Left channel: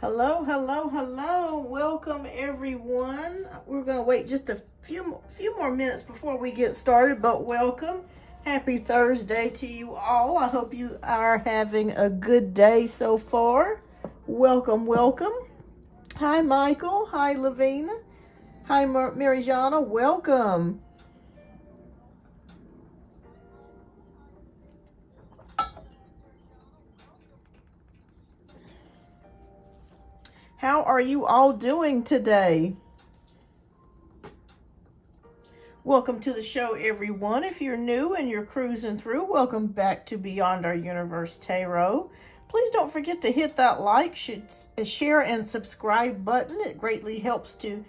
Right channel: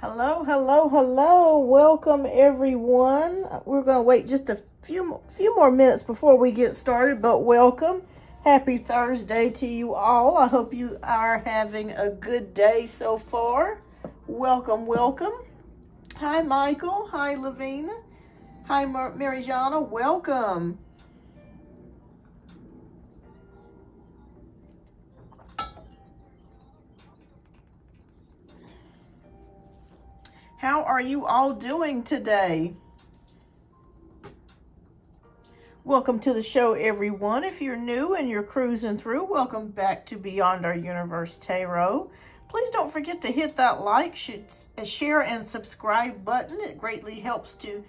Hello, hello, hello. Welcome, everyone. We're going to wait just a few more minutes before we get started, but welcome. Happy Thursday to you all. I hope you are having a good day so far. Welcome, welcome. Hi, Michael. Hi, Lavina. Hi, Marijana. Welcome. How are you all doing today? Welcome to the show, everyone. If you're new and you're cruising through, welcome back to Beyondouruniverse Tarot. Please don't forget to hit that like, share, and subscribe button. It greatly helps to,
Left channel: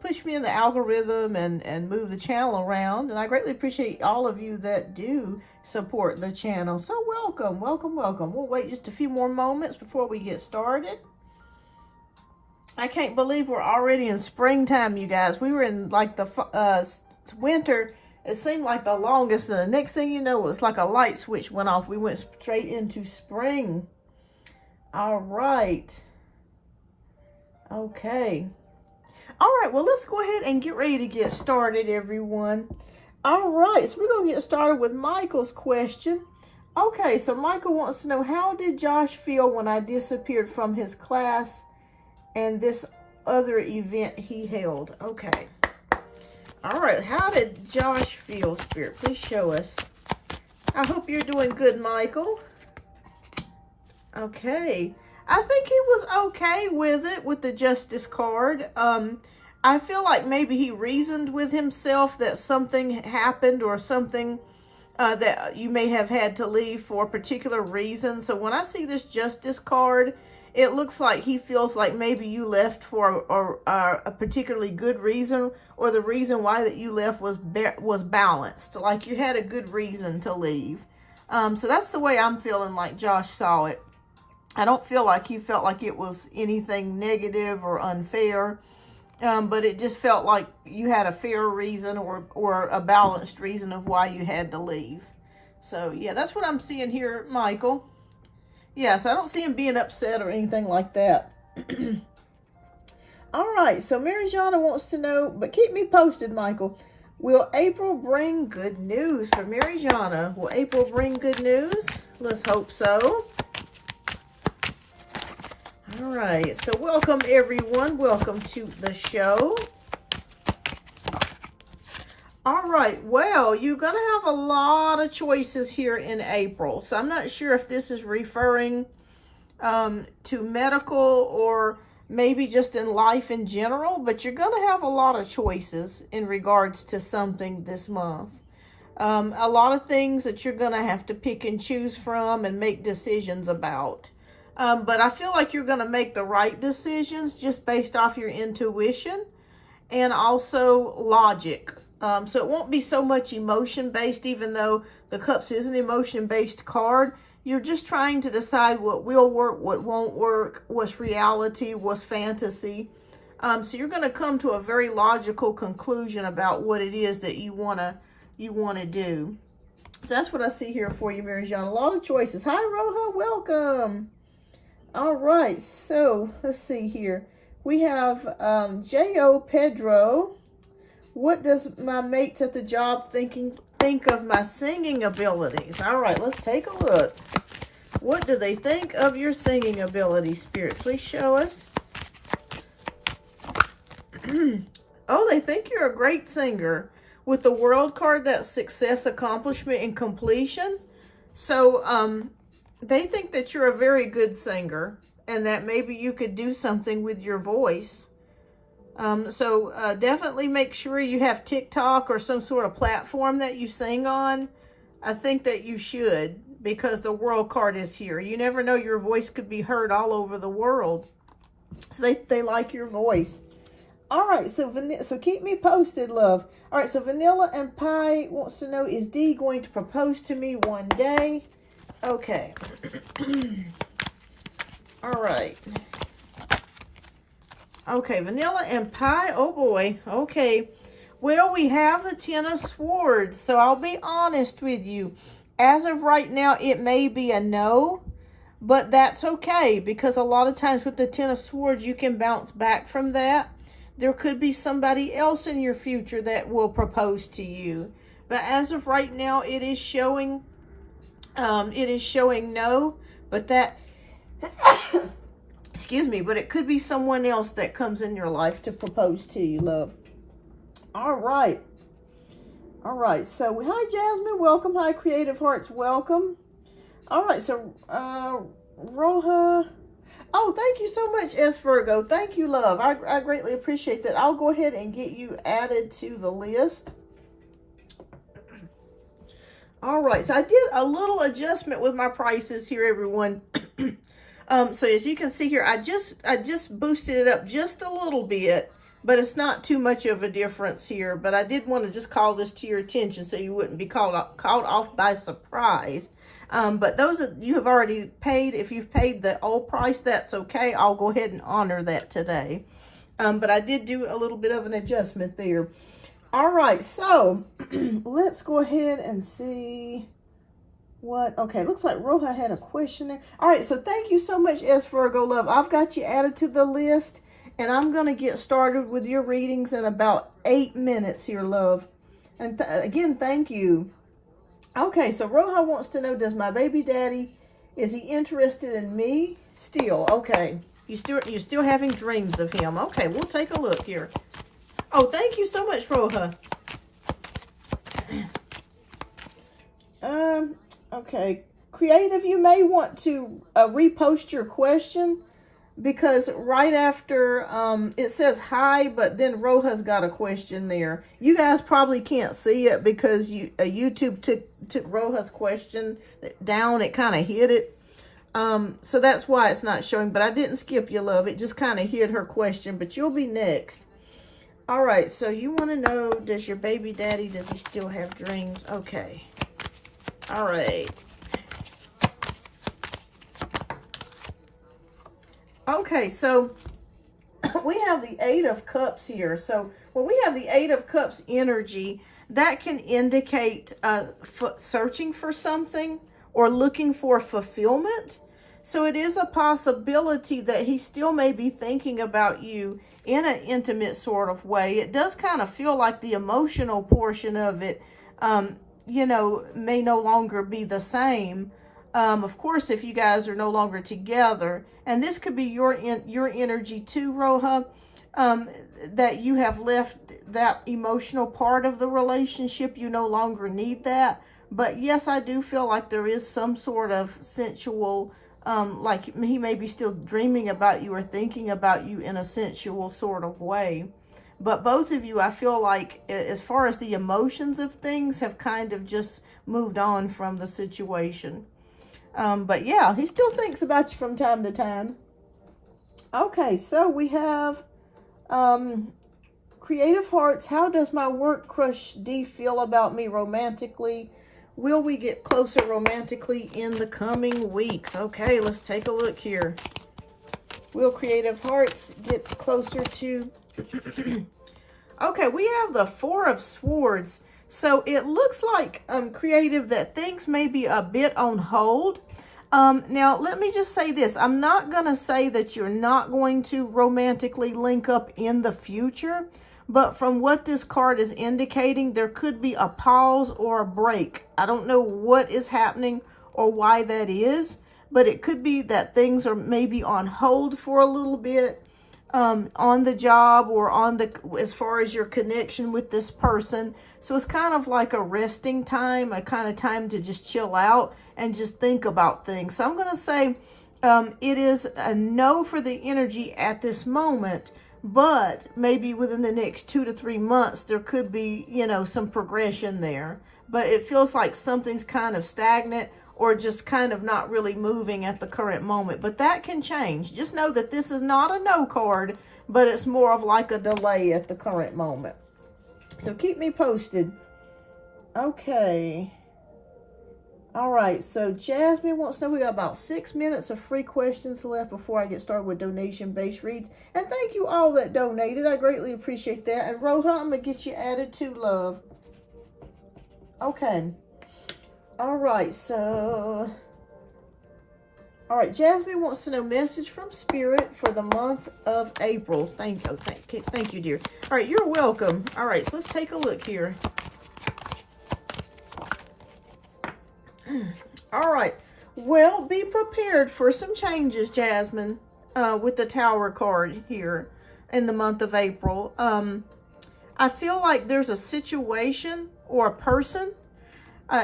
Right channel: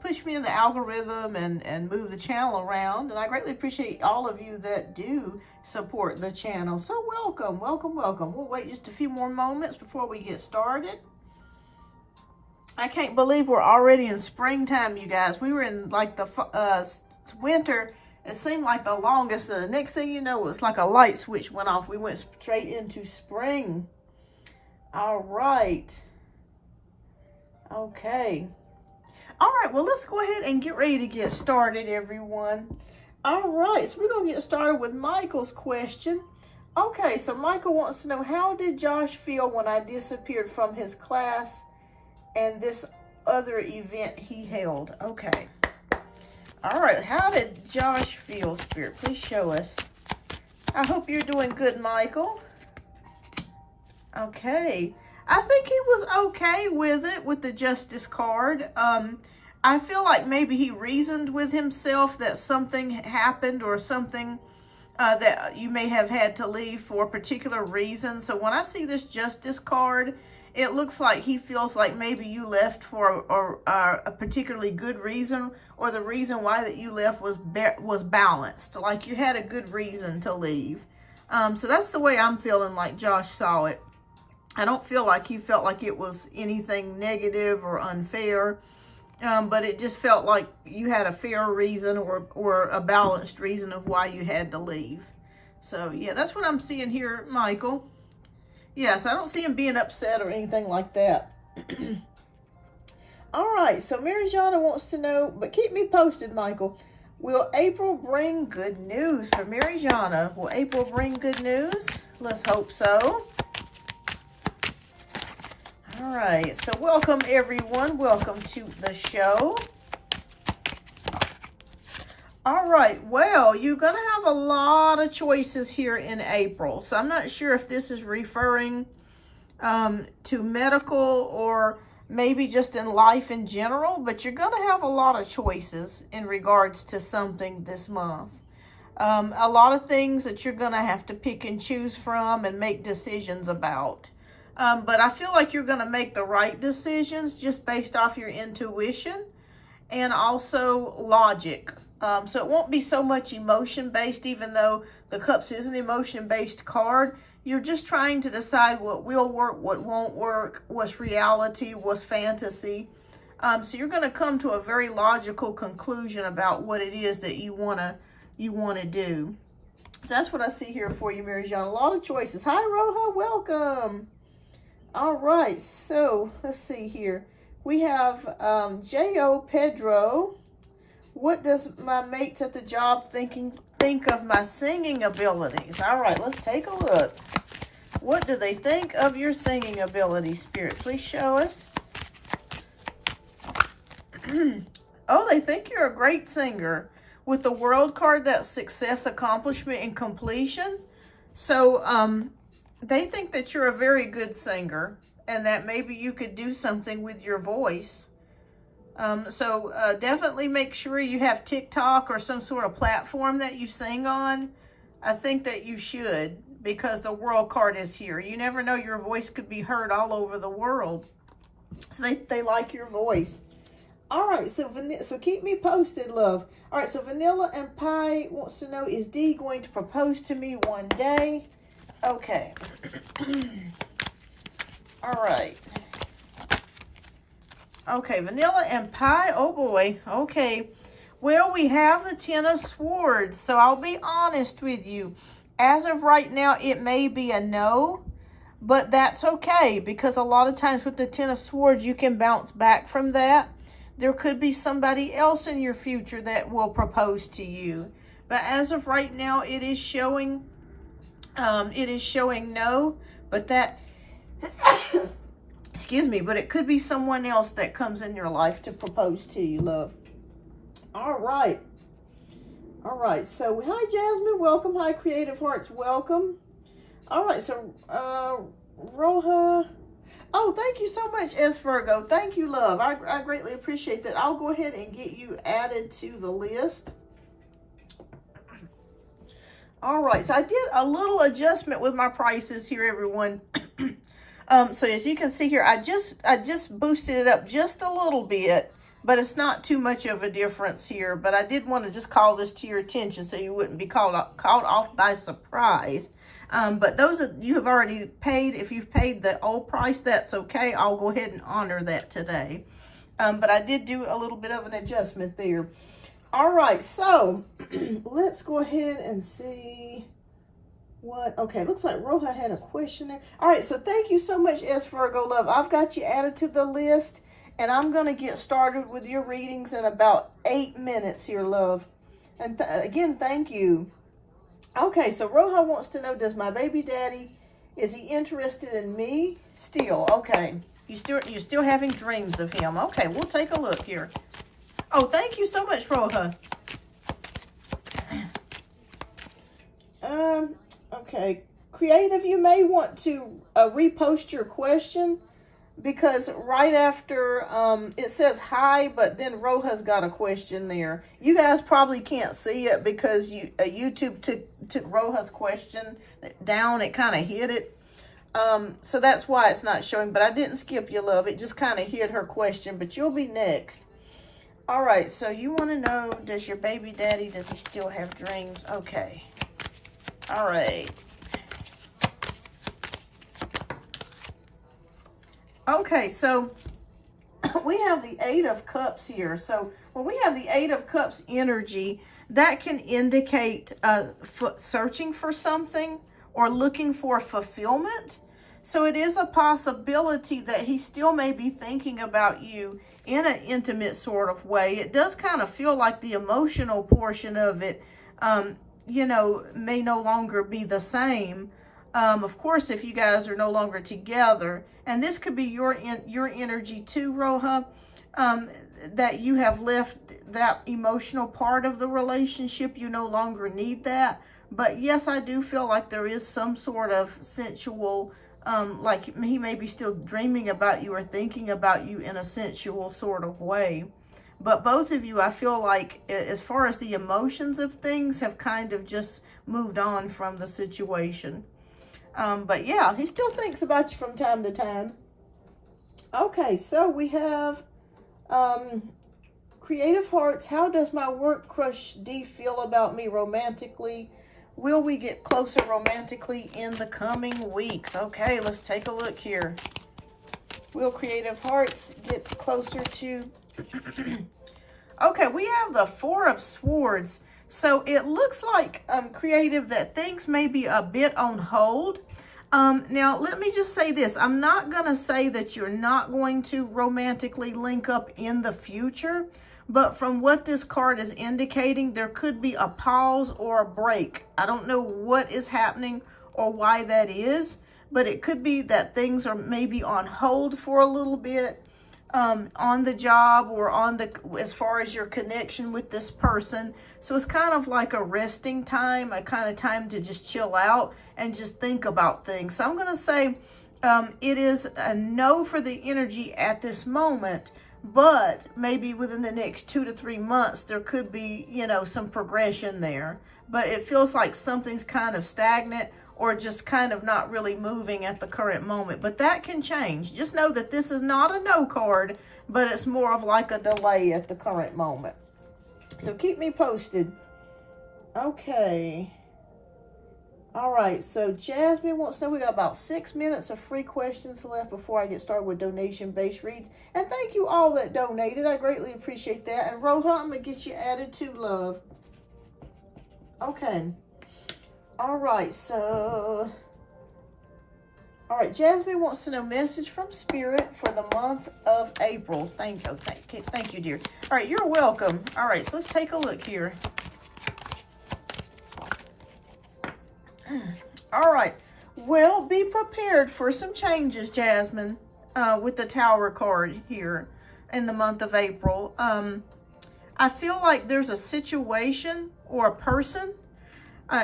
push me in the algorithm and move the channel around. And I greatly appreciate all of you that do support the channel. So welcome, welcome, welcome. We'll wait just a few more moments before we get started. I can't believe we're already in springtime, you guys. We were in like the winter. It seemed like the longest, and the next thing you know, it was like a light switch went off. We went straight into spring. All right. Okay. All right, well, let's go ahead and get ready to get started, everyone. All right, so we're going to get started with Michael's question. Okay, so Michael wants to know, how did Josh feel when I disappeared from his class and this other event he held? Okay. All right. How did Josh feel, Spirit? Please show us. I hope you're doing good, Michael. Okay. I think he was okay with it, with the Justice card. I feel like maybe he reasoned with himself that something happened or something that you may have had to leave for a particular reason. So when I see this Justice card, it looks like he feels like maybe you left for a particularly good reason, or the reason why that you left was balanced. Like you had a good reason to leave. So that's the way I'm feeling like Josh saw it. I don't feel like he felt like it was anything negative or unfair, but it just felt like you had a fair reason or a balanced reason of why you had to leave. So yeah, that's what I'm seeing here, Michael. Yes, I don't see him being upset or anything like that. All right, so Marijana wants to know, but keep me posted, Michael. Will April bring good news for Marijana? Will April bring good news? Let's hope so. All right, so welcome, everyone. Welcome to the show. All right, well, you're going to have a lot of choices here in April. So I'm not sure if this is referring to medical or maybe just in life in general, but you're going to have a lot of choices in regards to something this month. A lot of things that you're going to have to pick and choose from and make decisions about. But I feel like you're going to make the right decisions just based off your intuition and also logic. So it won't be so much emotion-based, even though the Cups is an emotion-based card. You're just trying to decide what will work, what won't work, what's reality, what's fantasy. So you're going to come to a very logical conclusion about what it is that you want to do. So that's what I see here for you, Marijana. A lot of choices. Hi, Roja. Welcome. All right. So let's see here. We have J.O. Pedro. What does my mates at the job think of my singing abilities? All right, let's take a look. What do they think of your singing abilities, Spirit? Please show us. Oh, they think you're a great singer. With the World card, that's success, accomplishment, and completion. So they think that you're a very good singer and that maybe you could do something with your voice. So definitely make sure you have TikTok or some sort of platform that you sing on. I think that you should, because the World card is here. You never know, your voice could be heard all over the world. So they like your voice. All right, so keep me posted, love. All right, so Vanilla and Pie wants to know, is Dee going to propose to me one day? Okay. All right. Okay, Vanilla and Pie. Oh, boy. Okay. Well, we have the Ten of Swords. So I'll be honest with you. As of right now, it may be a no. but that's okay, because a lot of times with the Ten of Swords, you can bounce back from that. There could be somebody else in your future that will propose to you. But as of right now, it is showing no, but that, excuse me, but it could be someone else that comes in your life to propose to you, love. All right. All right. So, hi, Jasmine. Welcome. Hi, Creative Hearts. Welcome. All right. So, Roha. Oh, thank you so much, S. Virgo. Thank you, love. I greatly appreciate that. I'll go ahead and get you added to the list. All right, so I did a little adjustment with my prices here, everyone. So as you can see here, I just boosted it up just a little bit, but it's not too much of a difference here. But I did want to just call this to your attention so you wouldn't be caught off by surprise. But those that you have already paid, if you've paid the old price, that's okay. I'll go ahead and honor that today. But I did do a little bit of an adjustment there. All right, so let's go ahead and see what, okay, looks like Roha had a question there. All right, so thank you so much, S. Virgo, love. I've got you added to the list, and I'm going to get started with your readings in about 8 minutes here, love. And again, thank you. Okay, so Roha wants to know, does my baby daddy, is he interested in me still? Okay, you're still having dreams of him. Okay, we'll take a look here. Oh, thank you so much, Roha. Okay. Creative, you may want to repost your question, because right after it says hi, but then Roha's got a question there. You guys probably can't see it because YouTube took Roha's question down. It kind of hid it. So that's why it's not showing, but I didn't skip you, love. It just kind of hid her question, but you'll be next. All right, so you want to know, does your baby daddy, does he still have dreams? Okay. All right. Okay, so we have the Eight of Cups here. So when we have the Eight of Cups energy, that can indicate searching for something or looking for fulfillment. So it is a possibility that he still may be thinking about you in an intimate sort of way. It does kind of feel like the emotional portion of it, you know, may no longer be the same. Of course, if you guys are no longer together, and this could be your energy too, Roha, that you have left that emotional part of the relationship. You no longer need that. But yes, I do feel like there is some sort of sensual, like he may be still dreaming about you or thinking about you in a sensual sort of way. But both of you, I feel like, as far as the emotions of things, have kind of just moved on from the situation. But yeah, he still thinks about you from time to time. Okay, so we have Creative Hearts. How does my work crush D feel about me romantically? Will we get closer romantically in the coming weeks? Okay, let's take a look here. Will Creative Hearts get closer to... Okay, we have the Four of Swords. So it looks like, Creative, that things may be a bit on hold. Now, let me just say this. I'm not going to say that you're not going to romantically link up in the future. But from what this card is indicating, there could be a pause or a break. I don't know what is happening or why that is, but it could be that things are maybe on hold for a little bit, on the job or on the, as far as your connection with this person. So it's kind of like a resting time, a kind of time to just chill out and just think about things. So I'm going to say it is a no for the energy at this moment. But maybe within the next 2 to 3 months, there could be, you know, some progression there. But it feels like something's kind of stagnant or just kind of not really moving at the current moment. But that can change. Just know that this is not a no card, but it's more of like a delay at the current moment. So keep me posted. Okay. All right, so Jasmine wants to know, we got about 6 minutes of free questions left before I get started with donation-based reads. And thank you all that donated. I greatly appreciate that. And Roha, I'm going to get you added to, love. Okay. All right, so All right, Jasmine wants to know message from Spirit for the month of April. Thank you, dear. All right, you're welcome. All right, so let's take a look here. All right, well, be prepared for some changes, Jasmine, with the Tower card here in the month of April. I feel like there's a situation or a person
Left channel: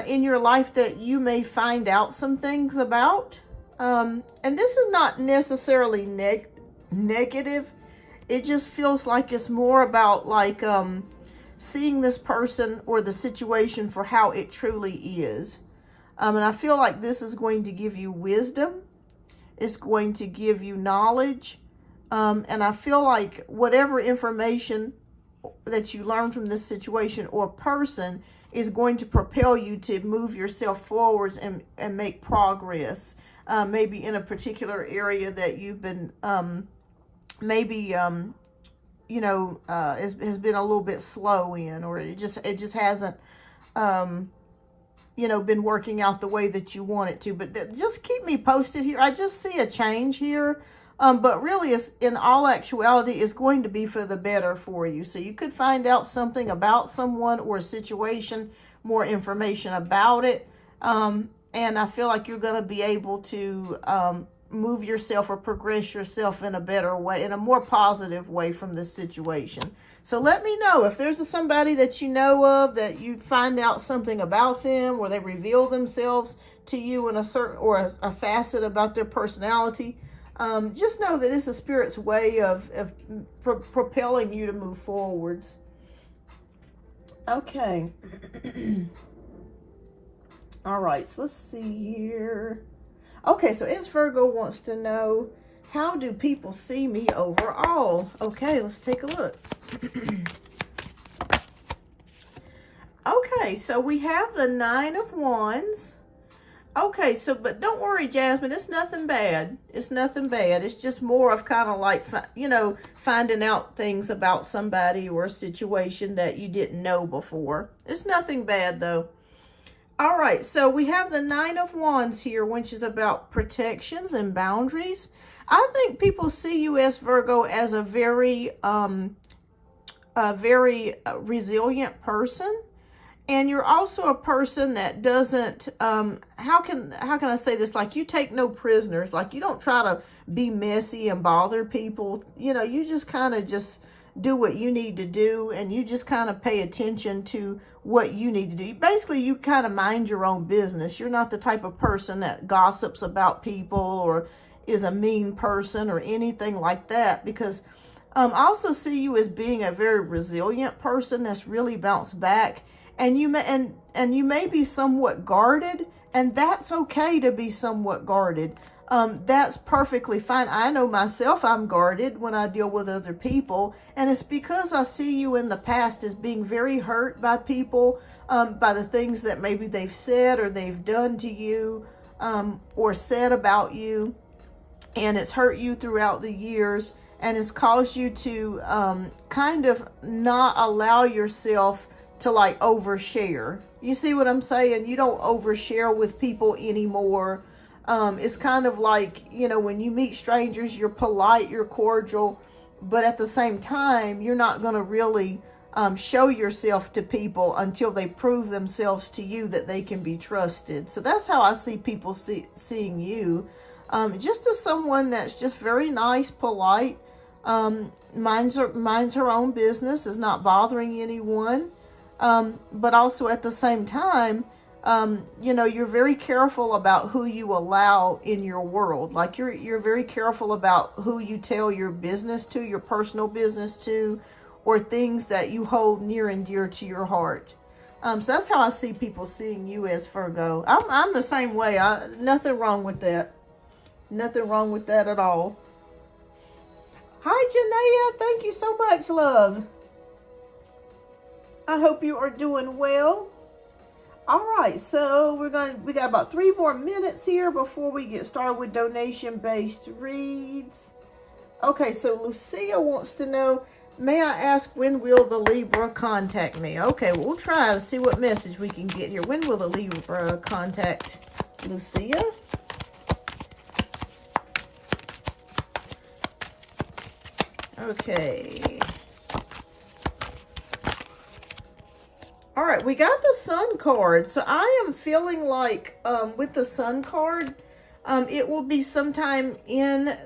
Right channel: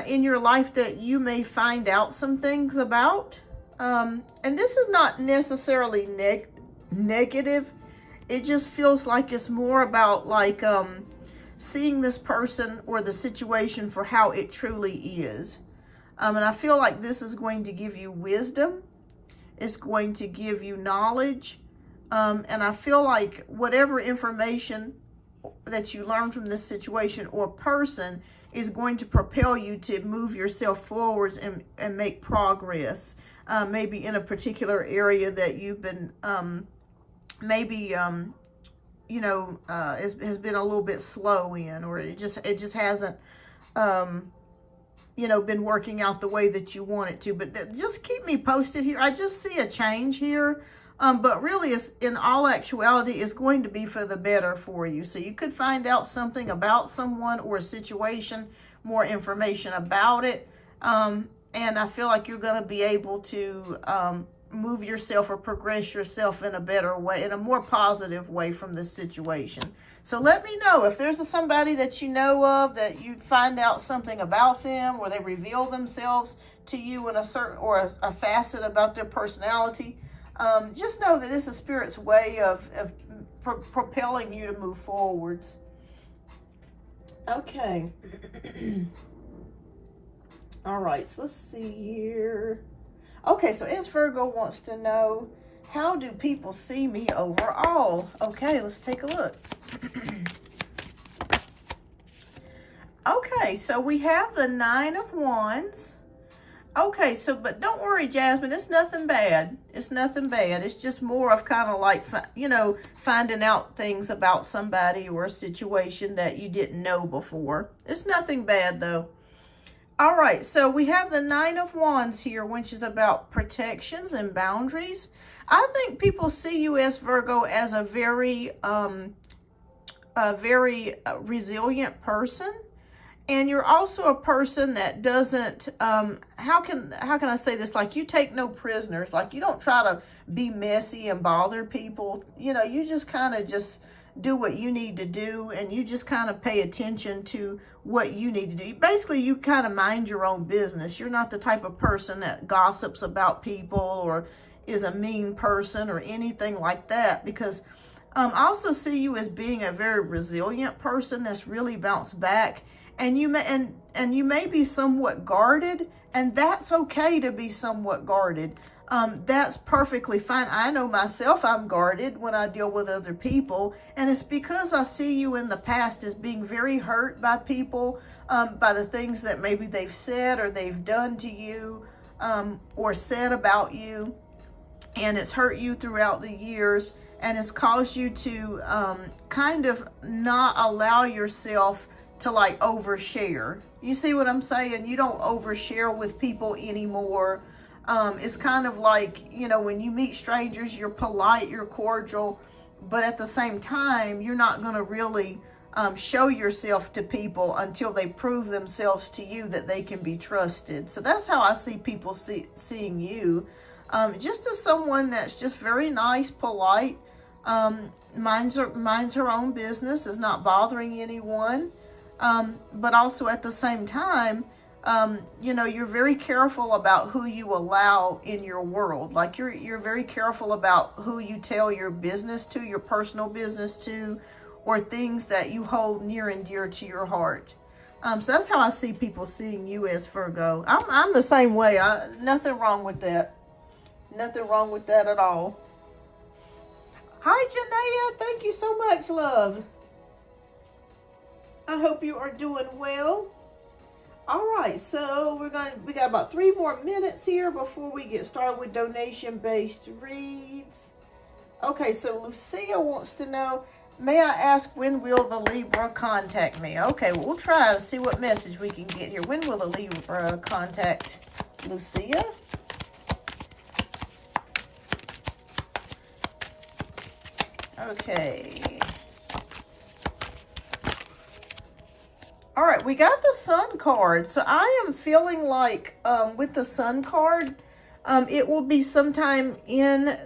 in your life that you may find out some things about. And this is not necessarily negative. It just feels like it's more about like seeing this person or the situation for how it truly is. And I feel like this is going to give you wisdom. It's going to give you knowledge. And I feel like whatever information that you learn from this situation or person is going to propel you to move yourself forwards and make progress. Maybe in a particular area that you've been, you know, has been a little bit slow in, or it just hasn't, you know, been working out the way that you want it to. But just keep me posted here. I just see a change here. But really, it's, in all actuality, it's going to be for the better for you. So you could find out something about someone or a situation, more information about it. And I feel like you're going to be able to move yourself or progress yourself in a better way, in a more positive way from this situation. So let me know if there's somebody that you know of that you find out something about them, or they reveal themselves to you in a certain or a facet about their personality. Just know that this is Spirit's way of propelling you to move forwards. Okay. All right, so let's see here. Okay, so S Virgo wants to know, how do people see me overall? Okay, let's take a look. Okay, so we have the 9 of Wands. Okay, so, but don't worry, Jasmine, it's nothing bad. It's nothing bad. It's just more of kind of like, you know, finding out things about somebody or a situation that you didn't know before. It's nothing bad, though. All right, so we have the 9 of Wands here, which is about protections and boundaries. I think people see you, as Virgo, as a very resilient person. And you're also a person that doesn't, how can I say this? Like, you take no prisoners. Like, you don't try to be messy and bother people. You know, you just kind of just do what you need to do, and you just kind of pay attention to what you need to do. Basically, you kind of mind your own business. You're not the type of person that gossips about people or is a mean person or anything like that, because I also see you as being a very resilient person that's really bounced back. And you may be somewhat guarded, and that's okay to be somewhat guarded. That's perfectly fine. I know myself, I'm guarded when I deal with other people, and it's because I see you in the past as being very hurt by people, by the things that maybe they've said or they've done to you, or said about you, and it's hurt you throughout the years, and it's caused you to kind of not allow yourself to like overshare. You see what I'm saying? You don't overshare with people anymore. It's kind of like, you know, when you meet strangers, you're polite, you're cordial, but at the same time, you're not going to really show yourself to people until they prove themselves to you that they can be trusted. So that's how I see people seeing you. Just as someone that's just very nice, polite, minds her own business, is not bothering anyone. But also at the same time, you know, you're very careful about who you allow in your world. Like, you're very careful about who you tell your business to, your personal business to, or things that you hold near and dear to your heart. So that's how I see people seeing you, as Virgo. I'm the same way. Nothing wrong with that. Nothing wrong with that at all. Hi, Janaea. Thank you so much, love. I hope you are doing well. All right, so we got about 3 more minutes here before we get started with donation-based reads. Okay, so Lucia wants to know, may I ask, when will the Libra contact me? Okay, we'll try to see what message we can get here. When will the Libra contact Lucia? Okay. All right, we got the Sun card. So I am feeling like with the Sun card, it will be sometime in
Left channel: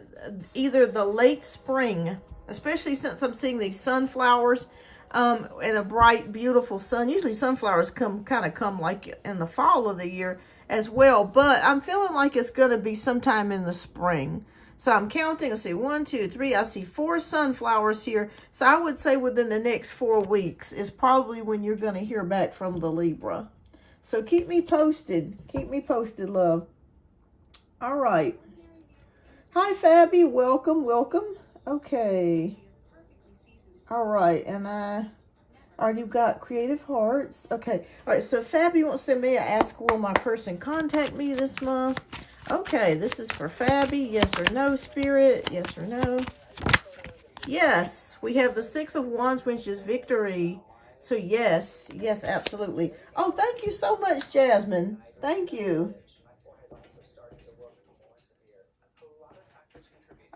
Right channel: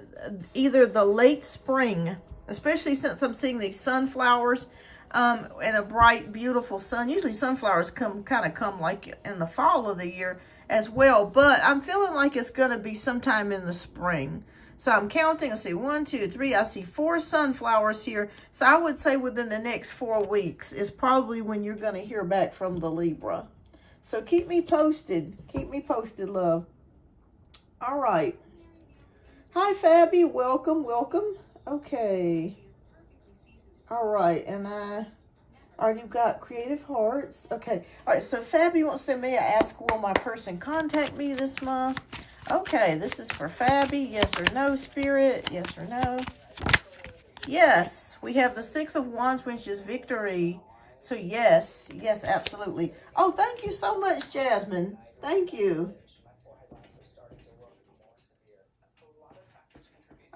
either the late spring, especially since I'm seeing these sunflowers and a bright, beautiful sun. Usually sunflowers come like in the fall of the year as well, but I'm feeling like it's going to be sometime in the spring. So I'm counting, I see 1, 2, 3, I see 4 sunflowers here. So I would say within the next 4 weeks is probably when you're going to hear back from the Libra. So keep me posted. Keep me posted, love. All right. Hi, Fabby. Welcome, welcome. Okay. All right, and I already got creative hearts. Okay. All right, so Fabby wants to me ask, will my person contact me this month? Okay, this is for Fabby. Yes or no, Spirit? Yes or no? Yes, we have the 6 of Wands, which is victory. So yes, yes, absolutely. Oh, thank you so much, Jasmine. Thank you.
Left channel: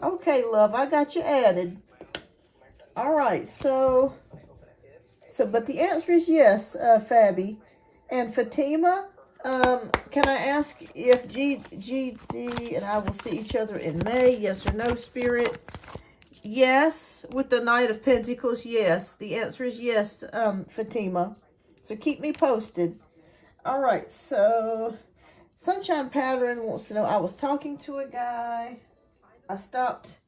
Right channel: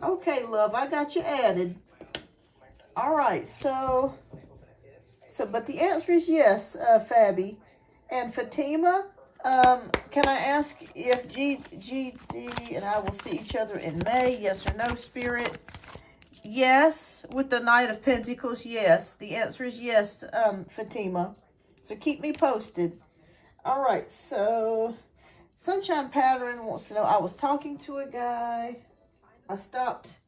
Okay, love, I got you added. All right, so but the answer is yes, Fabby. And Fatima, can I ask if GG and I will see each other in May? Yes or no, Spirit? Yes, with the Knight of Pentacles, yes. The answer is yes, Fatima. So keep me posted. All right, so Sunshine Pattern wants to know, I was talking to a guy. I stopped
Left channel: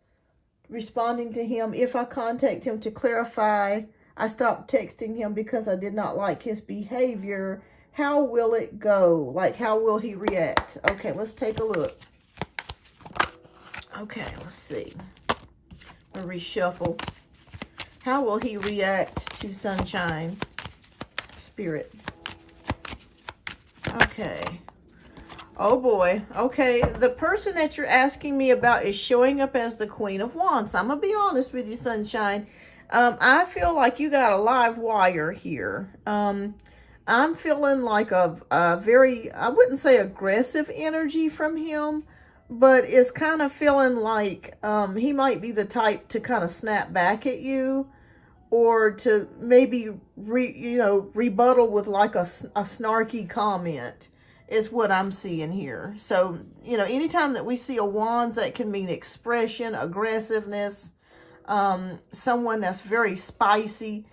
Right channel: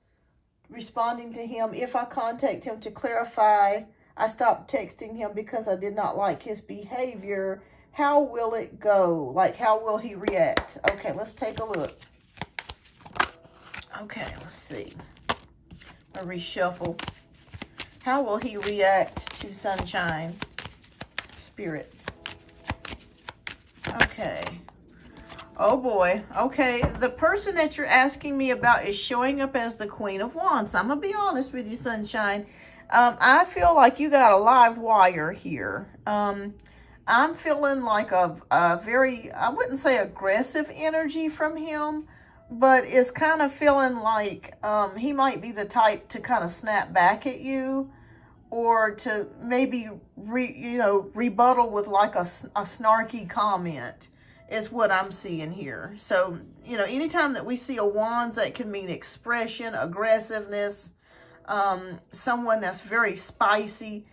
responding to him. If I contact him to clarify, I stopped texting him because I did not like his behavior. How will it go? Like, how will he react? Okay, let's take a look. Okay, let's see. I'll reshuffle. How will he react to Sunshine? Spirit. Okay. Oh boy. Okay, the person that you're asking me about is showing up as the Queen of Wands. I'm going to be honest with you, Sunshine. I feel like you got a live wire here. I'm feeling like a very, I wouldn't say aggressive energy from him, but it's kind of feeling like he might be the type to kind of snap back at you, or to maybe rebuttal with like a snarky comment is what I'm seeing here. So, anytime that we see a Wands, that can mean expression, aggressiveness, someone that's very spicy,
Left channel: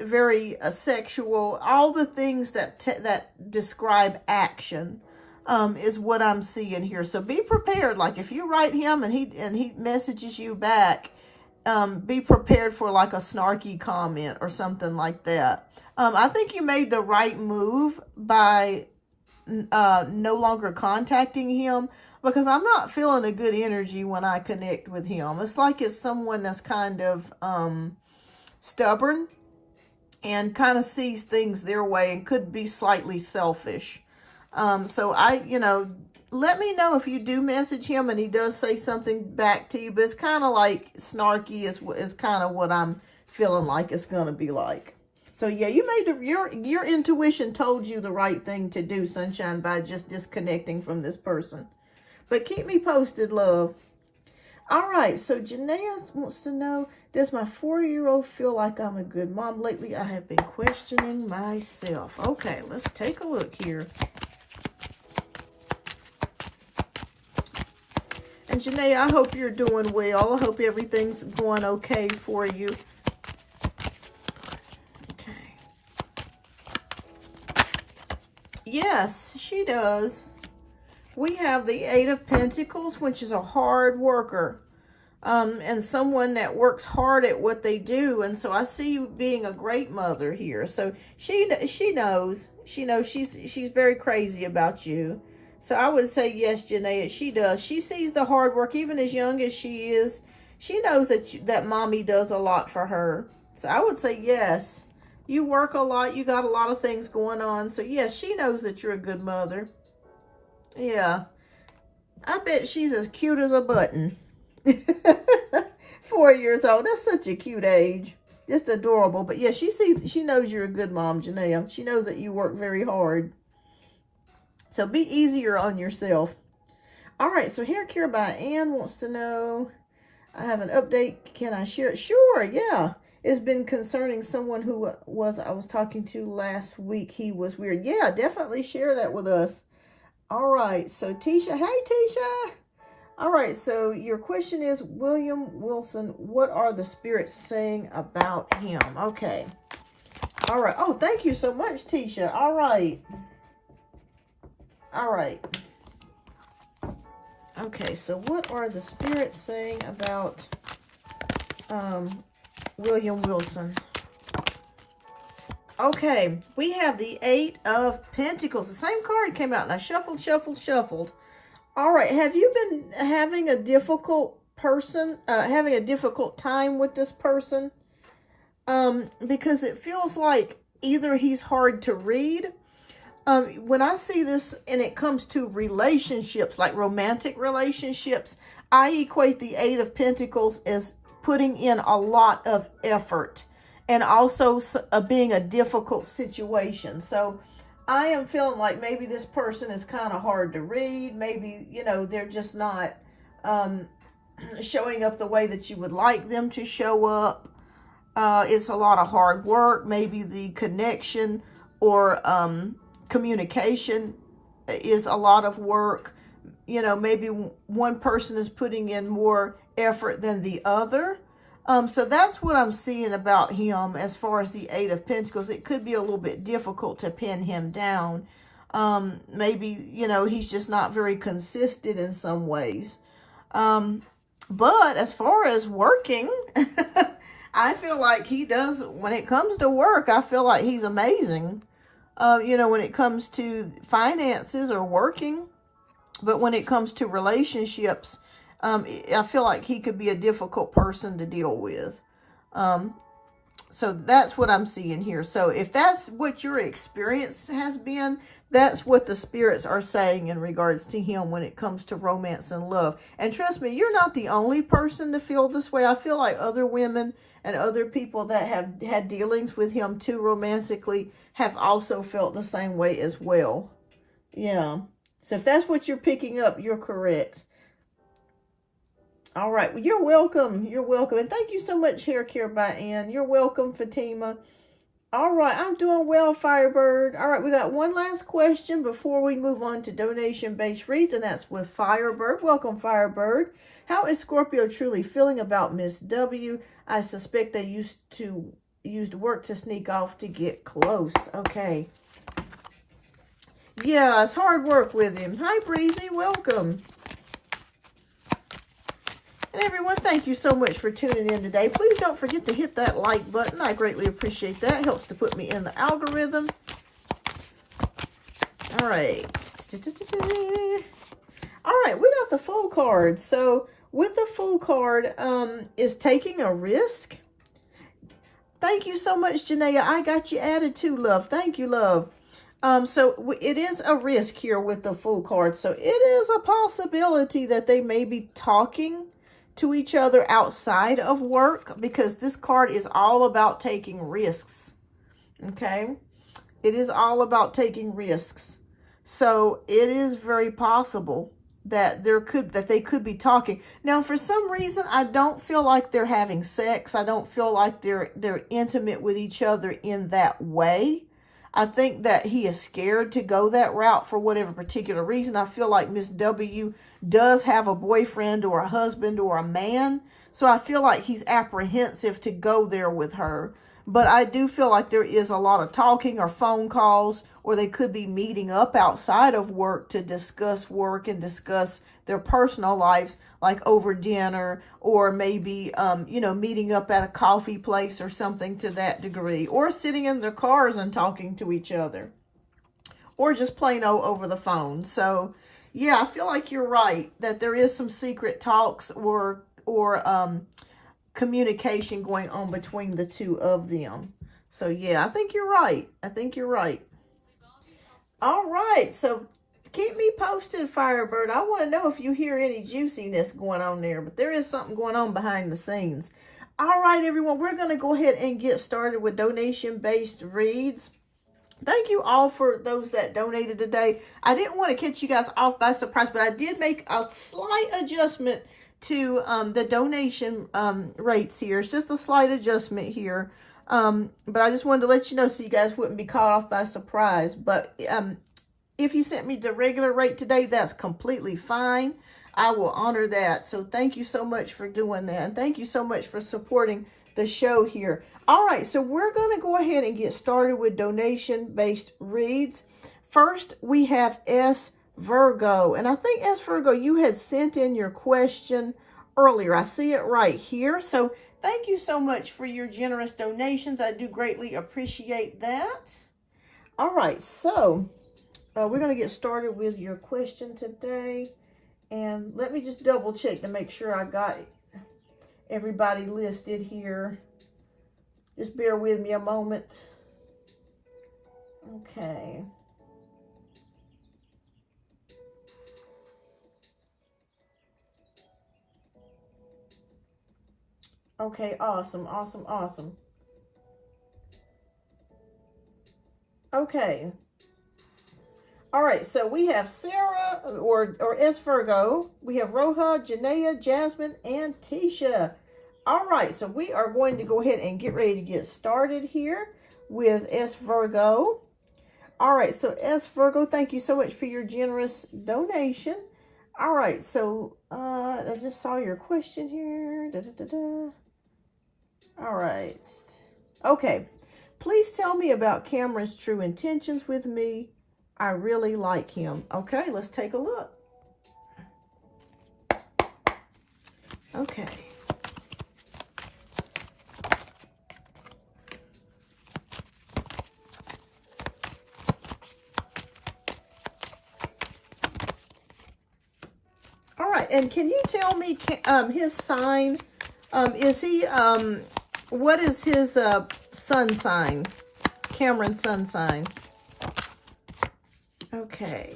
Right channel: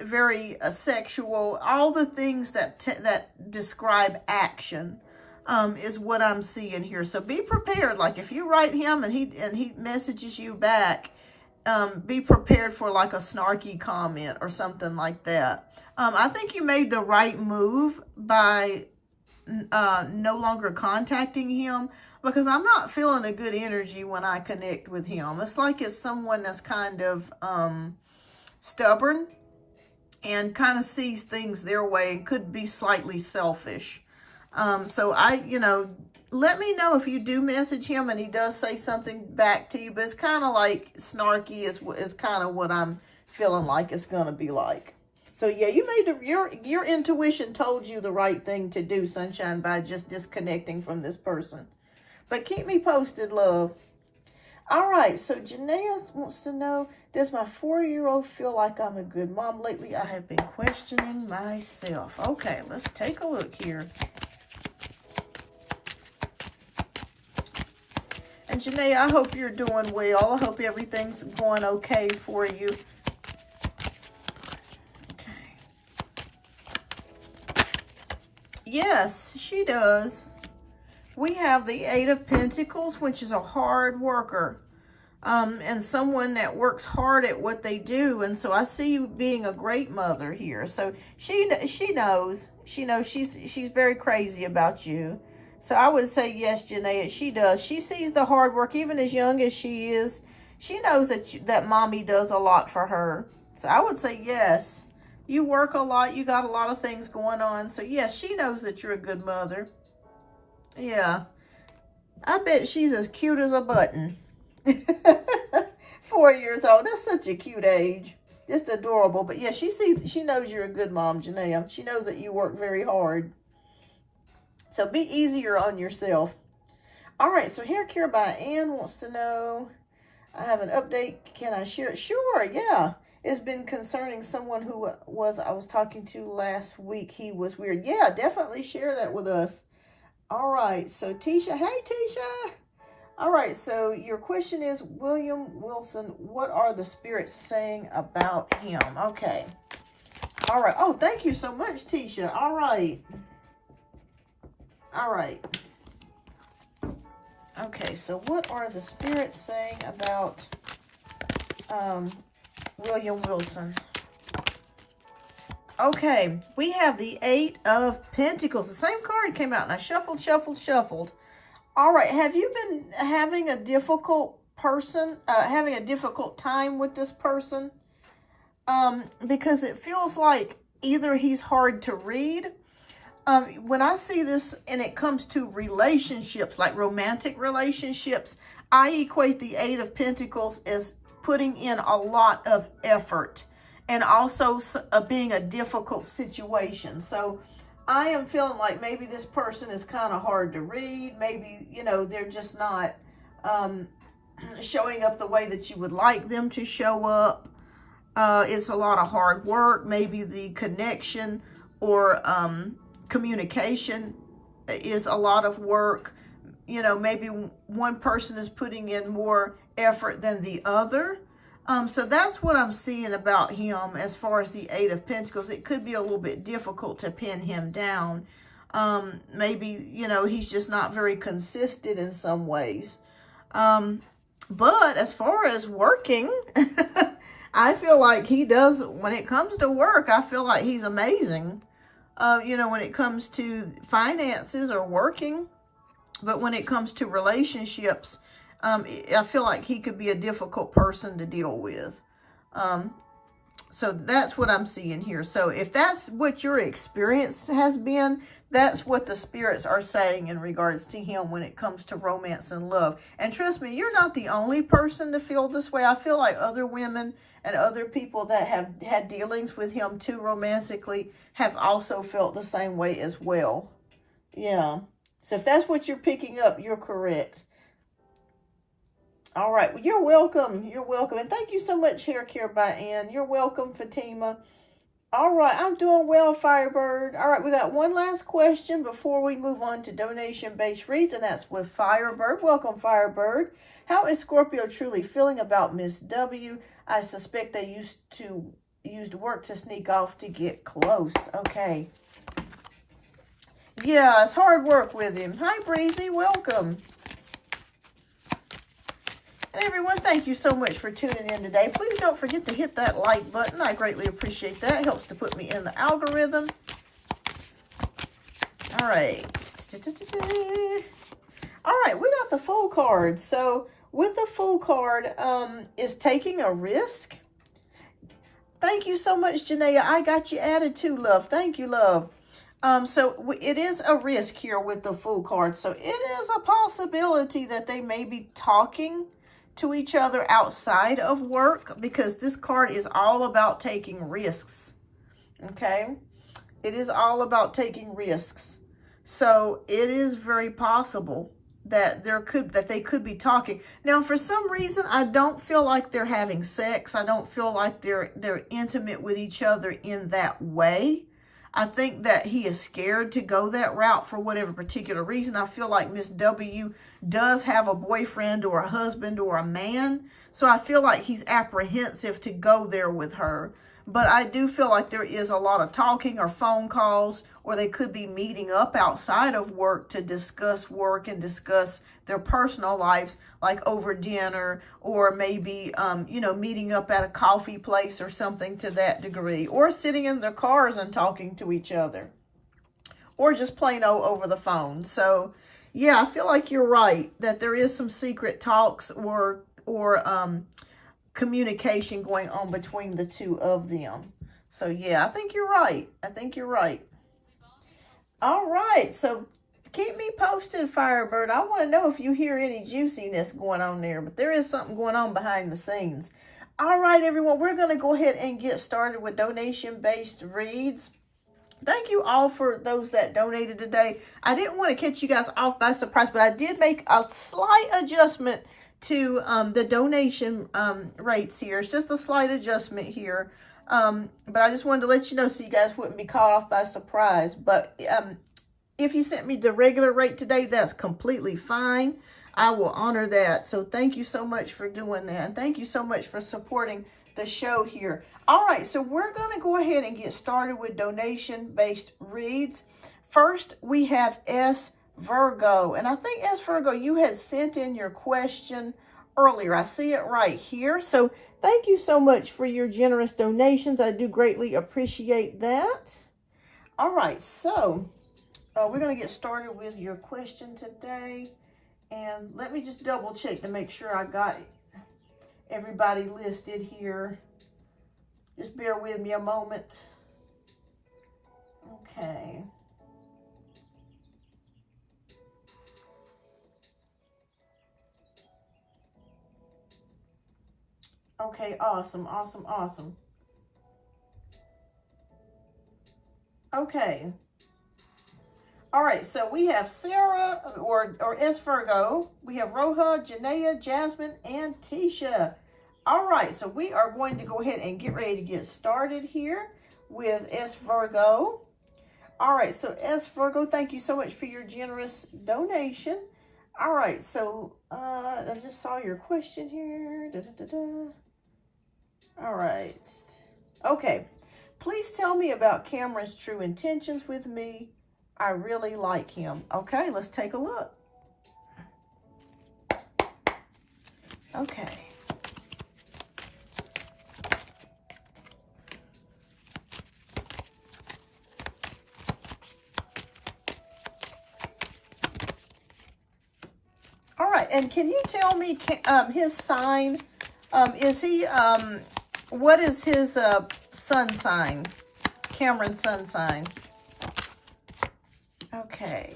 very sexual, all the things that describe action is what I'm seeing here. So be prepared. Like if you write him and he messages you back, be prepared for like a snarky comment or something like that. I think you made the right move by no longer contacting him, because I'm not feeling a good energy when I connect with him. It's like it's someone that's kind of stubborn and kind of sees things their way and could be slightly selfish. So let me know if you do message him and he does say something back to you, but it's kind of like snarky is kind of what I'm feeling like it's going to be like. So yeah, you made your intuition told you the right thing to do, Sunshine, by just disconnecting from this person. But keep me posted, love. All right, so Janaea wants to know, does my 4-year-old feel like I'm a good mom? Lately, I have been questioning myself. Okay, let's take a look here. And Janaea, I hope you're doing well. I hope everything's going okay for you. Yes, she does. We have the 8 of Pentacles, which is a hard worker, and someone that works hard at what they do. And so I see you being a great mother here. So she knows she's very crazy about you. So I would say yes, Janaea, she does. She sees the hard work, even as young as she is. She knows that mommy does a lot for her. So I would say yes. You work a lot. You got a lot of things going on. So yes, she knows that you're a good mother. Yeah. I bet she's as cute as a button. 4 years old. That's such a cute age. Just adorable. But yeah, she knows you're a good mom, Janaea. She knows that you work very hard. So be easier on yourself. All right, so Hair Care by Ann wants to know, I have an update. Can I share it? Sure, yeah. It's been concerning someone who I was talking to last week. He was weird. Yeah, definitely share that with us. All right, so Tisha. Hey, Tisha. All right, so your question is, William Wilson, what are the spirits saying about him? Okay. All right. Oh, thank you so much, Tisha. All right. All right. Okay, so what are the spirits saying about William Wilson? Okay, we have the 8 of Pentacles. The same card came out, and I shuffled, shuffled, shuffled. All right, have you been having a difficult time with this person? Because it feels like either he's hard to read. When I see this and it comes to relationships, like romantic relationships, I equate the 8 of Pentacles as putting in a lot of effort and also being a difficult situation. So I am feeling like maybe this person is kind of hard to read. Maybe, you know, they're just not showing up the way that you would like them to show up. It's a lot of hard work. Maybe the connection or communication is a lot of work. You know, maybe one person is putting in more effort than the other. So that's what I'm seeing about him as far as the 8 of Pentacles. It could be a little bit difficult to pin him down. Maybe, you know, he's just not very consistent in some ways. But as far as working, I feel like he does, when it comes to work, I feel like he's amazing. You know, when it comes to finances or working, but when it comes to relationships, I feel like he could be a difficult person to deal with. So that's what I'm seeing here. So if that's what your experience has been, that's what the spirits are saying in regards to him when it comes to romance and love. And trust me, you're not the only person to feel this way. I feel like other women and other people that have had dealings with him too romantically have also felt the same way as well. Yeah. So if that's what you're picking up, you're correct. All right. Well, you're welcome. You're welcome. And thank you so much, Hair Care by Ann. You're welcome, Fatima. All right. I'm doing well, Firebird. All right. We got one last question before we move on to donation-based reads, and that's with Firebird. Welcome, Firebird. How is Scorpio truly feeling about Miss W? I suspect they used work to sneak off to get close. Okay. Yeah, it's hard work with him. Hi, Breezy. Welcome. And everyone, thank you so much for tuning in today. Please don't forget to hit that like button. I greatly appreciate that. It helps to put me in the algorithm. All right. All right, we got the Fool card. So with the Fool card is taking a risk. Thank you so much, Janaea. I got you added too, love. Thank you, love. So it is a risk here with the Fool card. So it is a possibility that they may be talking to each other outside of work, because this card is all about taking risks. Okay? It is all about taking risks. So it is very possible that they could be talking. Now, for some reason, I don't feel like they're having sex. I don't feel like they're intimate with each other in that way. I think that he is scared to go that route for whatever particular reason. I feel like Miss W does have a boyfriend or a husband or a man. So I feel like he's apprehensive to go there with her. But I do feel like there is a lot of talking or phone calls, or they could be meeting up outside of work to discuss work and discuss their personal lives, like over dinner, or maybe, you know, meeting up at a coffee place or something to that degree, or sitting in their cars and talking to each other, or just plain over the phone. So, yeah, I feel like you're right that there is some secret talks or communication going on between the two of them. So, yeah, I think you're right. I think you're right. All right, so keep me posted, Firebird. I want to know if you hear any juiciness going on there, but there is something going on behind the scenes. All right, everyone, we're going to go ahead and get started with donation-based reads. Thank you all for those that donated today. I didn't want to catch you guys off by surprise, but I did make a slight adjustment to the donation rates here. It's just a slight adjustment here. But I just wanted to let you know so you guys wouldn't be caught off by surprise. But if you sent me the regular rate today, that's completely fine. I will honor that. So thank you so much for doing that. And thank you so much for supporting the show here. All right, so we're going to go ahead and get started with donation-based reads. First, we have S. Virgo. And I think S. Virgo, you had sent in your question earlier. I see it right here. So thank you so much for your generous donations. I do greatly appreciate that. All right, so we're going to get started with your question today. And let me just double check to make sure I got everybody listed here. Just bear with me a moment. Okay. Okay, awesome, awesome, awesome. Okay. All right, so we have Sarah, or S. Virgo. We have Roja, Janaea, Jasmine, and Tisha. All right, so we are going to go ahead and get ready to get started here with S. Virgo. All right, so S. Virgo, thank you so much for your generous donation. All right, so I just saw your question here. All right. Okay, please tell me about Cameron's true intentions with me. I really like him. Okay, let's take a look. Okay. All right, and can you tell me his sign? Is he, what is his sun sign? Cameron's sun sign. Okay.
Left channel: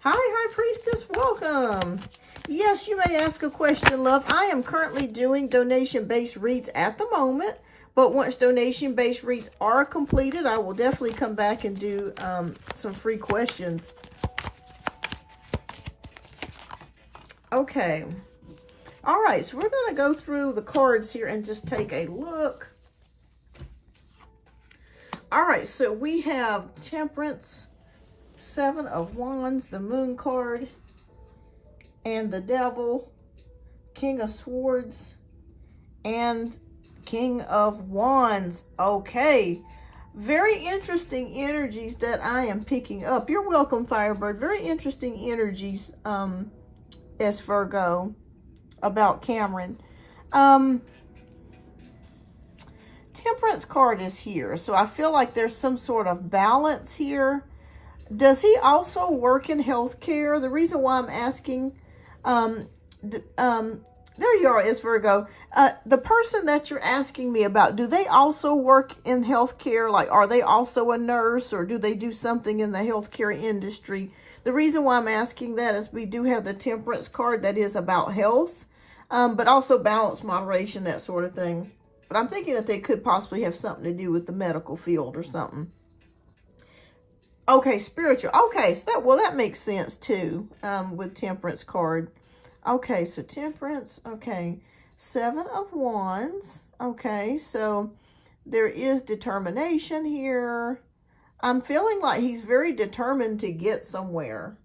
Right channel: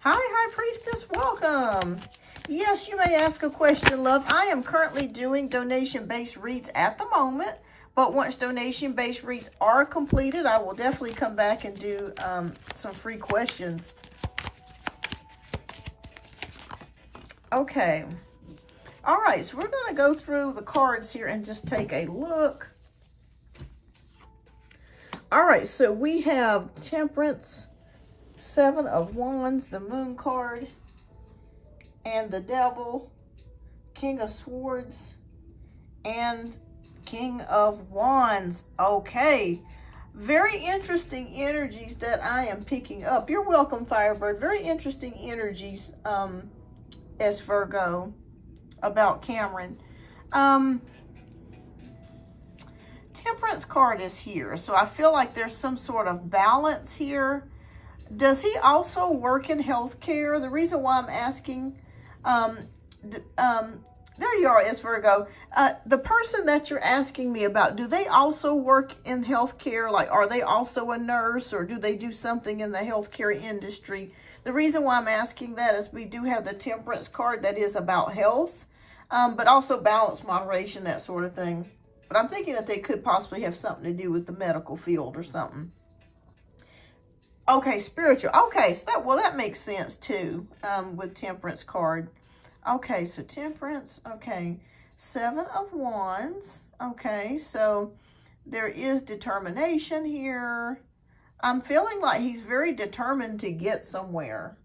Hi, High Priestess. Welcome. Yes, you may ask a question, love. I am currently doing donation-based reads at the moment, but once donation-based reads are completed, I will definitely come back and do some free questions. Okay. All right, so we're going to go through the cards here and just take a look. All right, so we have Temperance, Seven of Wands, the Moon card, and the Devil, King of Swords, and King of Wands. Okay, very interesting energies that I am picking up. You're welcome, Firebird. Very interesting energies, S. Virgo, about Cameron. Temperance card is here, so I feel like there's some sort of balance here. Does he also work in healthcare? The reason why I'm asking, there you are, S. Virgo. The person that you're asking me about, do they also work in healthcare? Like, are they also a nurse, or do they do something in the healthcare industry? The reason why I'm asking that is we do have the Temperance card that is about health, but also balance, moderation, that sort of thing. But I'm thinking that they could possibly have something to do with the medical field or something. Okay, spiritual. Okay, so that makes sense too, with Temperance card. Okay, so Temperance. Okay, Seven of Wands. Okay, so there is determination here. I'm feeling like he's very determined to get somewhere.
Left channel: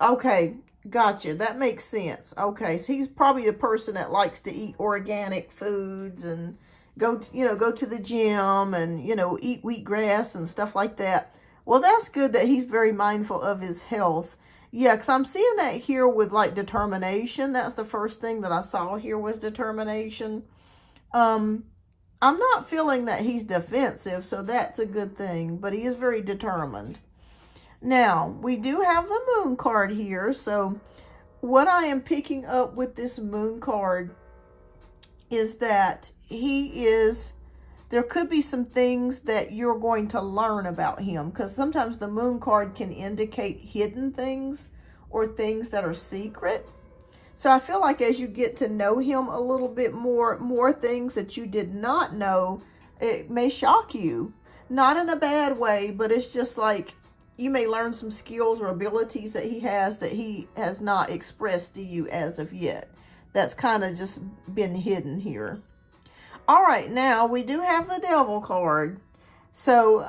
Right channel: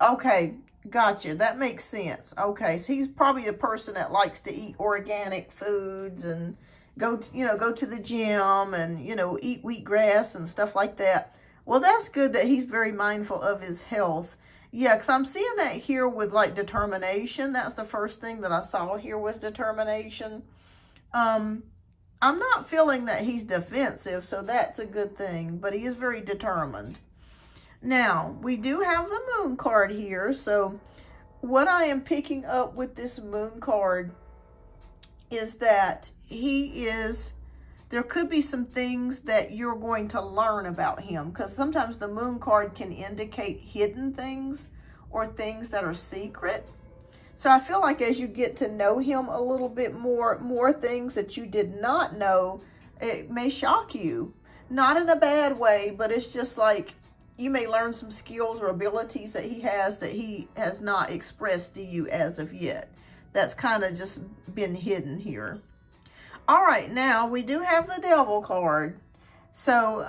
Okay, gotcha. That makes sense. Okay, so he's probably a person that likes to eat organic foods and go to the gym and, eat wheatgrass and stuff like that. Well, that's good that he's very mindful of his health. Yeah, because I'm seeing that here with, like, determination. That's the first thing that I saw here was determination. I'm not feeling that he's defensive, so that's a good thing. But he is very determined. Now, we do have the Moon card here. So what I am picking up with this Moon card is that there could be some things that you're going to learn about him, because sometimes the Moon card can indicate hidden things or things that are secret. So I feel like as you get to know him a little bit more things that you did not know, it may shock you. Not in a bad way, but it's just like you may learn some skills or abilities that he has not expressed to you as of yet. That's kind of just been hidden here. All right, now we do have the Devil card. So,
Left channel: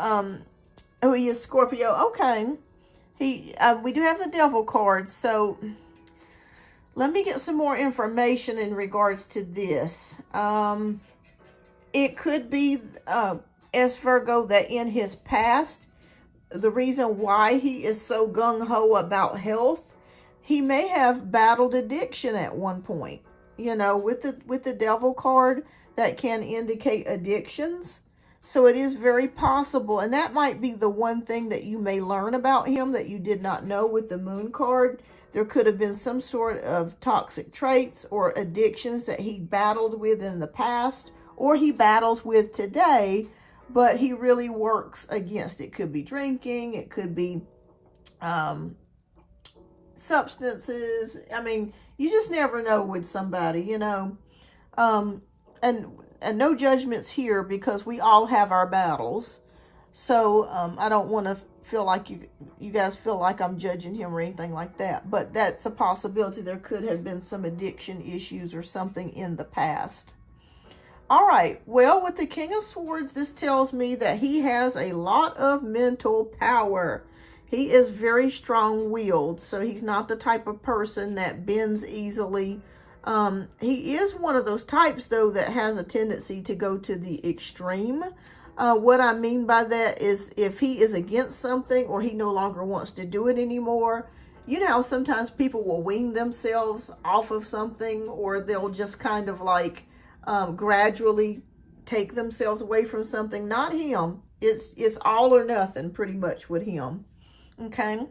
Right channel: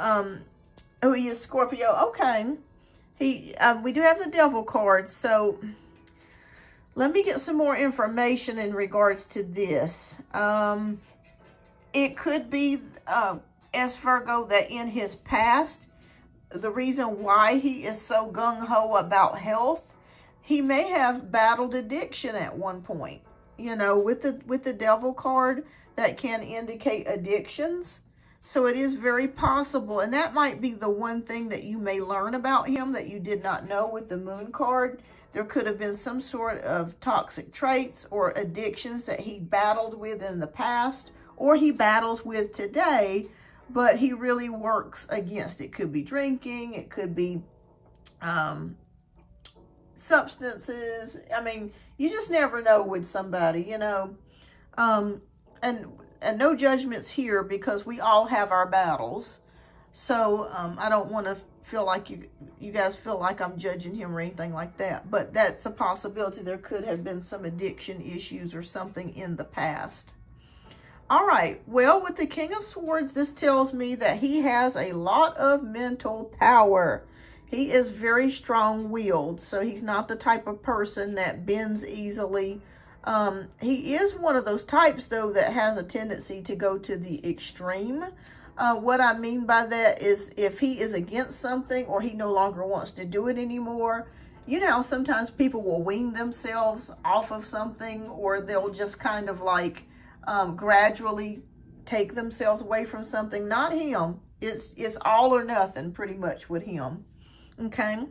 oh, he is Scorpio. Okay. We do have the Devil card. So, let me get some more information in regards to this. It could be, as Virgo, that in his past, the reason why he is so gung-ho about health, he may have battled addiction at one point. You know, with the Devil card, that can indicate addictions. So it is very possible, and that might be the one thing that you may learn about him that you did not know with the Moon card. There could have been some sort of toxic traits or addictions that he battled with in the past, or he battles with today, but he really works against. It could be drinking, it could be substances. I mean, you just never know with somebody, you know. And no judgments here, because we all have our battles. So I don't want to feel like you guys feel like I'm judging him or anything like that. But that's a possibility. There could have been some addiction issues or something in the past. All right, well, with the King of Swords, this tells me that he has a lot of mental power. He is very strong-willed, so he's not the type of person that bends easily. He is one of those types, though, that has a tendency to go to the extreme. What I mean by that is if he is against something or he no longer wants to do it anymore, you know how sometimes people will wean themselves off of something, or they'll just kind of like gradually take themselves away from something. Not him. It's all or nothing pretty much with him. Okay.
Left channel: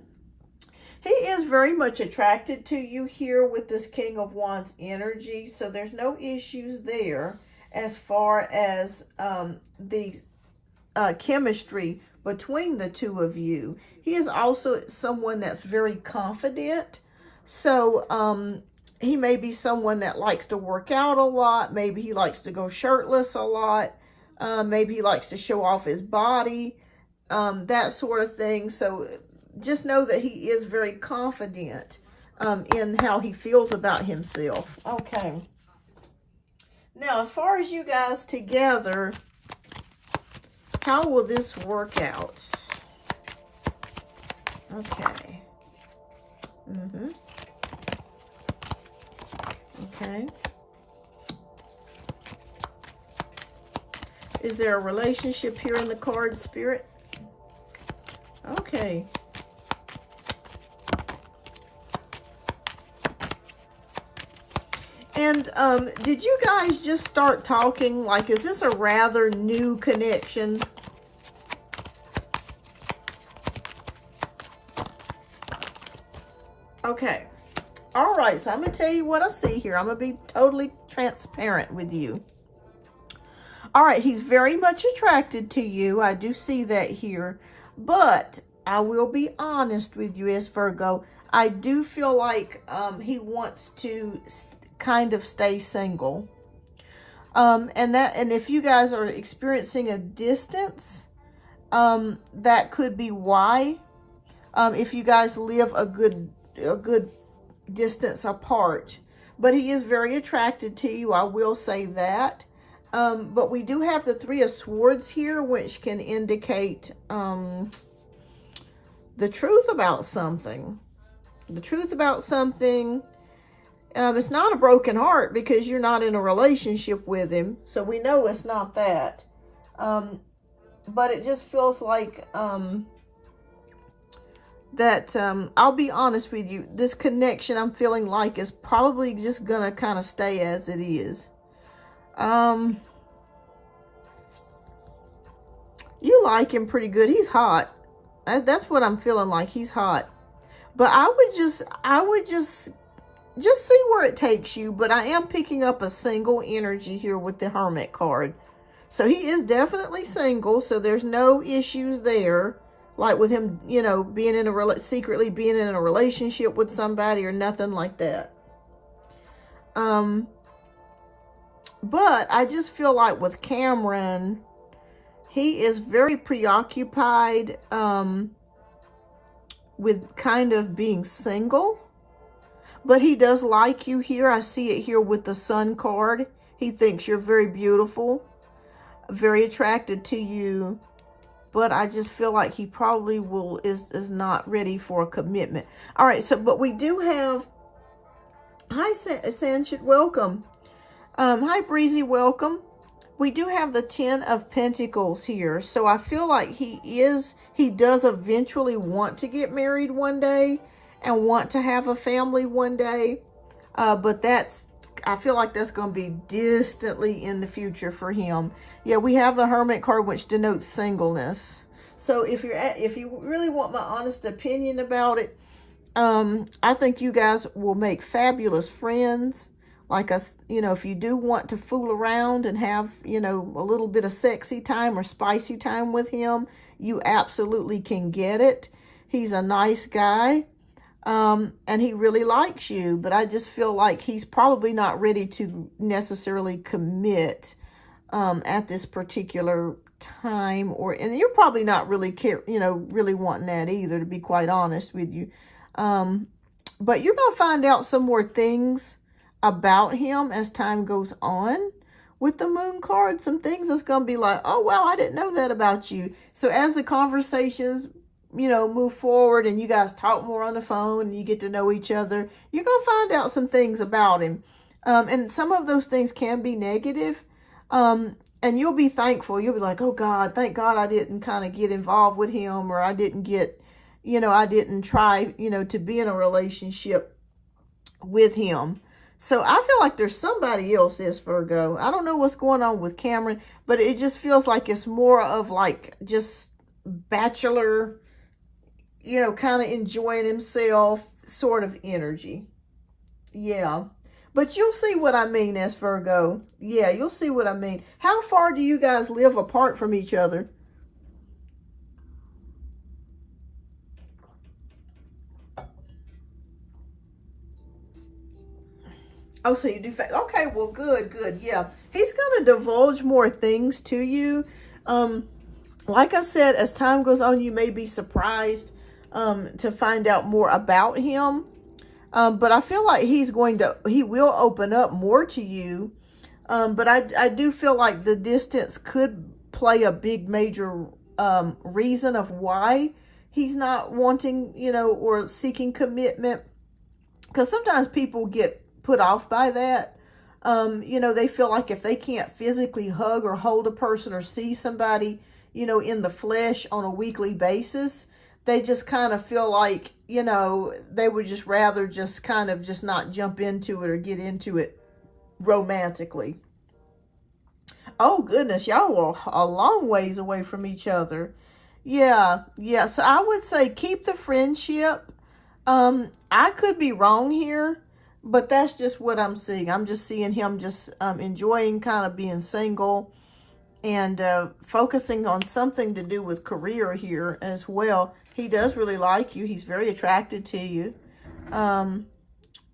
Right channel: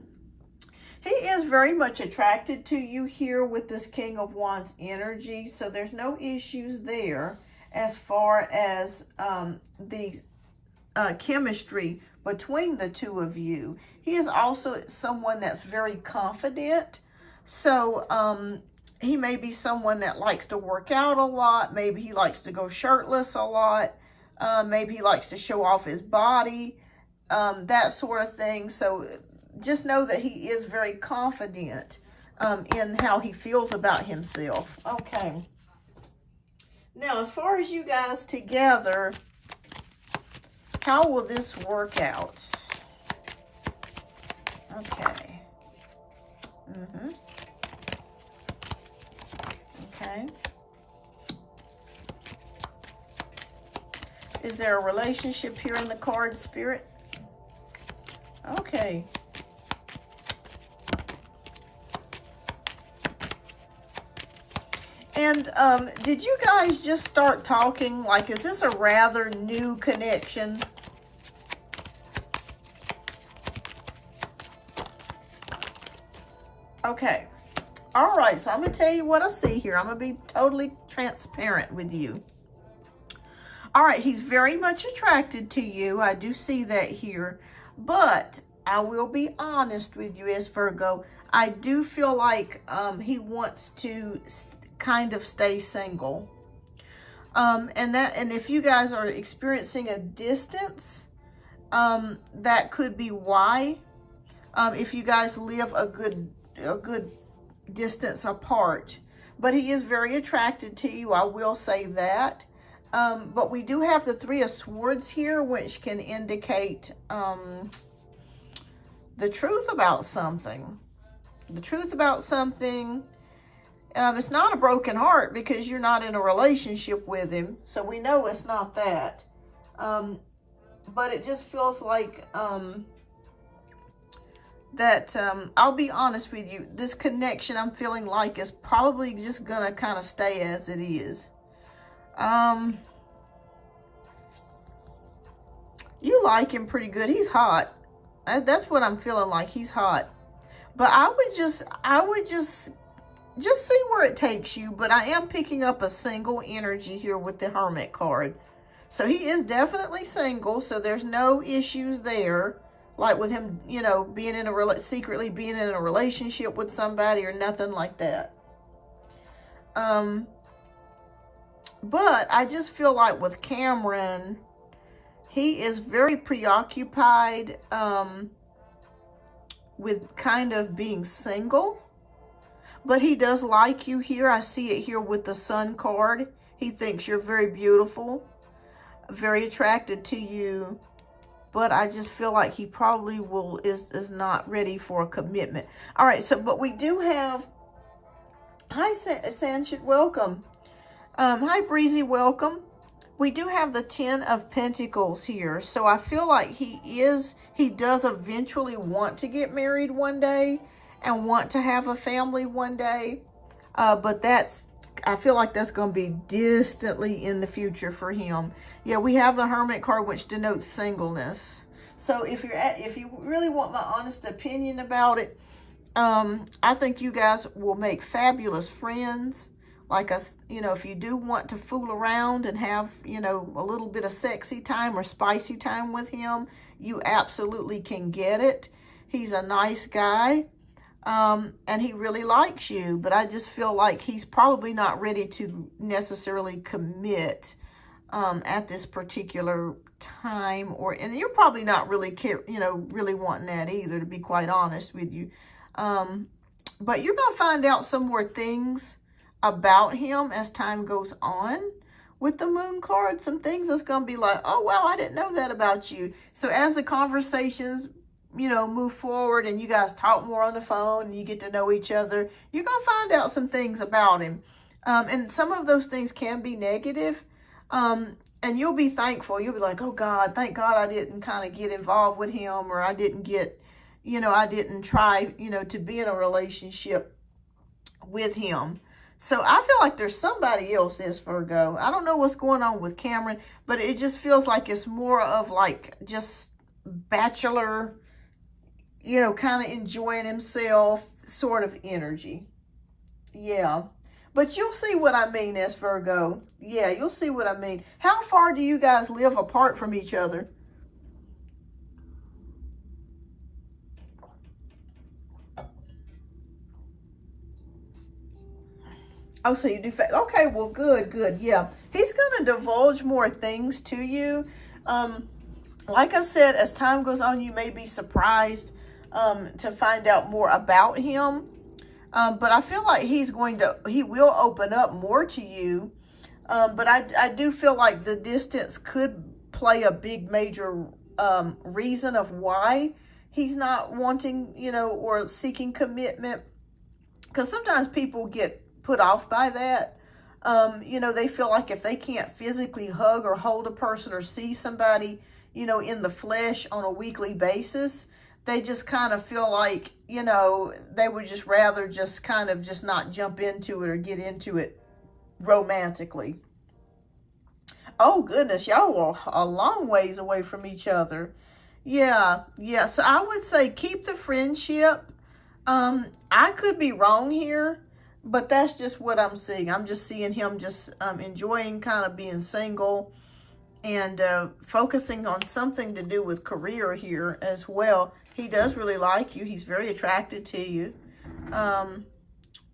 He is very much attracted to you here with this King of Wands energy. So there's no issues there as far as the chemistry between the two of you. He is also someone that's very confident. So he may be someone that likes to work out a lot. Maybe he likes to go shirtless a lot. Maybe he likes to show off his body, that sort of thing. So just know that he is very confident in how he feels about himself. Okay. Now, as far as you guys together, how will this work out? Okay. Okay. Is there a relationship here in the card, Spirit? Okay. And did you guys just start talking? Like, is this a rather new connection? Okay. All right. So I'm going to tell you what I see here. I'm going to be totally transparent with you. All right. He's very much attracted to you. I do see that here. But I will be honest with you as Virgo. I do feel like he wants to kind of stay single. And if you guys are experiencing a distance, that could be why. If you guys live a good distance apart. But he is very attracted to you, I will say that. But we do have the Three of Swords here, which can indicate the truth about something. The truth about something. It's not a broken heart because you're not in a relationship with him. So we know it's not that. But it just feels like that I'll be honest with you. This connection I'm feeling like is probably just going to kind of stay as it is. You like him pretty good. He's hot. That's what I'm feeling like. He's hot. But I would just see where it takes you. But I am picking up a single energy here with the Hermit card. So he is definitely single. So there's no issues there. Like with him, you know, being in secretly being in a relationship with somebody or nothing like that. But I just feel like with Cameron, He is very preoccupied with kind of being single, but he does like you here. I see it here with the Sun card. He thinks you're very beautiful, very attracted to you, but I just feel like he probably is not ready for a commitment. All right, so, but we do have, hi, Sanchit, welcome. Hi, Breezy, welcome. We do have the 10 of Pentacles here. So I feel like he does eventually want to get married one day and want to have a family one day. But I feel like that's going to be distantly in the future for him. Yeah, we have the Hermit card, which denotes singleness. So if you really want my honest opinion about it, I think you guys will make fabulous friends. Like, if you do want to fool around and have, a little bit of sexy time or spicy time with him, you absolutely can get it. He's a nice guy, and he really likes you. But I just feel like he's probably not ready to necessarily commit at this particular time. And you're probably not really really wanting that either, to be quite honest with you. But you're going to find out some more things about him as time goes on with the Moon card. Some things that's going to be like, oh, wow, I didn't know that about you. So as the conversations, move forward and you guys talk more on the phone and you get to know each other, you're going to find out some things about him. And some of those things can be negative. And you'll be thankful. You'll be like, oh, God, thank God I didn't kind of get involved with him, or I didn't get, I didn't try, to be in a relationship with him. So I feel like there's somebody else, this Virgo. I don't know what's going on with Cameron, but it just feels like it's more of like just bachelor, kind of enjoying himself sort of energy. Yeah. But you'll see what I mean, as Virgo. Yeah, you'll see what I mean. How far do you guys live apart from each other? Oh, so you do. Okay, well, good. Yeah, he's going to divulge more things to you. Like I said, as time goes on, you may be surprised to find out more about him. But I feel like he will open up more to you. But I do feel like the distance could play a big major reason of why he's not wanting, or seeking commitment. Because sometimes people get put off by that. They feel like if they can't physically hug or hold a person or see somebody, in the flesh on a weekly basis, they just kind of feel like, they would just rather just kind of just not jump into it or get into it romantically. Oh, goodness, y'all are a long ways away from each other. Yeah. So I would say keep the friendship. I could be wrong here, but that's just what I'm seeing. I'm just seeing him just enjoying kind of being single and focusing on something to do with career here as well. He does really like you. He's very attracted to you.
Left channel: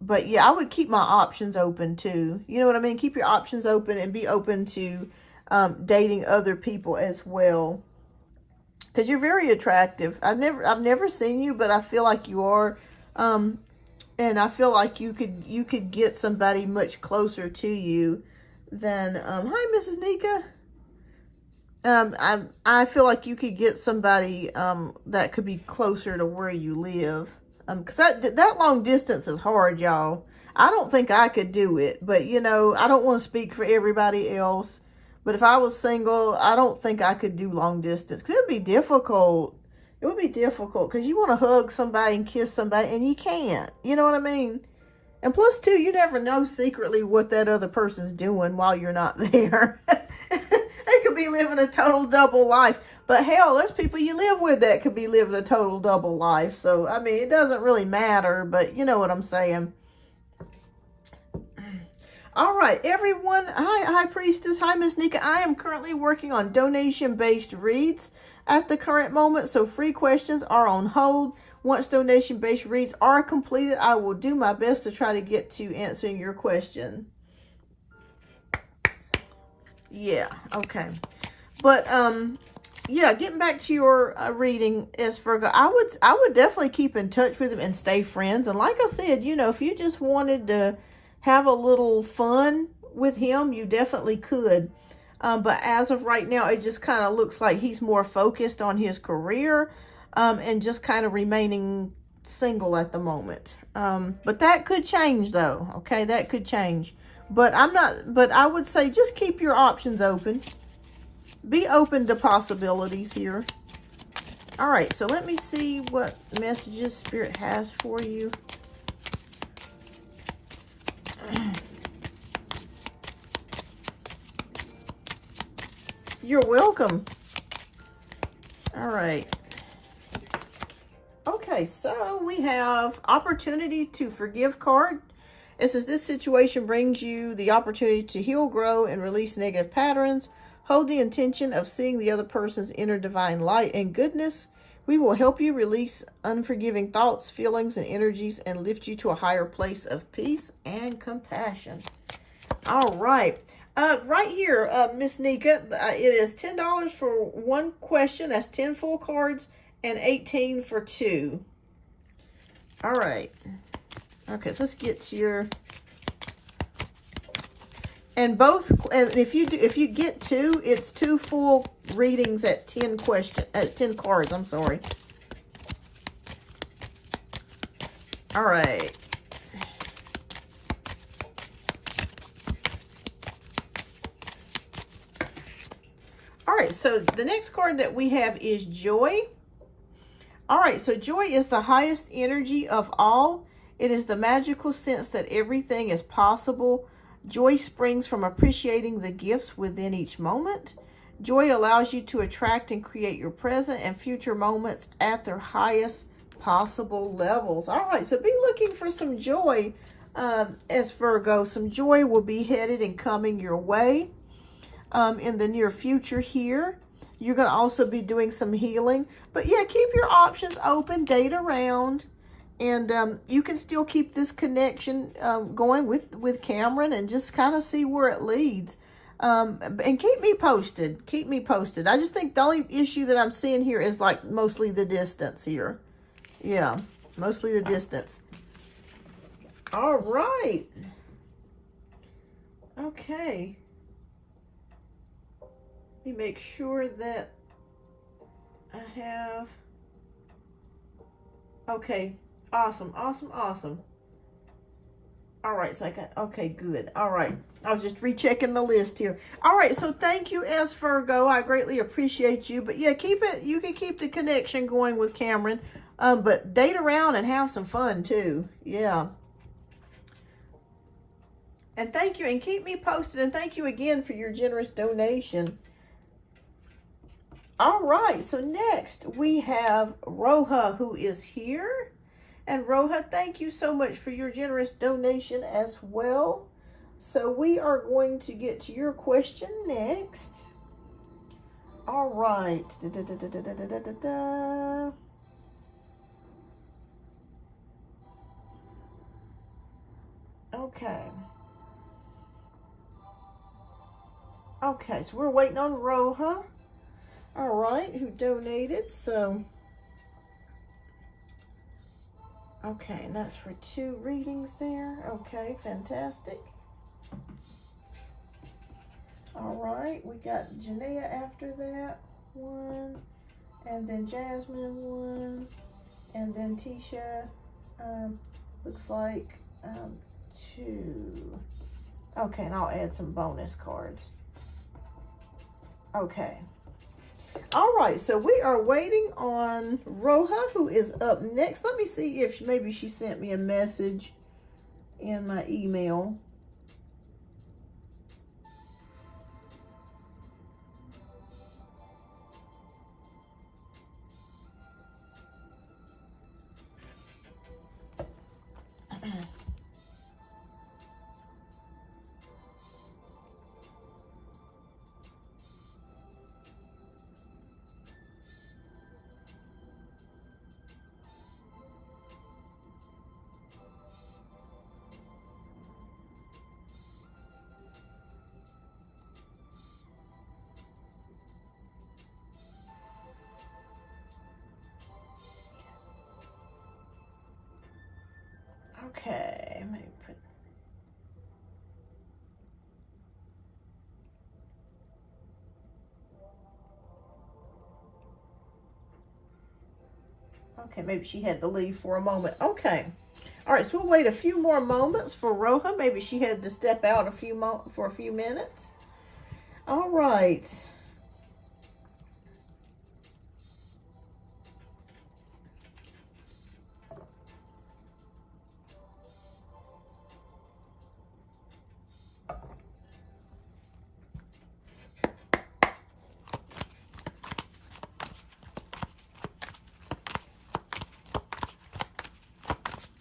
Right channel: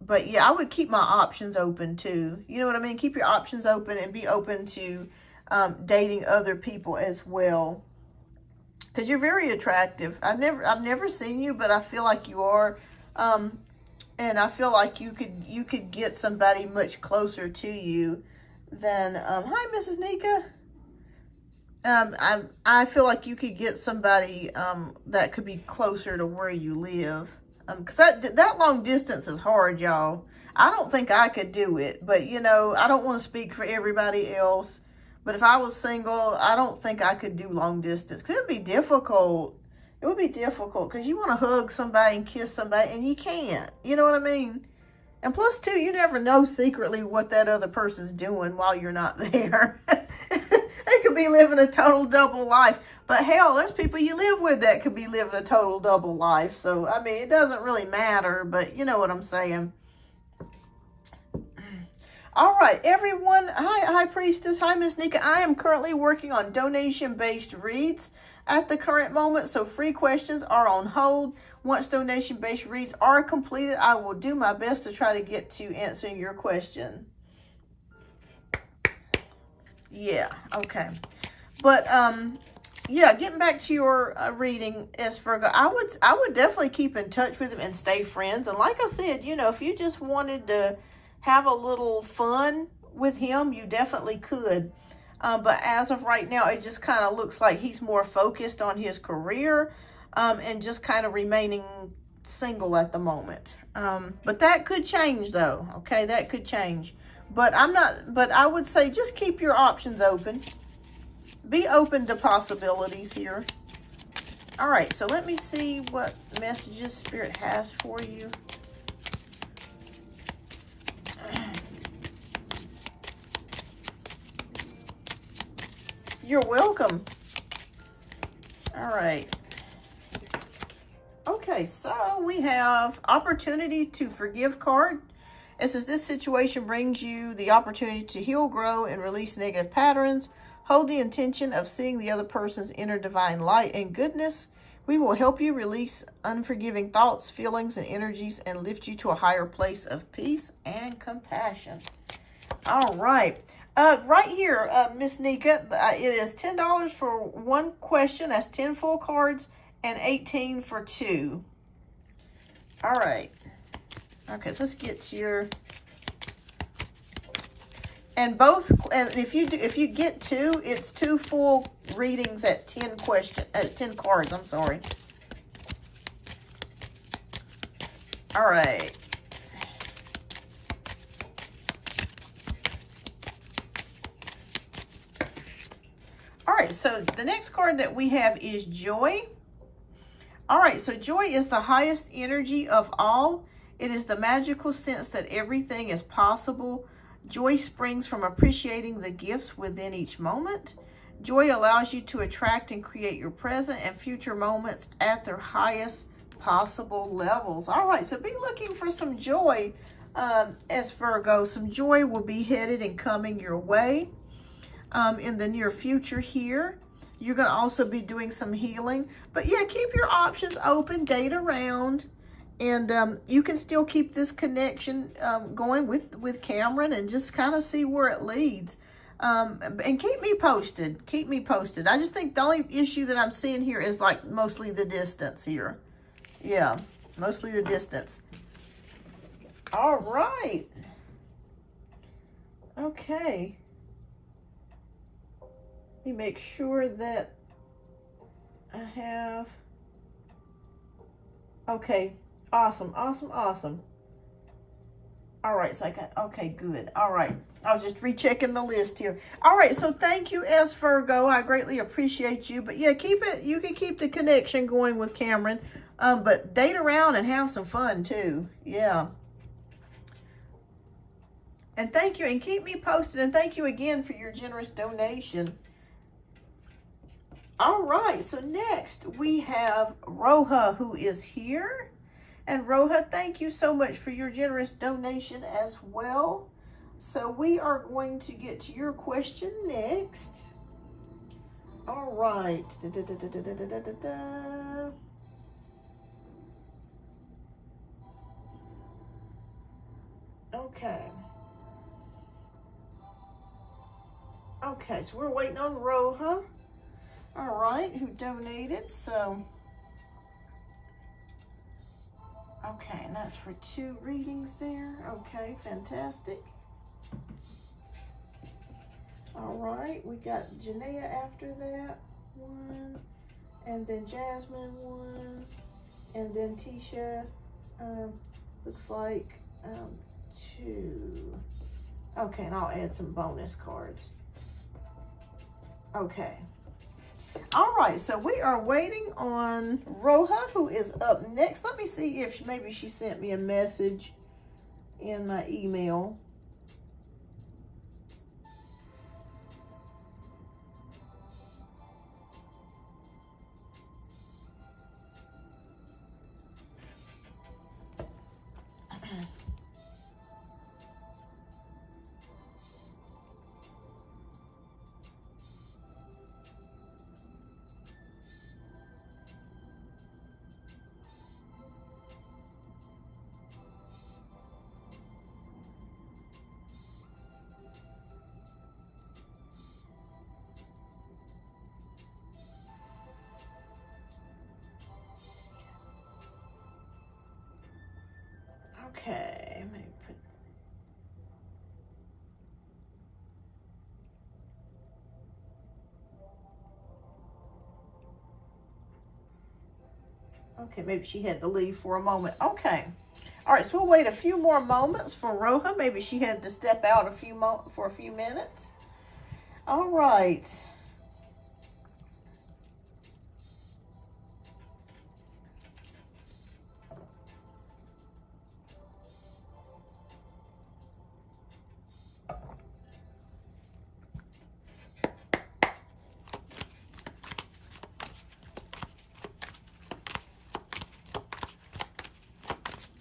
But yeah, I would keep my options open too. You know what I mean? Keep your options open and be open to dating other people as well. Because you're very attractive. I've never seen you, but I feel like you are. And I feel like you could get somebody much closer to you than hi, Mrs. Nika. I feel like you could get somebody that could be closer to where you live. Because that long distance is hard, y'all. I don't think I could do it, but I don't want to speak for everybody else. But if I was single, I don't think I could do long distance, because it would be difficult. It would be difficult because you want to hug somebody and kiss somebody and you can't. You know what I mean? And plus, too, you never know secretly what that other person's doing while you're not there. They could be living a total double life. But hell, there's people you live with that could be living a total double life. So, I mean, it doesn't really matter, but you know what I'm saying. All right, everyone. Hi, Priestess. Hi, Miss Nika. I am currently working on donation-based reads at the current moment, so free questions are on hold. Once donation-based reads are completed, I will do my best to try to get to answering your question. Yeah, okay. But yeah, getting back to your reading, as Virgo, I would definitely keep in touch with him and stay friends. And like I said, you know, if you just wanted to have a little fun with him, you definitely could. But as of right now, it just kind of looks like he's more focused on his career and just kind of remaining single at the moment. But that could change, though. Okay, that could change. But I would say just keep your options open. Be open to possibilities here. All right, so let me see what messages Spirit has for you. You're welcome. All right. Okay, so we have opportunity to forgive card. It says this situation brings you the opportunity to heal, grow, and release negative patterns. Hold the intention of seeing the other person's inner divine light and goodness. We will help you release unforgiving thoughts, feelings, and energies and lift you to a higher place of peace and compassion. All right. Right here, Miss Nika, it is $10 for one question. That's 10 full cards and 18 for 2. All right. Okay, so let's get to your... And if you get 2, it's 2 full readings at 10 cards, I'm sorry. All right. All right, so the next card that we have is Joy. All right, so joy is the highest energy of all. It is the magical sense that everything is possible. Joy springs from appreciating the gifts within each moment. Joy allows you to attract and create your present and future moments at their highest possible levels. All right, so be looking for some joy as Virgo. Some joy will be headed and coming your way in the near future here. You're going to also be doing some healing. But yeah, keep your options open, date around. And you can still keep this connection going with Cameron and just kind of see where it leads. And keep me posted. Keep me posted. I just think the only issue that I'm seeing here is like mostly the distance here. Yeah, mostly the distance. All right. Okay. Let me make sure that I have... Okay. Awesome, awesome, awesome. All right, so I got, okay, good. All right, I was just rechecking the list here. All right, so thank you, S. Virgo. I greatly appreciate you. But yeah, keep it, you can keep the connection going with Cameron. But date around and have some fun too. Yeah. And thank you, and keep me posted. And thank you again for your generous donation. All right, so next we have Roha, who is here. And Roha, thank you so much for your generous donation as well. So we are going to get to your question next. All right. Okay. Okay, so we're waiting on Roha. All right, who donated, so... Okay, and that's for 2 readings there. Okay, fantastic. All right, we got Janaea after that, 1, and then Jasmine, 1, and then Tisha, looks like 2. Okay, and I'll add some bonus cards. Okay. All right, so we are waiting on Roha, who is up next. Let me see if maybe she sent me a message in my email. Okay, maybe okay, maybe she had to leave for a moment. Okay. All right, so we'll wait a few more moments for Roja. Maybe she had to step out for a few minutes. All right.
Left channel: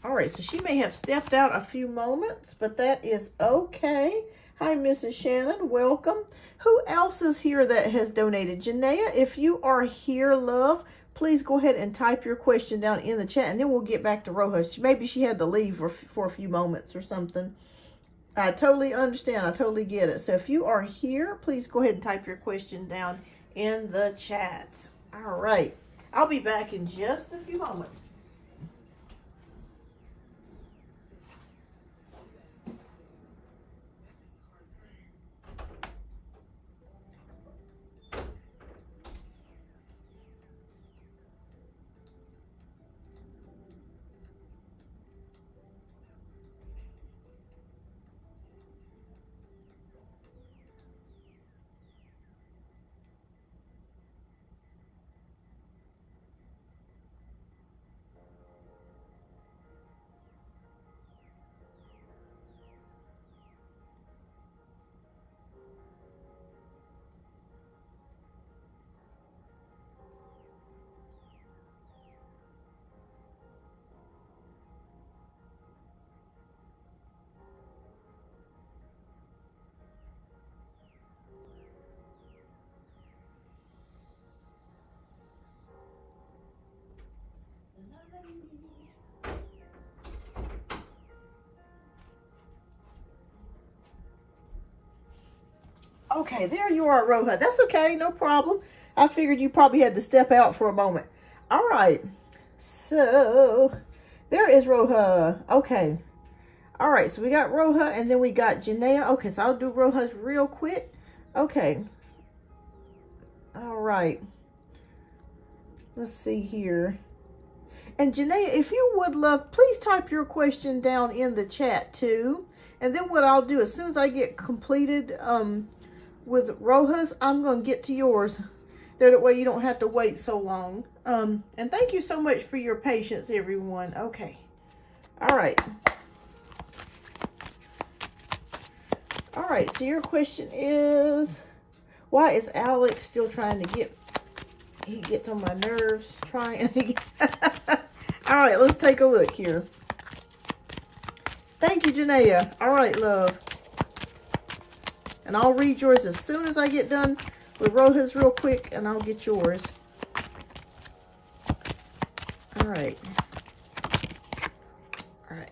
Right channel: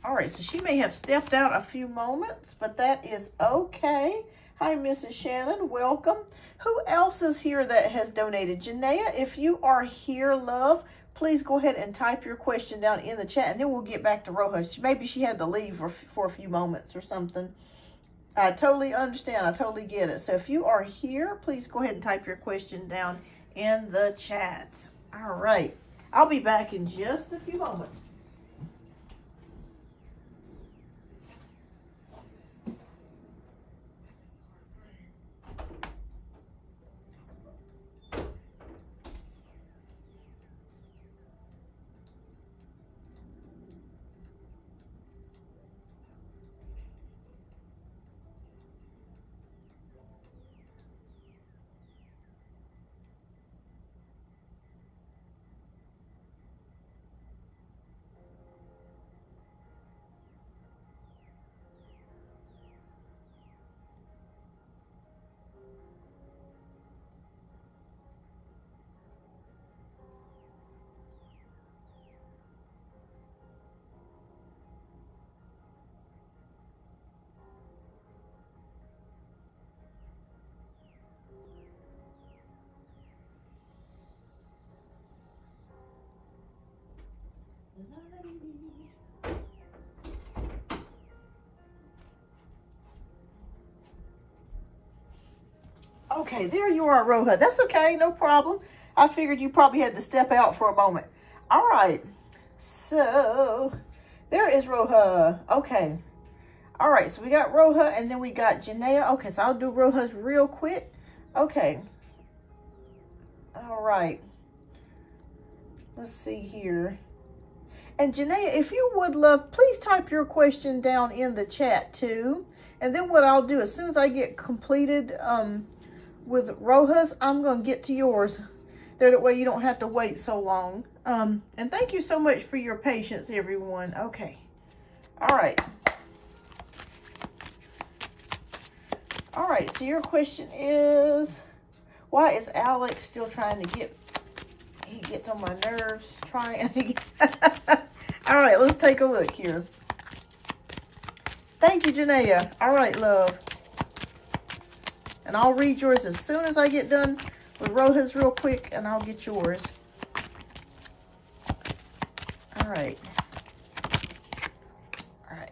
All right, so she may have stepped out a few moments, but that is okay. Hi, Mrs. Shannon, welcome. Who else is here that has donated? Janaea, if you are here, love, please go ahead and type your question down in the chat, and then we'll get back to Roja. Maybe she had to leave for a few moments or something. I totally understand. I totally get it. So if you are here, please go ahead and type your question down in the chat. All right. I'll be back in just a few moments. Okay, there you are, Roja. That's okay, no problem. I figured you probably had to step out for a moment. All right, so there is Roja. Okay, all right, so we got Roja, and then we got Janaea. Okay, so I'll do Roja's real quick. Okay, all right. Let's see here. And Janaea, if you would love, please type your question down in the chat too. And then what I'll do, as soon as I get completed with Roja's, I'm going to get to yours. That way you don't have to wait so long. And thank you so much for your patience, everyone. Okay. All right. All right, so your question is, why is Alex still trying to get, he gets on my nerves, trying to get, all right, let's take a look here. Thank you, Janaea. All right, love. And I'll read yours as soon as I get done with Roja's real quick, and I'll get yours. All right. All right.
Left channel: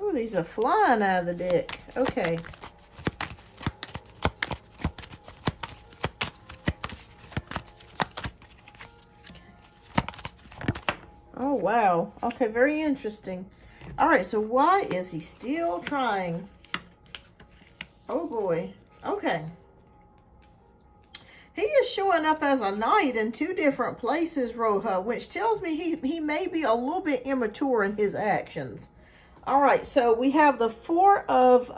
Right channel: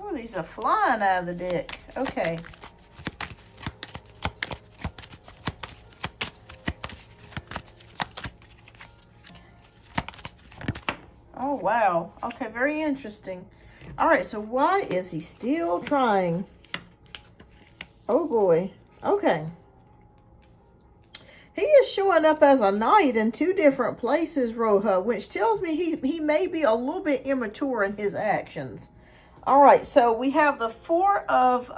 Oh, these are flying out of the deck. Okay. Oh, wow. Okay, very interesting. All right, so why is he still trying? Oh, boy. Okay. He is showing up as a knight in two different places, Roja, which tells me he may be a little bit immature in his actions. All right, so we have the Four of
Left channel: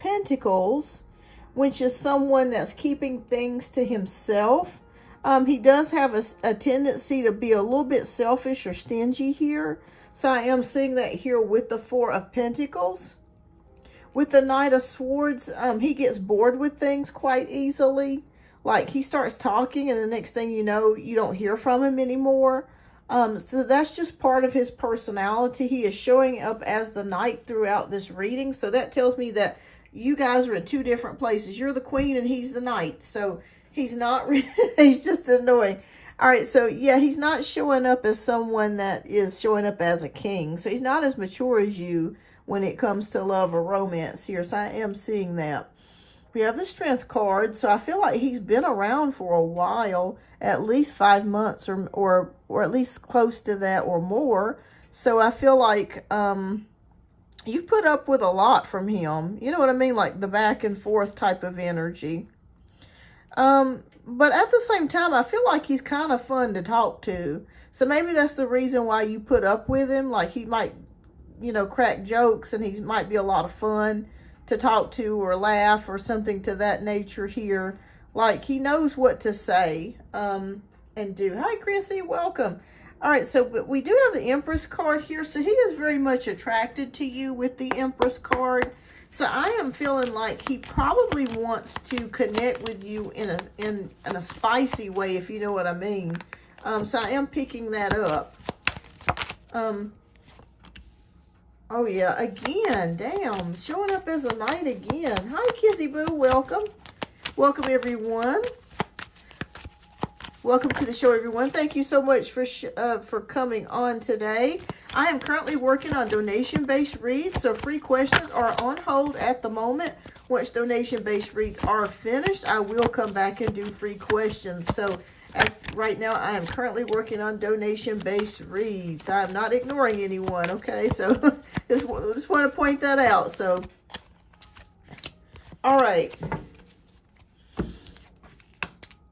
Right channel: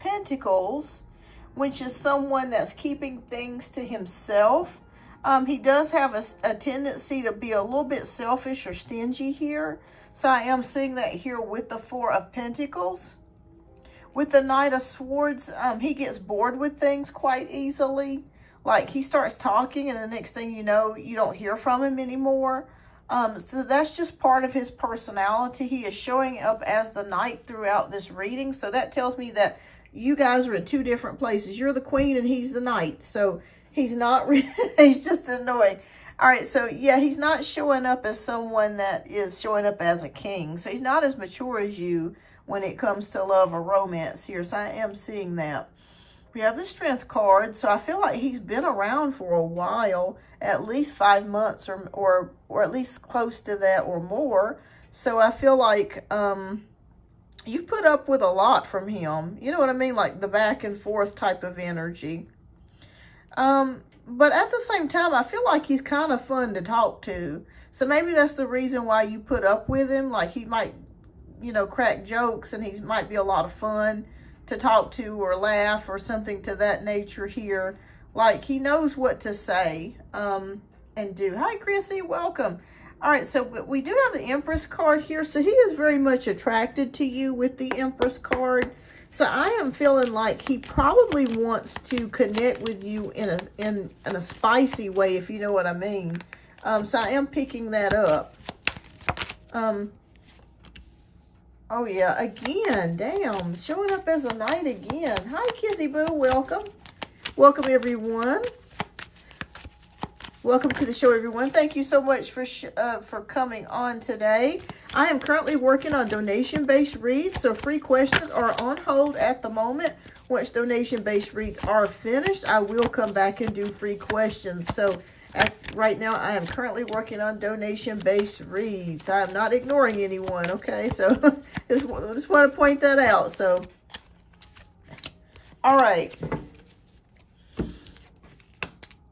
Pentacles, which is someone that's keeping things to himself. He does have a tendency to be a little bit selfish or stingy here. So I am seeing that here with the Four of Pentacles. With the Knight of Swords, he gets bored with things quite easily. Like he starts talking and the next thing you know, you don't hear from him anymore. So that's just part of his personality. He is showing up as the knight throughout this reading. So that tells me that you guys are in two different places. You're the queen and he's the knight. So he's not, he's just annoying. All right, so yeah, he's not showing up as someone that is showing up as a king. So he's not as mature as you when it comes to love or romance here. So I am seeing that. We have the Strength card, so I feel like he's been around for a while, at least 5 months or at least close to that or more. So I feel like you've put up with a lot from him. You know what I mean? Like the back and forth type of energy. But at the same time, I feel like he's kind of fun to talk to. So maybe that's the reason why you put up with him. Like he might, you know, crack jokes and he might be a lot of fun to talk to or laugh or something to that nature here. Like he knows what to say and do. Hi, Chrissy, welcome. All right, so we do have the Empress card here. So he is very much attracted to you with the Empress card. So I am feeling like he probably wants to connect with you in a spicy way, if you know what I mean. So I am picking that up. Oh, yeah, again, damn, showing up as a knight again. Hi, Kizzy Boo, welcome. Welcome, everyone. Welcome to the show, everyone. Thank you so much for coming on today. I am currently working on donation-based reads, so free questions are on hold at the moment. Once donation-based reads are finished, I will come back and do free questions. So right now, I am currently working on donation-based reads. I am not ignoring anyone, okay? So just want to point that out. So, all right.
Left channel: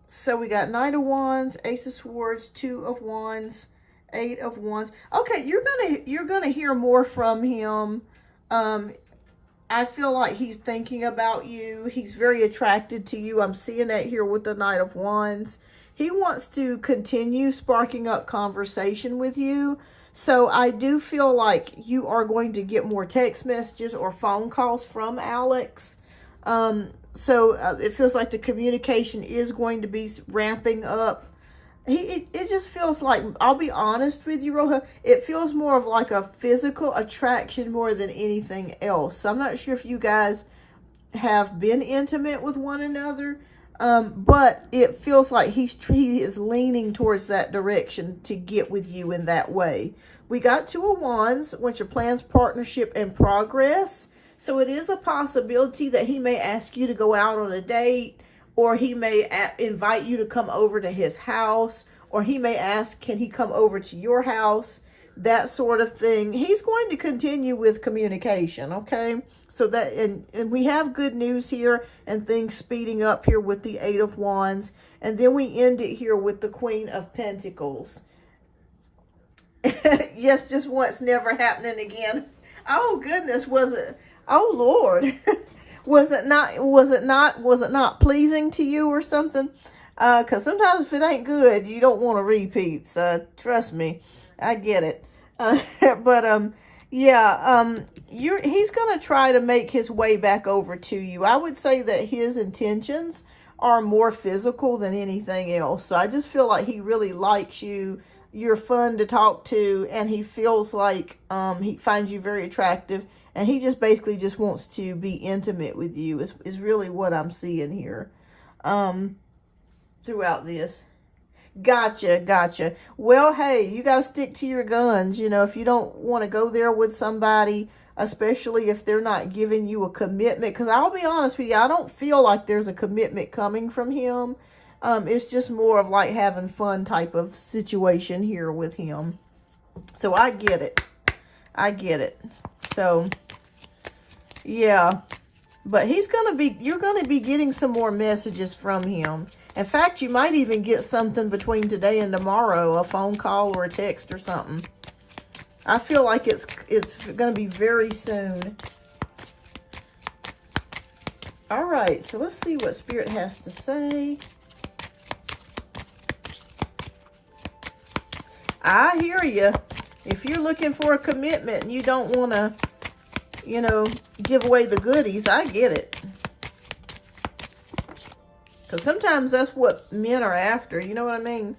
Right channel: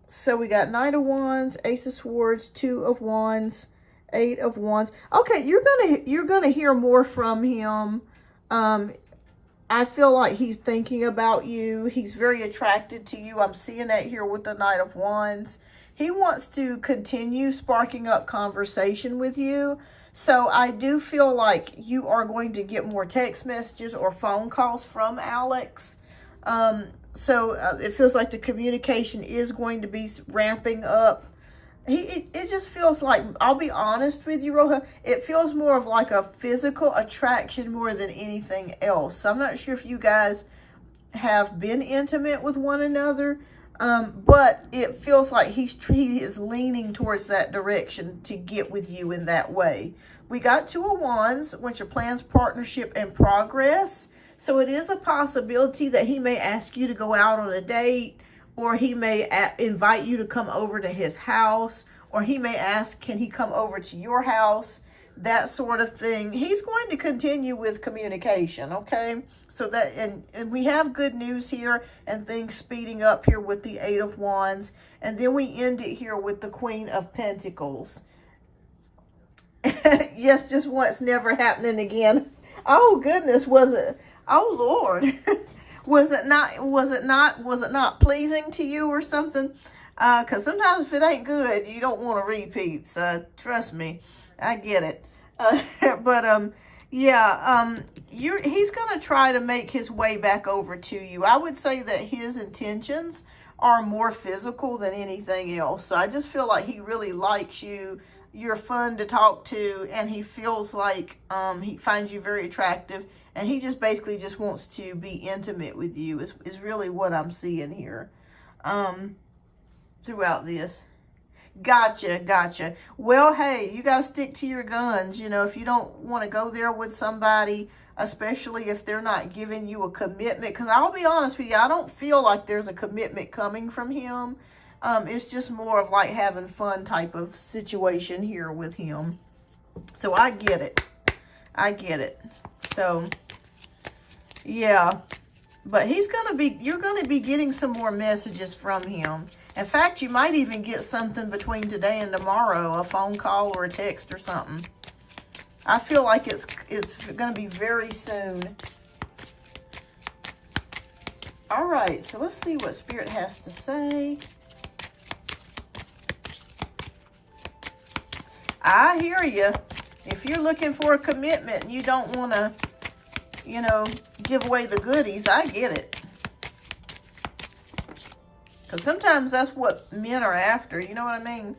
So we got Knight of Wands, Ace of Swords, Two of Wands, Eight of Wands. Okay, you're gonna hear more from him. I feel like he's thinking about you. He's very attracted to you. I'm seeing that here with the Knight of Wands. He wants to continue sparking up conversation with you. So I do feel like you are going to get more text messages or phone calls from Alex. So it feels like the communication is going to be ramping up. It just feels like, I'll be honest with you, Roja, it feels more of like a physical attraction more than anything else. So I'm not sure if you guys have been intimate with one another, but it feels like he is leaning towards that direction to get with you in that way. We got Two of Wands, which are plans, partnership, and progress. So it is a possibility that he may ask you to go out on a date, or he may invite you to come over to his house, or he may ask, can he come over to your house? That sort of thing. He's going to continue with communication, okay? So that, and we have good news here and things speeding up here with the Eight of Wands. And then we end it here with the Queen of Pentacles. Yes, just once, never happening again. Oh goodness, was it? Oh Lord. Was it not pleasing to you or something? Because sometimes if it ain't good, you don't want to repeat. So trust me, I get it. Yeah, he's going to try to make his way back over to you. I would say that his intentions are more physical than anything else. So I just feel like he really likes you. You're fun to talk to, and he feels like he finds you very attractive, and he just basically just wants to be intimate with you is really what I'm seeing here throughout this. Gotcha. Well, hey, you got to stick to your guns. You know, if you don't want to go there with somebody, especially if they're not giving you a commitment, because I'll be honest with you, I don't feel like there's a commitment coming from him. It's just more of like having fun type of situation here with him. So I get it. So, yeah. But you're going to be getting some more messages from him. In fact, you might even get something between today and tomorrow, a phone call or a text or something. I feel like it's going to be very soon. All right, so let's see what Spirit has to say. I hear you. If you're looking for a commitment and you don't want to, you know, give away the goodies, I get it. Because sometimes that's what men are after. You know what I mean?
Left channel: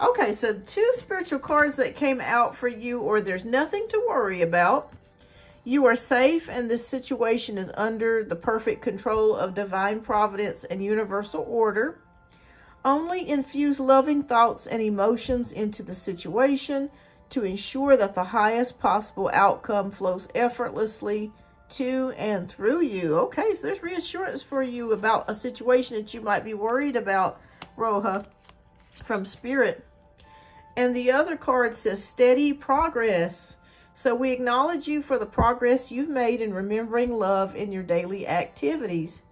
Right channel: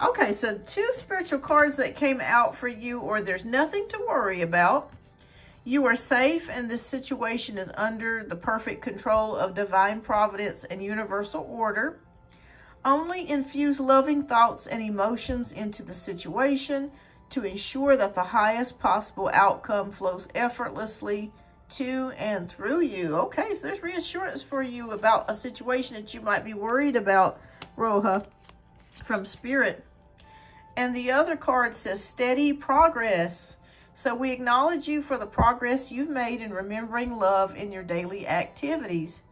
Okay, so 2 spiritual cards that came out for you, or there's nothing to worry about. You are safe, and this situation is under the perfect control of divine providence and universal order. Only infuse loving thoughts and emotions into the situation to ensure that the highest possible outcome flows effortlessly to and through you. Okay, so there's reassurance for you about a situation that you might be worried about, Roja, from Spirit. And the other card says steady progress. So we acknowledge you for the progress you've made in remembering love in your daily activities.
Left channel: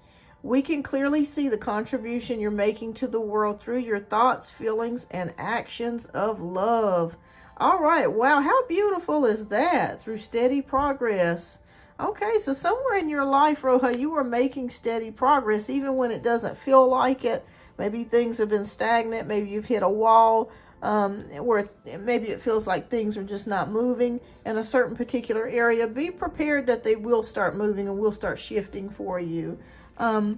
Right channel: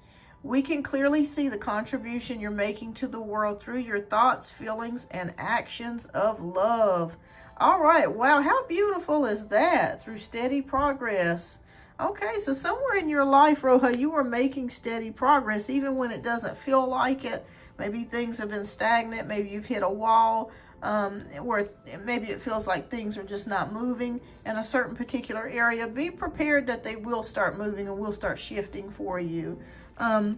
We can clearly see the contribution you're making to the world through your thoughts, feelings, and actions of love. All right, wow, how beautiful is that? Through steady progress. Okay, so somewhere in your life, Roja, you are making steady progress, even when it doesn't feel like it. Maybe things have been stagnant. Maybe you've hit a wall where maybe it feels like things are just not moving in a certain particular area. Be prepared that they will start moving and will start shifting for you. So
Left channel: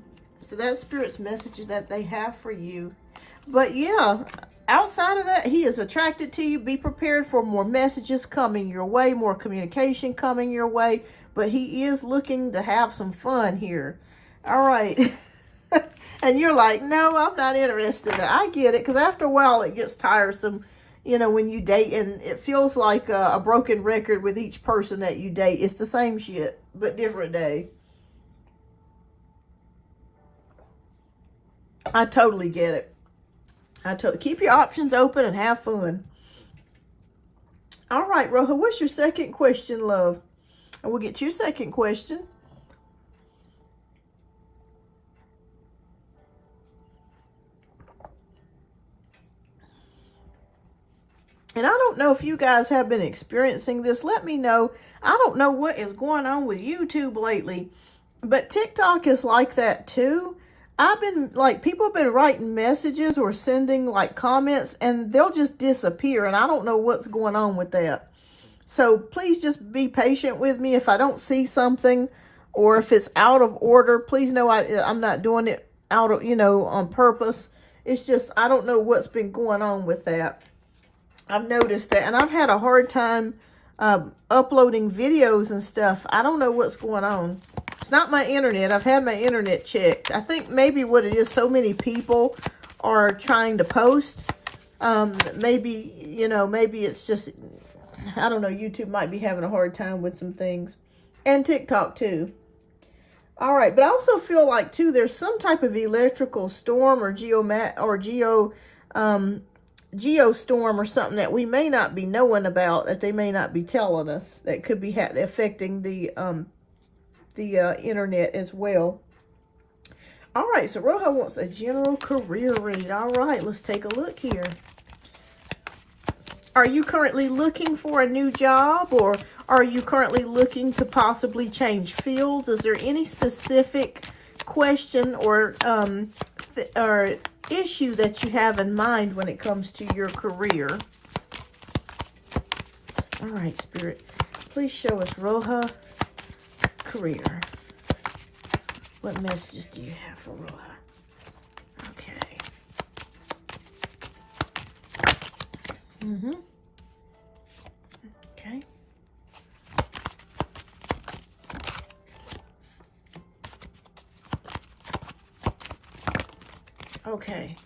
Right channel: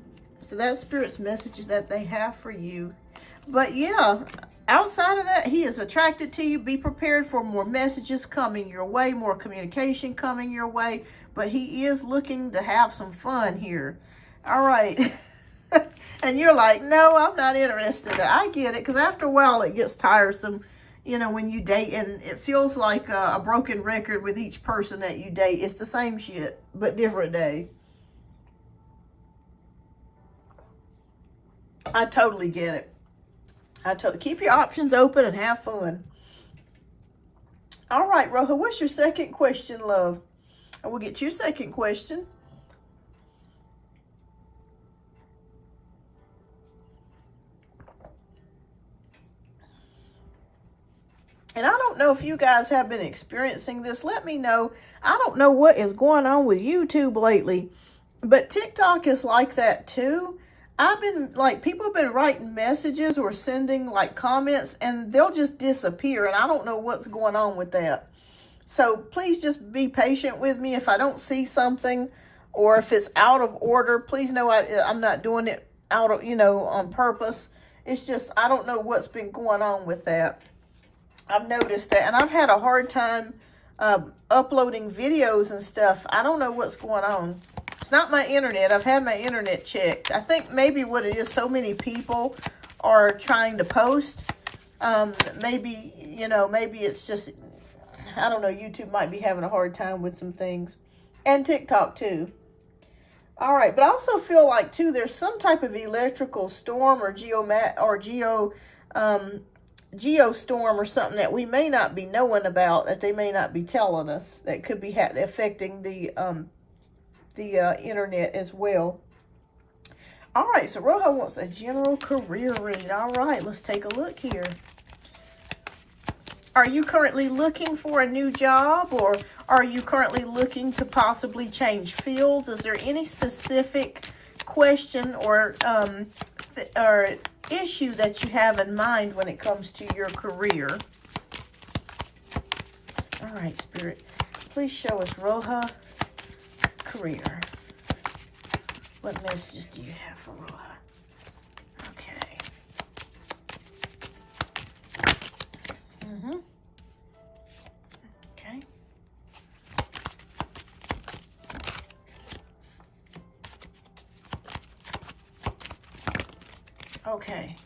that's Spirit's messages that they have for you. But yeah, outside of that, he is attracted to you. Be prepared for more messages coming your way, more communication coming your way. But he is looking to have some fun here. All right. And you're like, no, I'm not interested. I get it, because after a while it gets tiresome, you know, when you date, and it feels like a broken record with each person that you date. It's the same shit, but different day. I totally get it. Keep your options open and have fun. All right, Roja, what's your second question, love? And we'll get to your second question. And I don't know if you guys have been experiencing this. Let me know. I don't know what is going on with YouTube lately, but TikTok is like that too. I've been like, people have been writing messages or sending like comments, and they'll just disappear. And I don't know what's going on with that. So please just be patient with me. If I don't see something, or if it's out of order, please know I'm not doing it out of, on purpose. It's just, I don't know what's been going on with that. I've noticed that, and I've had a hard time uploading videos and stuff. I don't know what's going on. It's not my internet. I've had my internet checked. I think maybe what it is, so many people are trying to post. Maybe it's just, I don't know, YouTube might be having a hard time with some things. And TikTok too. All right, but I also feel like too, there's some type of electrical storm or geostorm or something that we may not be knowing about, that they may not be telling us, that could be affecting the internet as well. All right, so Roja wants a general career read. All right, let's take a look here. Are you currently looking for a new job, or are you currently looking to possibly change fields? Is there any specific question or issue that you have in mind when it comes to your career? All right, Spirit, please show us Roja career. What messages do you have for Roja? Okay. Okay. Okay.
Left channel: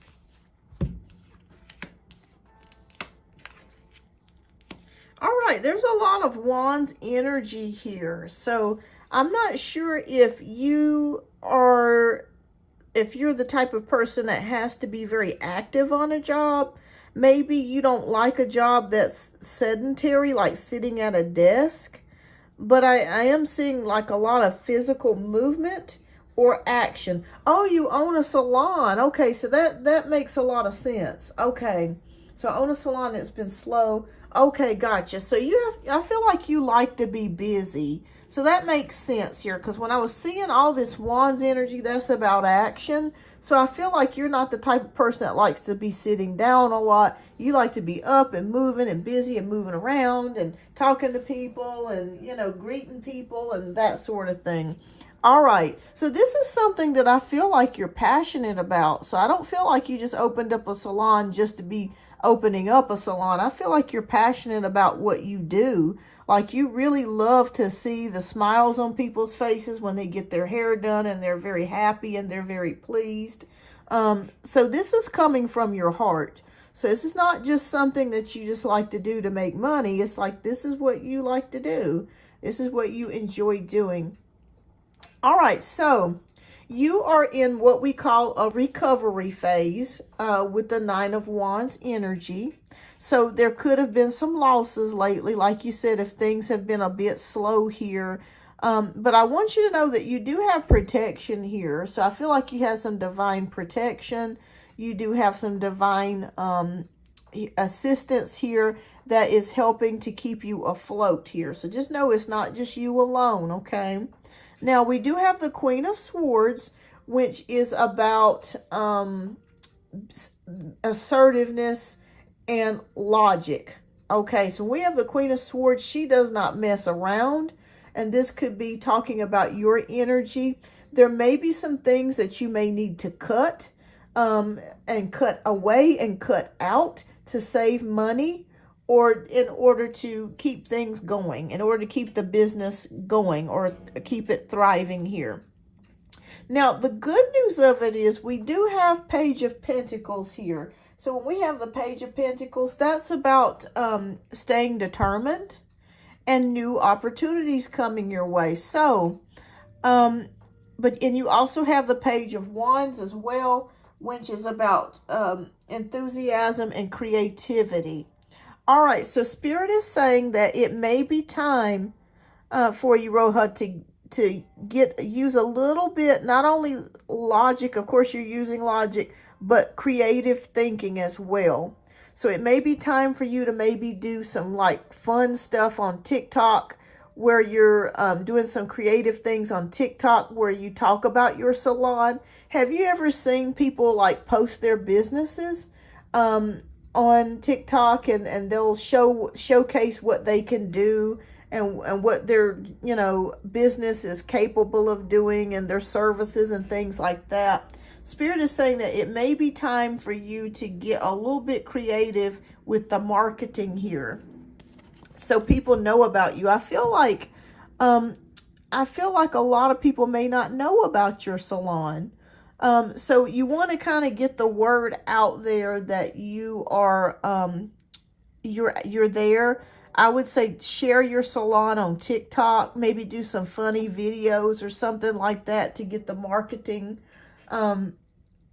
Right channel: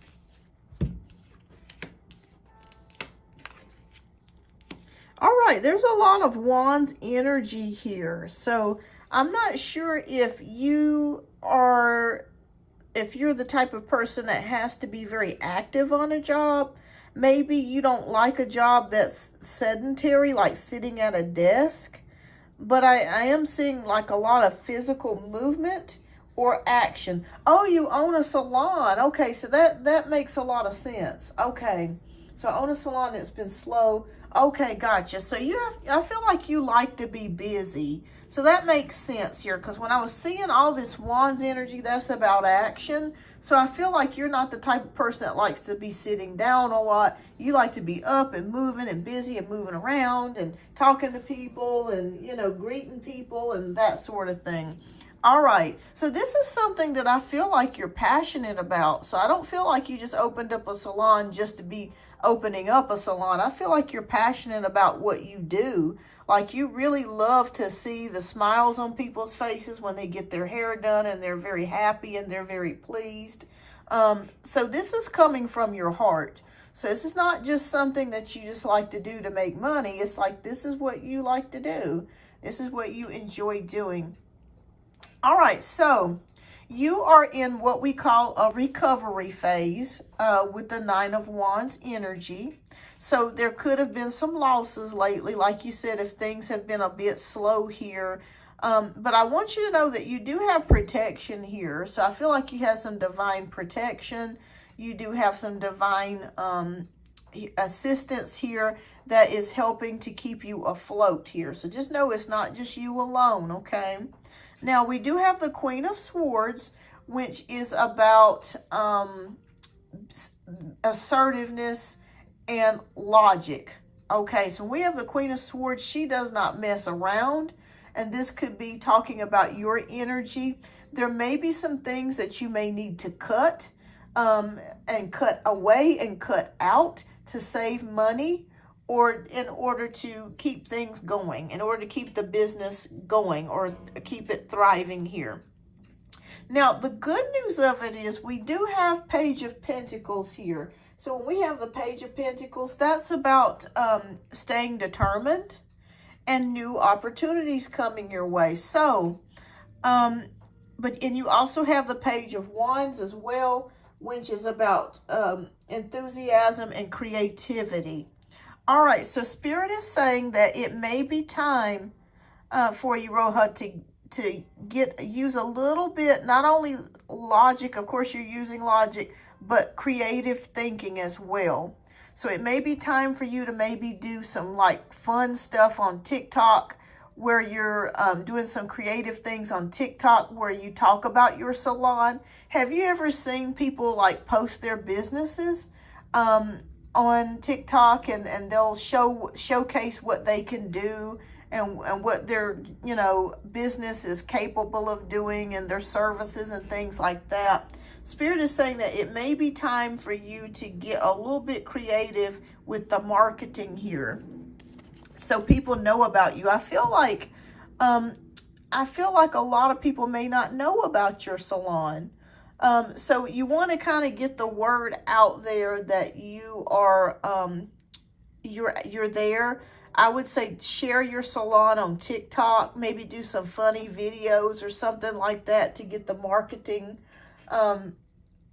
All right, there's a lot of Wands energy here. So I'm not sure if you're the type of person that has to be very active on a job. Maybe you don't like a job that's sedentary, like sitting at a desk. But I am seeing like a lot of physical movement or action. Oh, you own a salon. Okay, so that makes a lot of sense. Okay, so I own a salon that's been slow. Okay, gotcha. So I feel like you like to be busy. So that makes sense here, because when I was seeing all this Wands energy, that's about action. So I feel like you're not the type of person that likes to be sitting down a lot. You like to be up and moving and busy and moving around and talking to people and, greeting people and that sort of thing. All right, so this is something that I feel like you're passionate about. So I don't feel like you just opened up a salon just to be opening up a salon. I feel like you're passionate about what you do. Like you really love to see the smiles on people's faces when they get their hair done, and they're very happy and they're very pleased. So this is coming from your heart. So this is not just something that you just like to do to make money. It's like, this is what you like to do. This is what you enjoy doing. All right, so you are in what we call a recovery phase with the Nine of Wands energy. So there could have been some losses lately, like you said, if things have been a bit slow here. But I want you to know that you do have protection here. So I feel like you have some divine protection. You do have some divine assistance here that is helping to keep you afloat here. So just know it's not just you alone, okay? Now, we do have the Queen of Swords, which is about assertiveness and logic. Okay, so we have the Queen of Swords. She does not mess around, and this could be talking about your energy. There may be some things that you may need to cut and cut away and cut out to save money, or in order to keep things going, in order to keep the business going or keep it thriving here. Now, the good news of it is we do have Page of Pentacles here. So when we have the Page of Pentacles, that's about staying determined and new opportunities coming your way. So, and you also have the Page of Wands as well, which is about enthusiasm and creativity. All right, so Spirit is saying that it may be time for you, Roja, to use a little bit, not only logic, of course you're using logic, but creative thinking as well. So it may be time for you to maybe do some like fun stuff on TikTok, where you're doing some creative things on TikTok where you talk about your salon. Have you ever seen people like post their businesses on TikTok, and they'll showcase what they can do and what their, you know, business is capable of doing and their services and things like that? Spirit is saying that it may be time for you to get a little bit creative with the marketing here, so people know about you. I feel like a lot of people may not know about your salon. So you want to kind of get the word out there that you are, you're there. I would say share your salon on TikTok, maybe do some funny videos or something like that to get the marketing,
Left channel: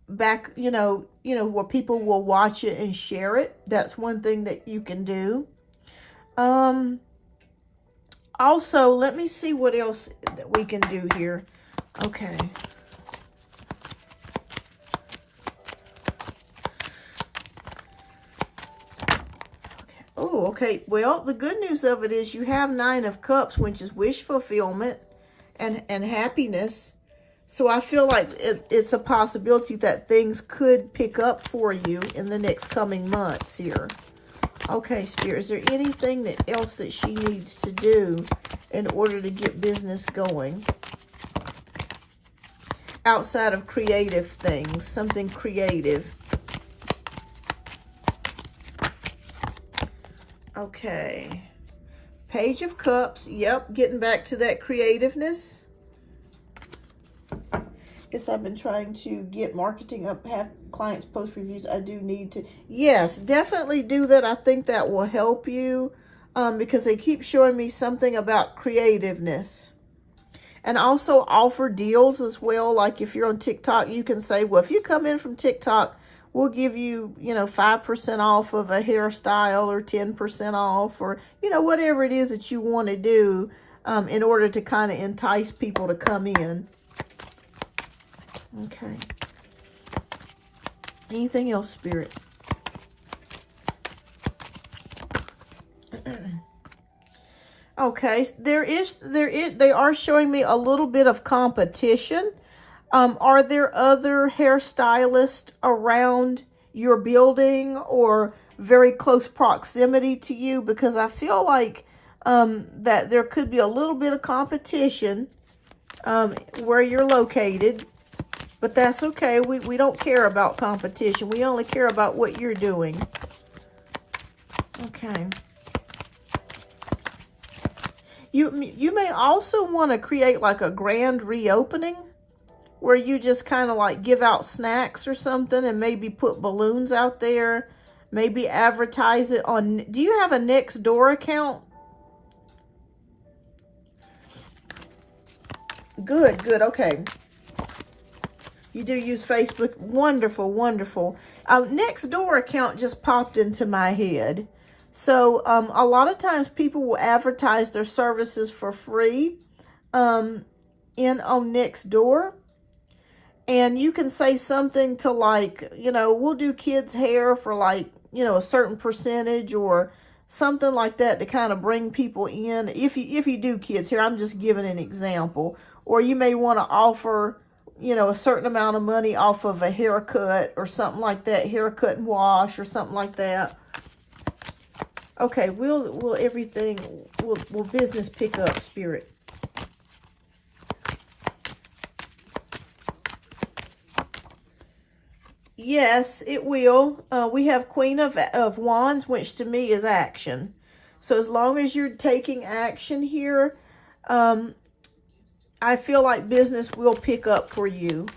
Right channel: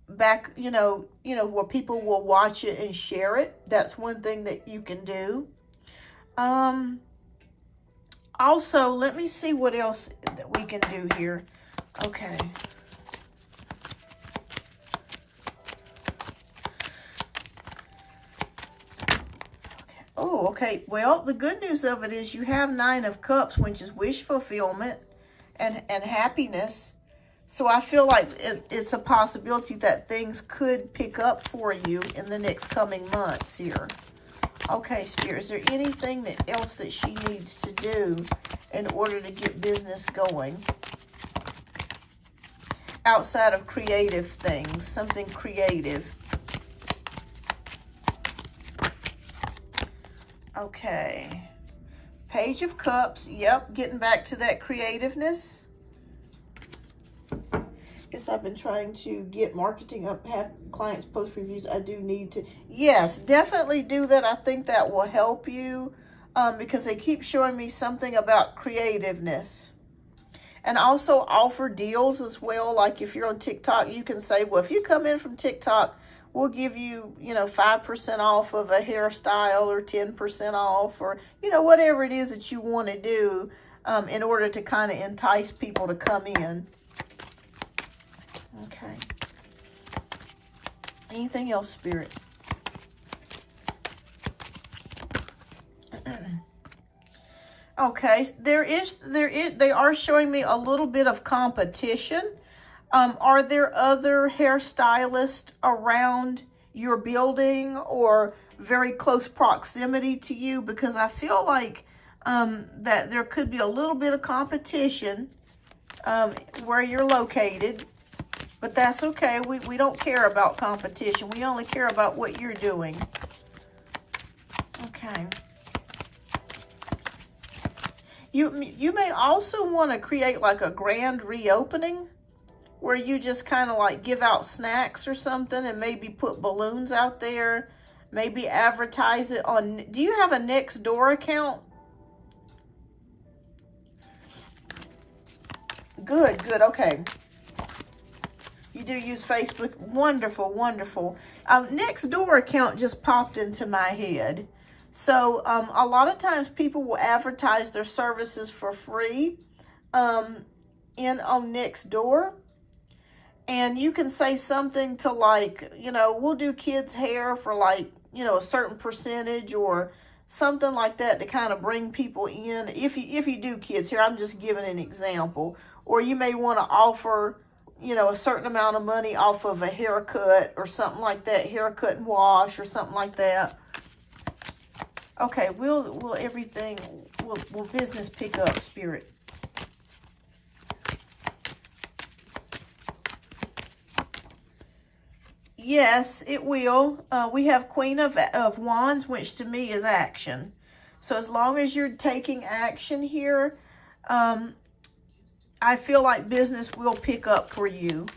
back, you know, where people will watch it and share it. That's one thing that you can do. Also, let me see what else that we can do here. Okay. Oh, okay. Well, the good news of it is you have Nine of Cups, which is wish fulfillment and happiness. So I feel like it's a possibility that things could pick up for you in the next coming months here. Okay, Spirit, is there anything else that she needs to do in order to get business going? Outside of creative things, something creative. Okay. Page of Cups. Yep, getting back to that creativeness. Guess I've been trying to get marketing up, have clients post reviews. I do need to. Yes, definitely do that. I think that will help you because they keep showing me something about creativeness. And also offer deals as well. Like if you're on TikTok, you can say, well, if you come in from TikTok, we'll give you, 5% off of a hairstyle, or 10% off, or, whatever it is that you want to do in order to kind of entice people to come in. Okay. Anything else, Spirit? Okay, they are showing me a little bit of competition. Are there other hairstylists around your building or very close proximity to you? Because I feel like that there could be a little bit of competition where you're located. But that's okay. We don't care about competition. We only care about what you're doing. Okay. You may also want to create like a grand reopening where you just kind of like give out snacks or something and maybe put balloons out there. Maybe advertise it on... Do you have a Nextdoor account? Good, good. Okay. You do use Facebook. Wonderful, wonderful. Nextdoor account just popped into my head. So a lot of times people will advertise their services for free on Nextdoor. And you can say something to like, you know, we'll do kids' hair for like, you know, a certain percentage or something like that to kind of bring people in. If you do kids' hair, I'm just giving an example. Or you may want to offer, you know, a certain amount of money off of a haircut or something like that, haircut and wash or something like that. Okay, will business pick up, Spirit? Yes, it will. We have Queen of Wands, which to me is action. So as long as you're taking action here, I feel like business will pick up for you.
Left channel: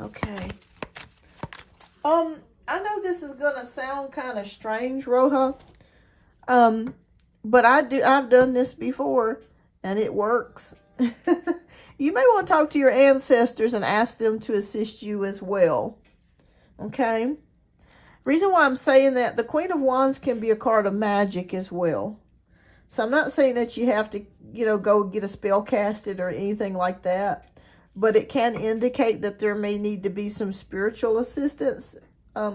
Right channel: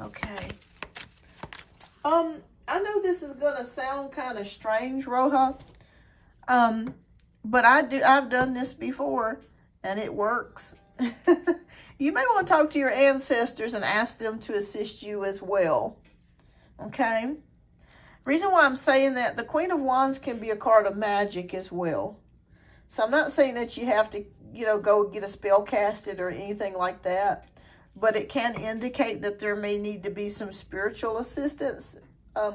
Okay. I know this is gonna sound kind of strange, Roja. But I've done this before and it works. You may want to talk to your ancestors and ask them to assist you as well. Okay? Reason why I'm saying that, the Queen of Wands can be a card of magic as well. So I'm not saying that you have to, you know, go get a spell casted or anything like that. But it can indicate that there may need to be some spiritual assistance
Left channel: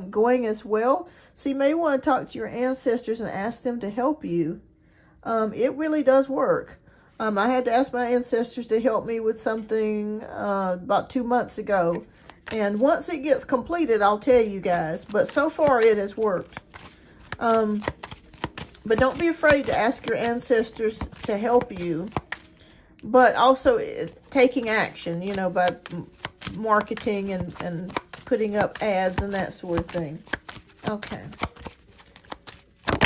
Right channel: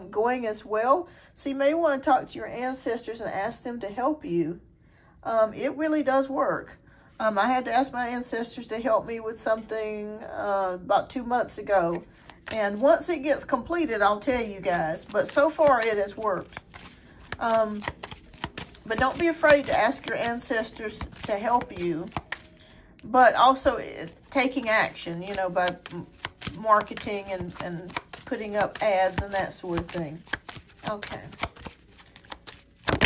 going as well. So you may want to talk to your ancestors and ask them to help you. It really does work. I had to ask my ancestors to help me with something about 2 months ago. And once it gets completed, I'll tell you guys. But so far, it has worked. But don't be afraid to ask your ancestors to help you. But also taking action, you know, by marketing and putting up ads and that sort of thing. Okay.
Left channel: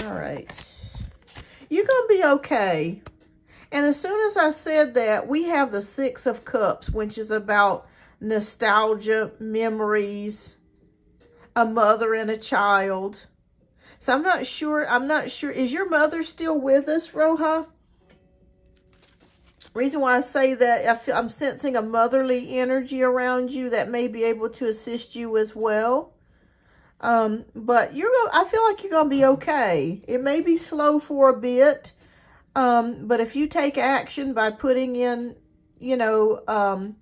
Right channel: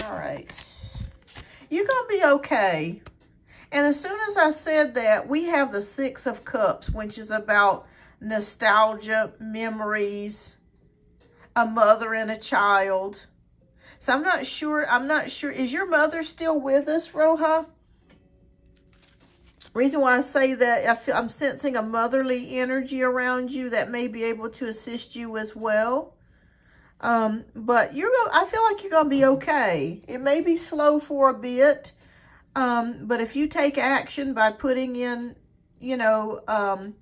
All right. You're going to be okay. And as soon as I said that, we have the Six of Cups, which is about nostalgia, memories, a mother and a child. So I'm not sure. Is your mother still with us, Roja? Reason why I say that, I'm sensing a motherly energy around you that may be able to assist you as well. But I feel like you're going to be okay. It may be slow for a bit. But if you take action by putting in, you know,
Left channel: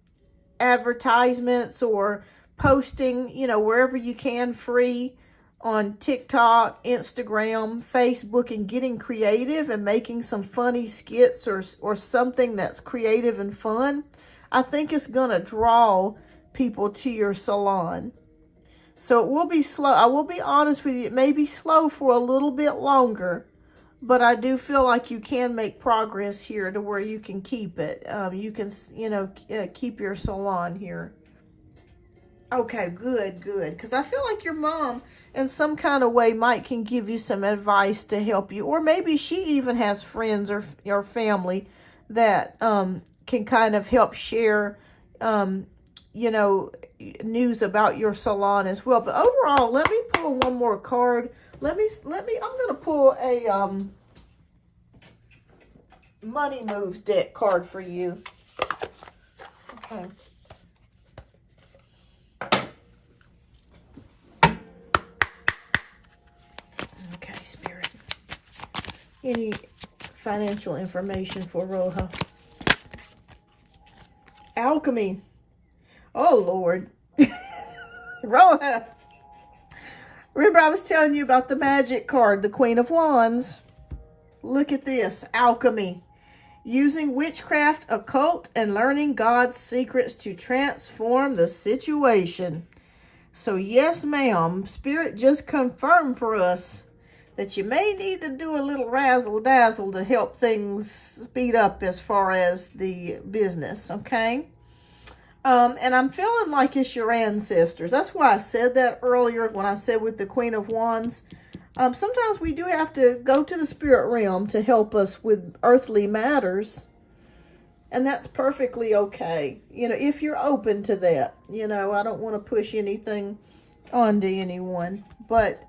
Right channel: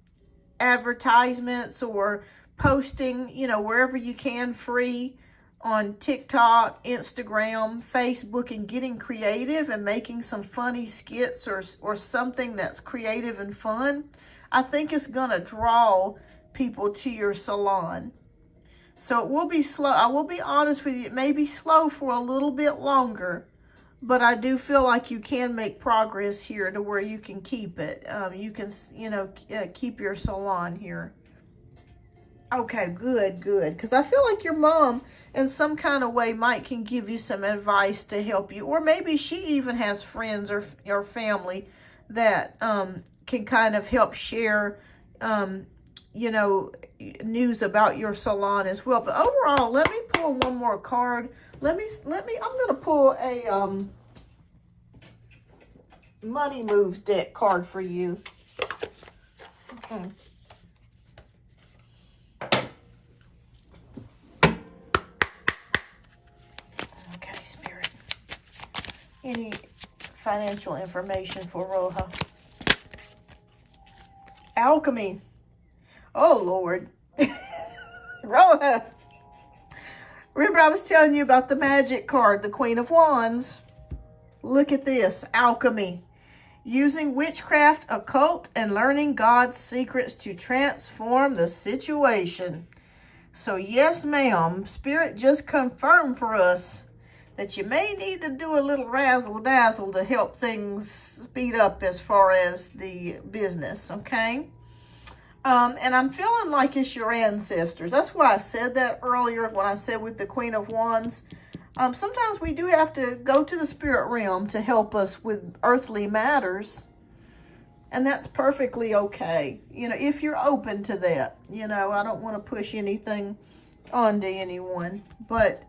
advertisements or posting, you know, wherever you can free on TikTok, Instagram, Facebook, and getting creative and making some funny skits or something that's creative and fun, I think it's going to draw people to your salon. So it will be slow. I will be honest with you. It may be slow for a little bit longer, but I do feel like you can make progress here to where you can keep it. You can, you know, keep your salon here. Okay, good, good. Because I feel like your mom, in some kind of way, can give you some advice to help you. Or maybe she even has friends or family that can kind of help share, you know, news about your salon as well. But overall, let me pull one more card. I'm going to pull a Money Moves deck card for you. Okay. Okay, Spirit. Any financial information for Roja? Alchemy. Oh, Lord. Roja. Remember I was telling you about the magic card, the Queen of Wands. Look at this, alchemy. Using witchcraft, occult, and learning God's secrets to transform the situation. So yes, ma'am, Spirit just confirmed for us that you may need to do a little razzle-dazzle to help things speed up as far as the business, okay? And I'm feeling like it's your ancestors. That's why I said that earlier when I said with the Queen of Wands. Sometimes we do have to go to the spirit realm to help us with earthly matters. And that's perfectly okay. You know, if you're open to that. You know, I don't want to push anything onto anyone. But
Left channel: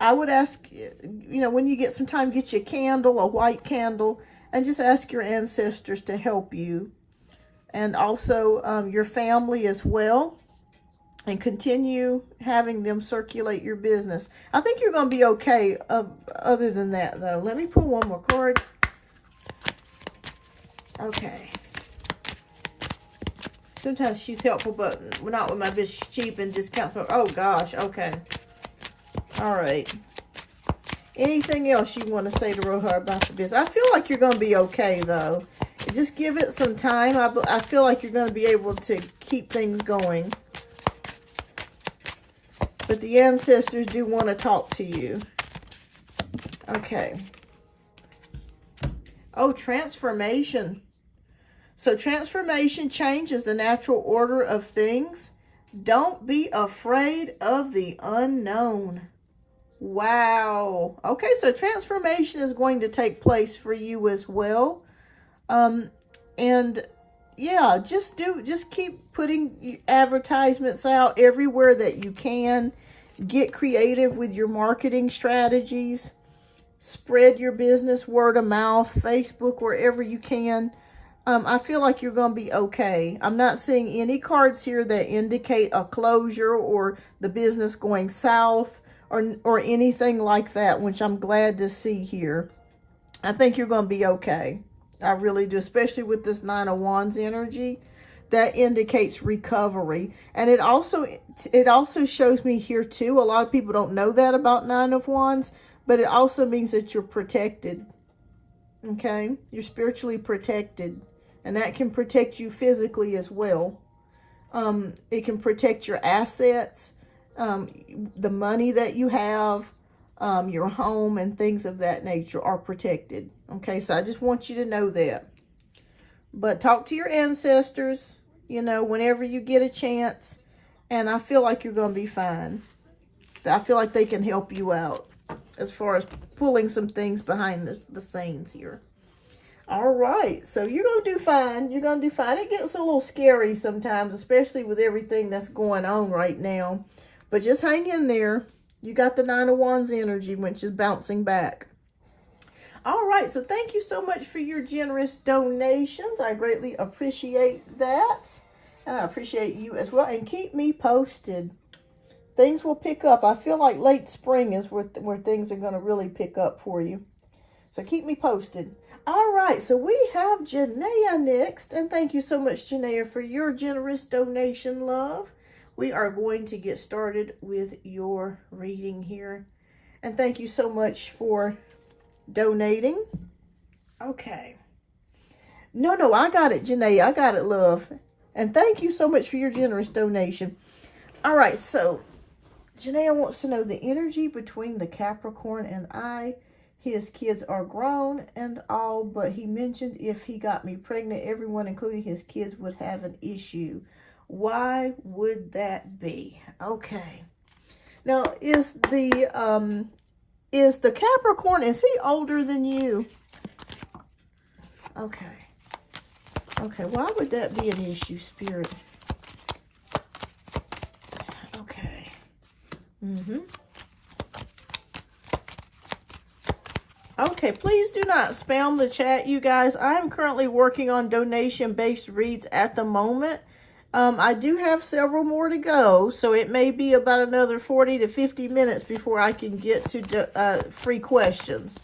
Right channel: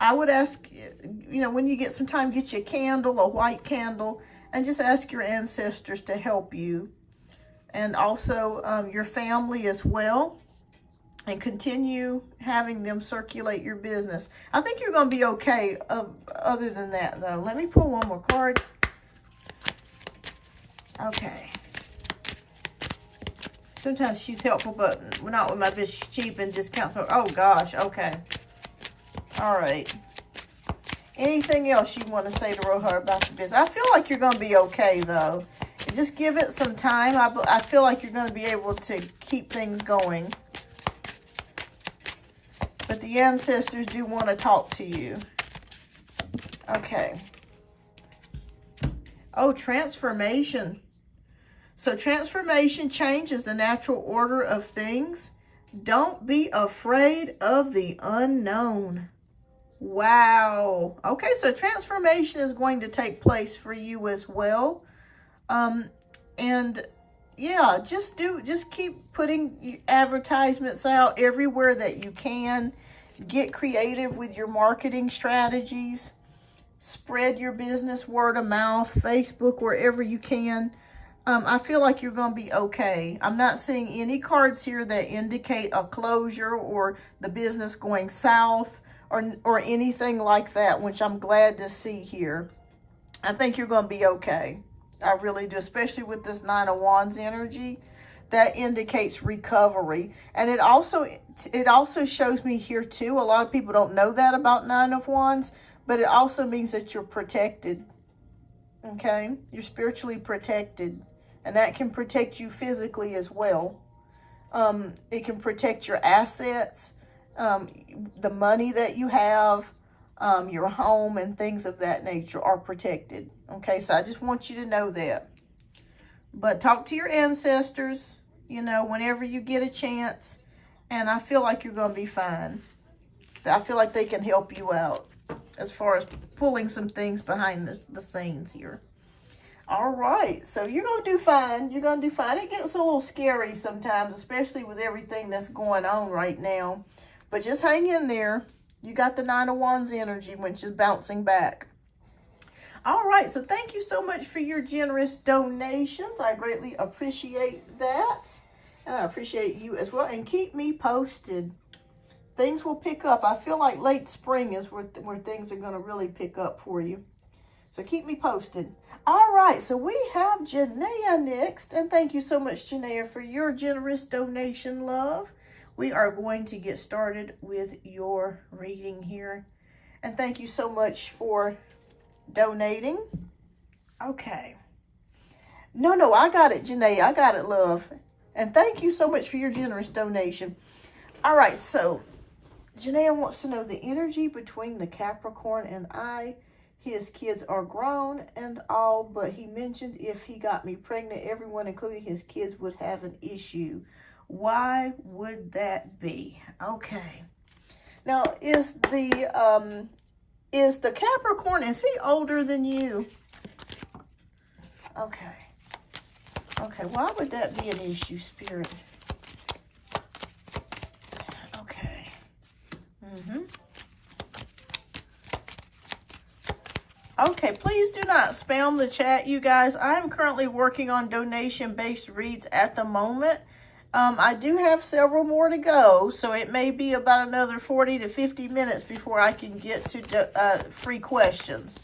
I would ask, you know, when you get some time, get you a candle, a white candle, and just ask your ancestors to help you. And also your family as well. And continue having them circulate your business. I think you're going to be okay other than that, though. Let me pull one more card. Okay. Sometimes she's helpful, but not with my business. She's cheap and discounts. Oh, gosh. Okay. All right. Anything else you want to say to Rohar about the business? I feel like you're going to be okay, though. Just give it some time. I feel like you're going to be able to keep things going. But the ancestors do want to talk to you. Okay. Oh, transformation. So transformation changes the natural order of things. Don't be afraid of the unknown. Wow. Okay, so transformation is going to take place for you as well. And yeah, just keep putting advertisements out everywhere that you can. Get creative with your marketing strategies. Spread your business word of mouth, Facebook, wherever you can. I feel like you're going to be okay. I'm not seeing any cards here that indicate a closure or the business going south or anything like that, which I'm glad to see here. I think you're going to be okay. I really do, especially with this Nine of Wands energy. That indicates recovery. And it also shows me here too, a lot of people don't know that about Nine of Wands, but it also means that you're protected. Okay? You're spiritually protected. And that can protect you physically as well. It can protect your assets, the money that you have, your home, and things of that nature are protected. Okay, so I just want you to know that. But talk to your ancestors, you know, whenever you get a chance. And I feel like you're going to be fine. I feel like they can help you out as far as pulling some things behind the scenes here. All right, so you're going to do fine. You're going to do fine. It gets a little scary sometimes, especially with everything that's going on right now. But just hang in there. You got the Nine of Wands energy, which is bouncing back. All right, so thank you so much for your generous donations. I greatly appreciate that. And I appreciate you as well. And keep me posted. Things will pick up. I feel like late spring is where things are going to really pick up for you. So keep me posted. All right, so we have Janaea next. And thank you so much, Janaea, for your generous donation, love. We are going to get started with your reading here. And thank you so much for donating. Okay. No, I got it, Janaea. I got it, love. And thank you so much for your generous donation. All right, so Janaea wants to know the energy between the Capricorn and I. His kids are grown and all, but he mentioned if he got me pregnant, everyone, including his kids, would have an issue. Why would that be? Okay. Now, is the Capricorn, is he older than you? Okay. Okay, why would that be an issue, Spirit? Okay. Okay, please do not spam the chat, you guys. I am currently working on donation-based reads at the moment. I do have several more to go, so it may be about another 40 to 50 minutes before I can get to free questions.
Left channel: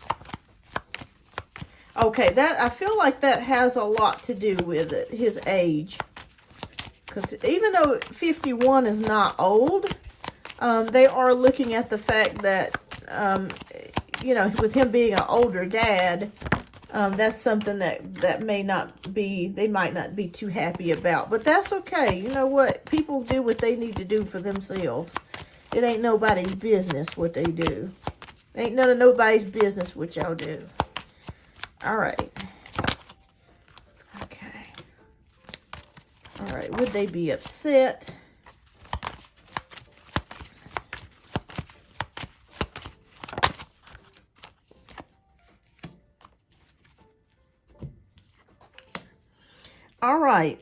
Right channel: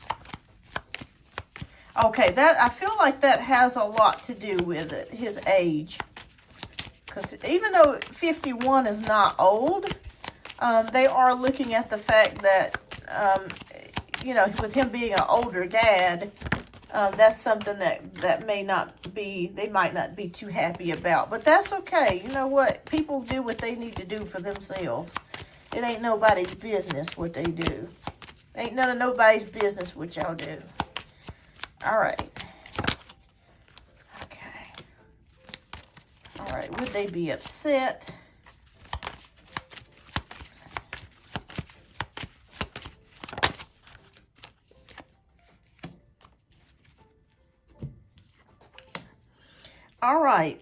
Okay, I feel like that has a lot to do with it, his age. Because even though 51 is not old, they are looking at the fact that, you know, with him being an older dad, that's something that may not be, they might not be too happy about. But that's okay. You know what? People do what they need to do for themselves. It ain't nobody's business what they do. Ain't none of nobody's business what y'all do. All right. Okay. All right. Would they be upset? All right.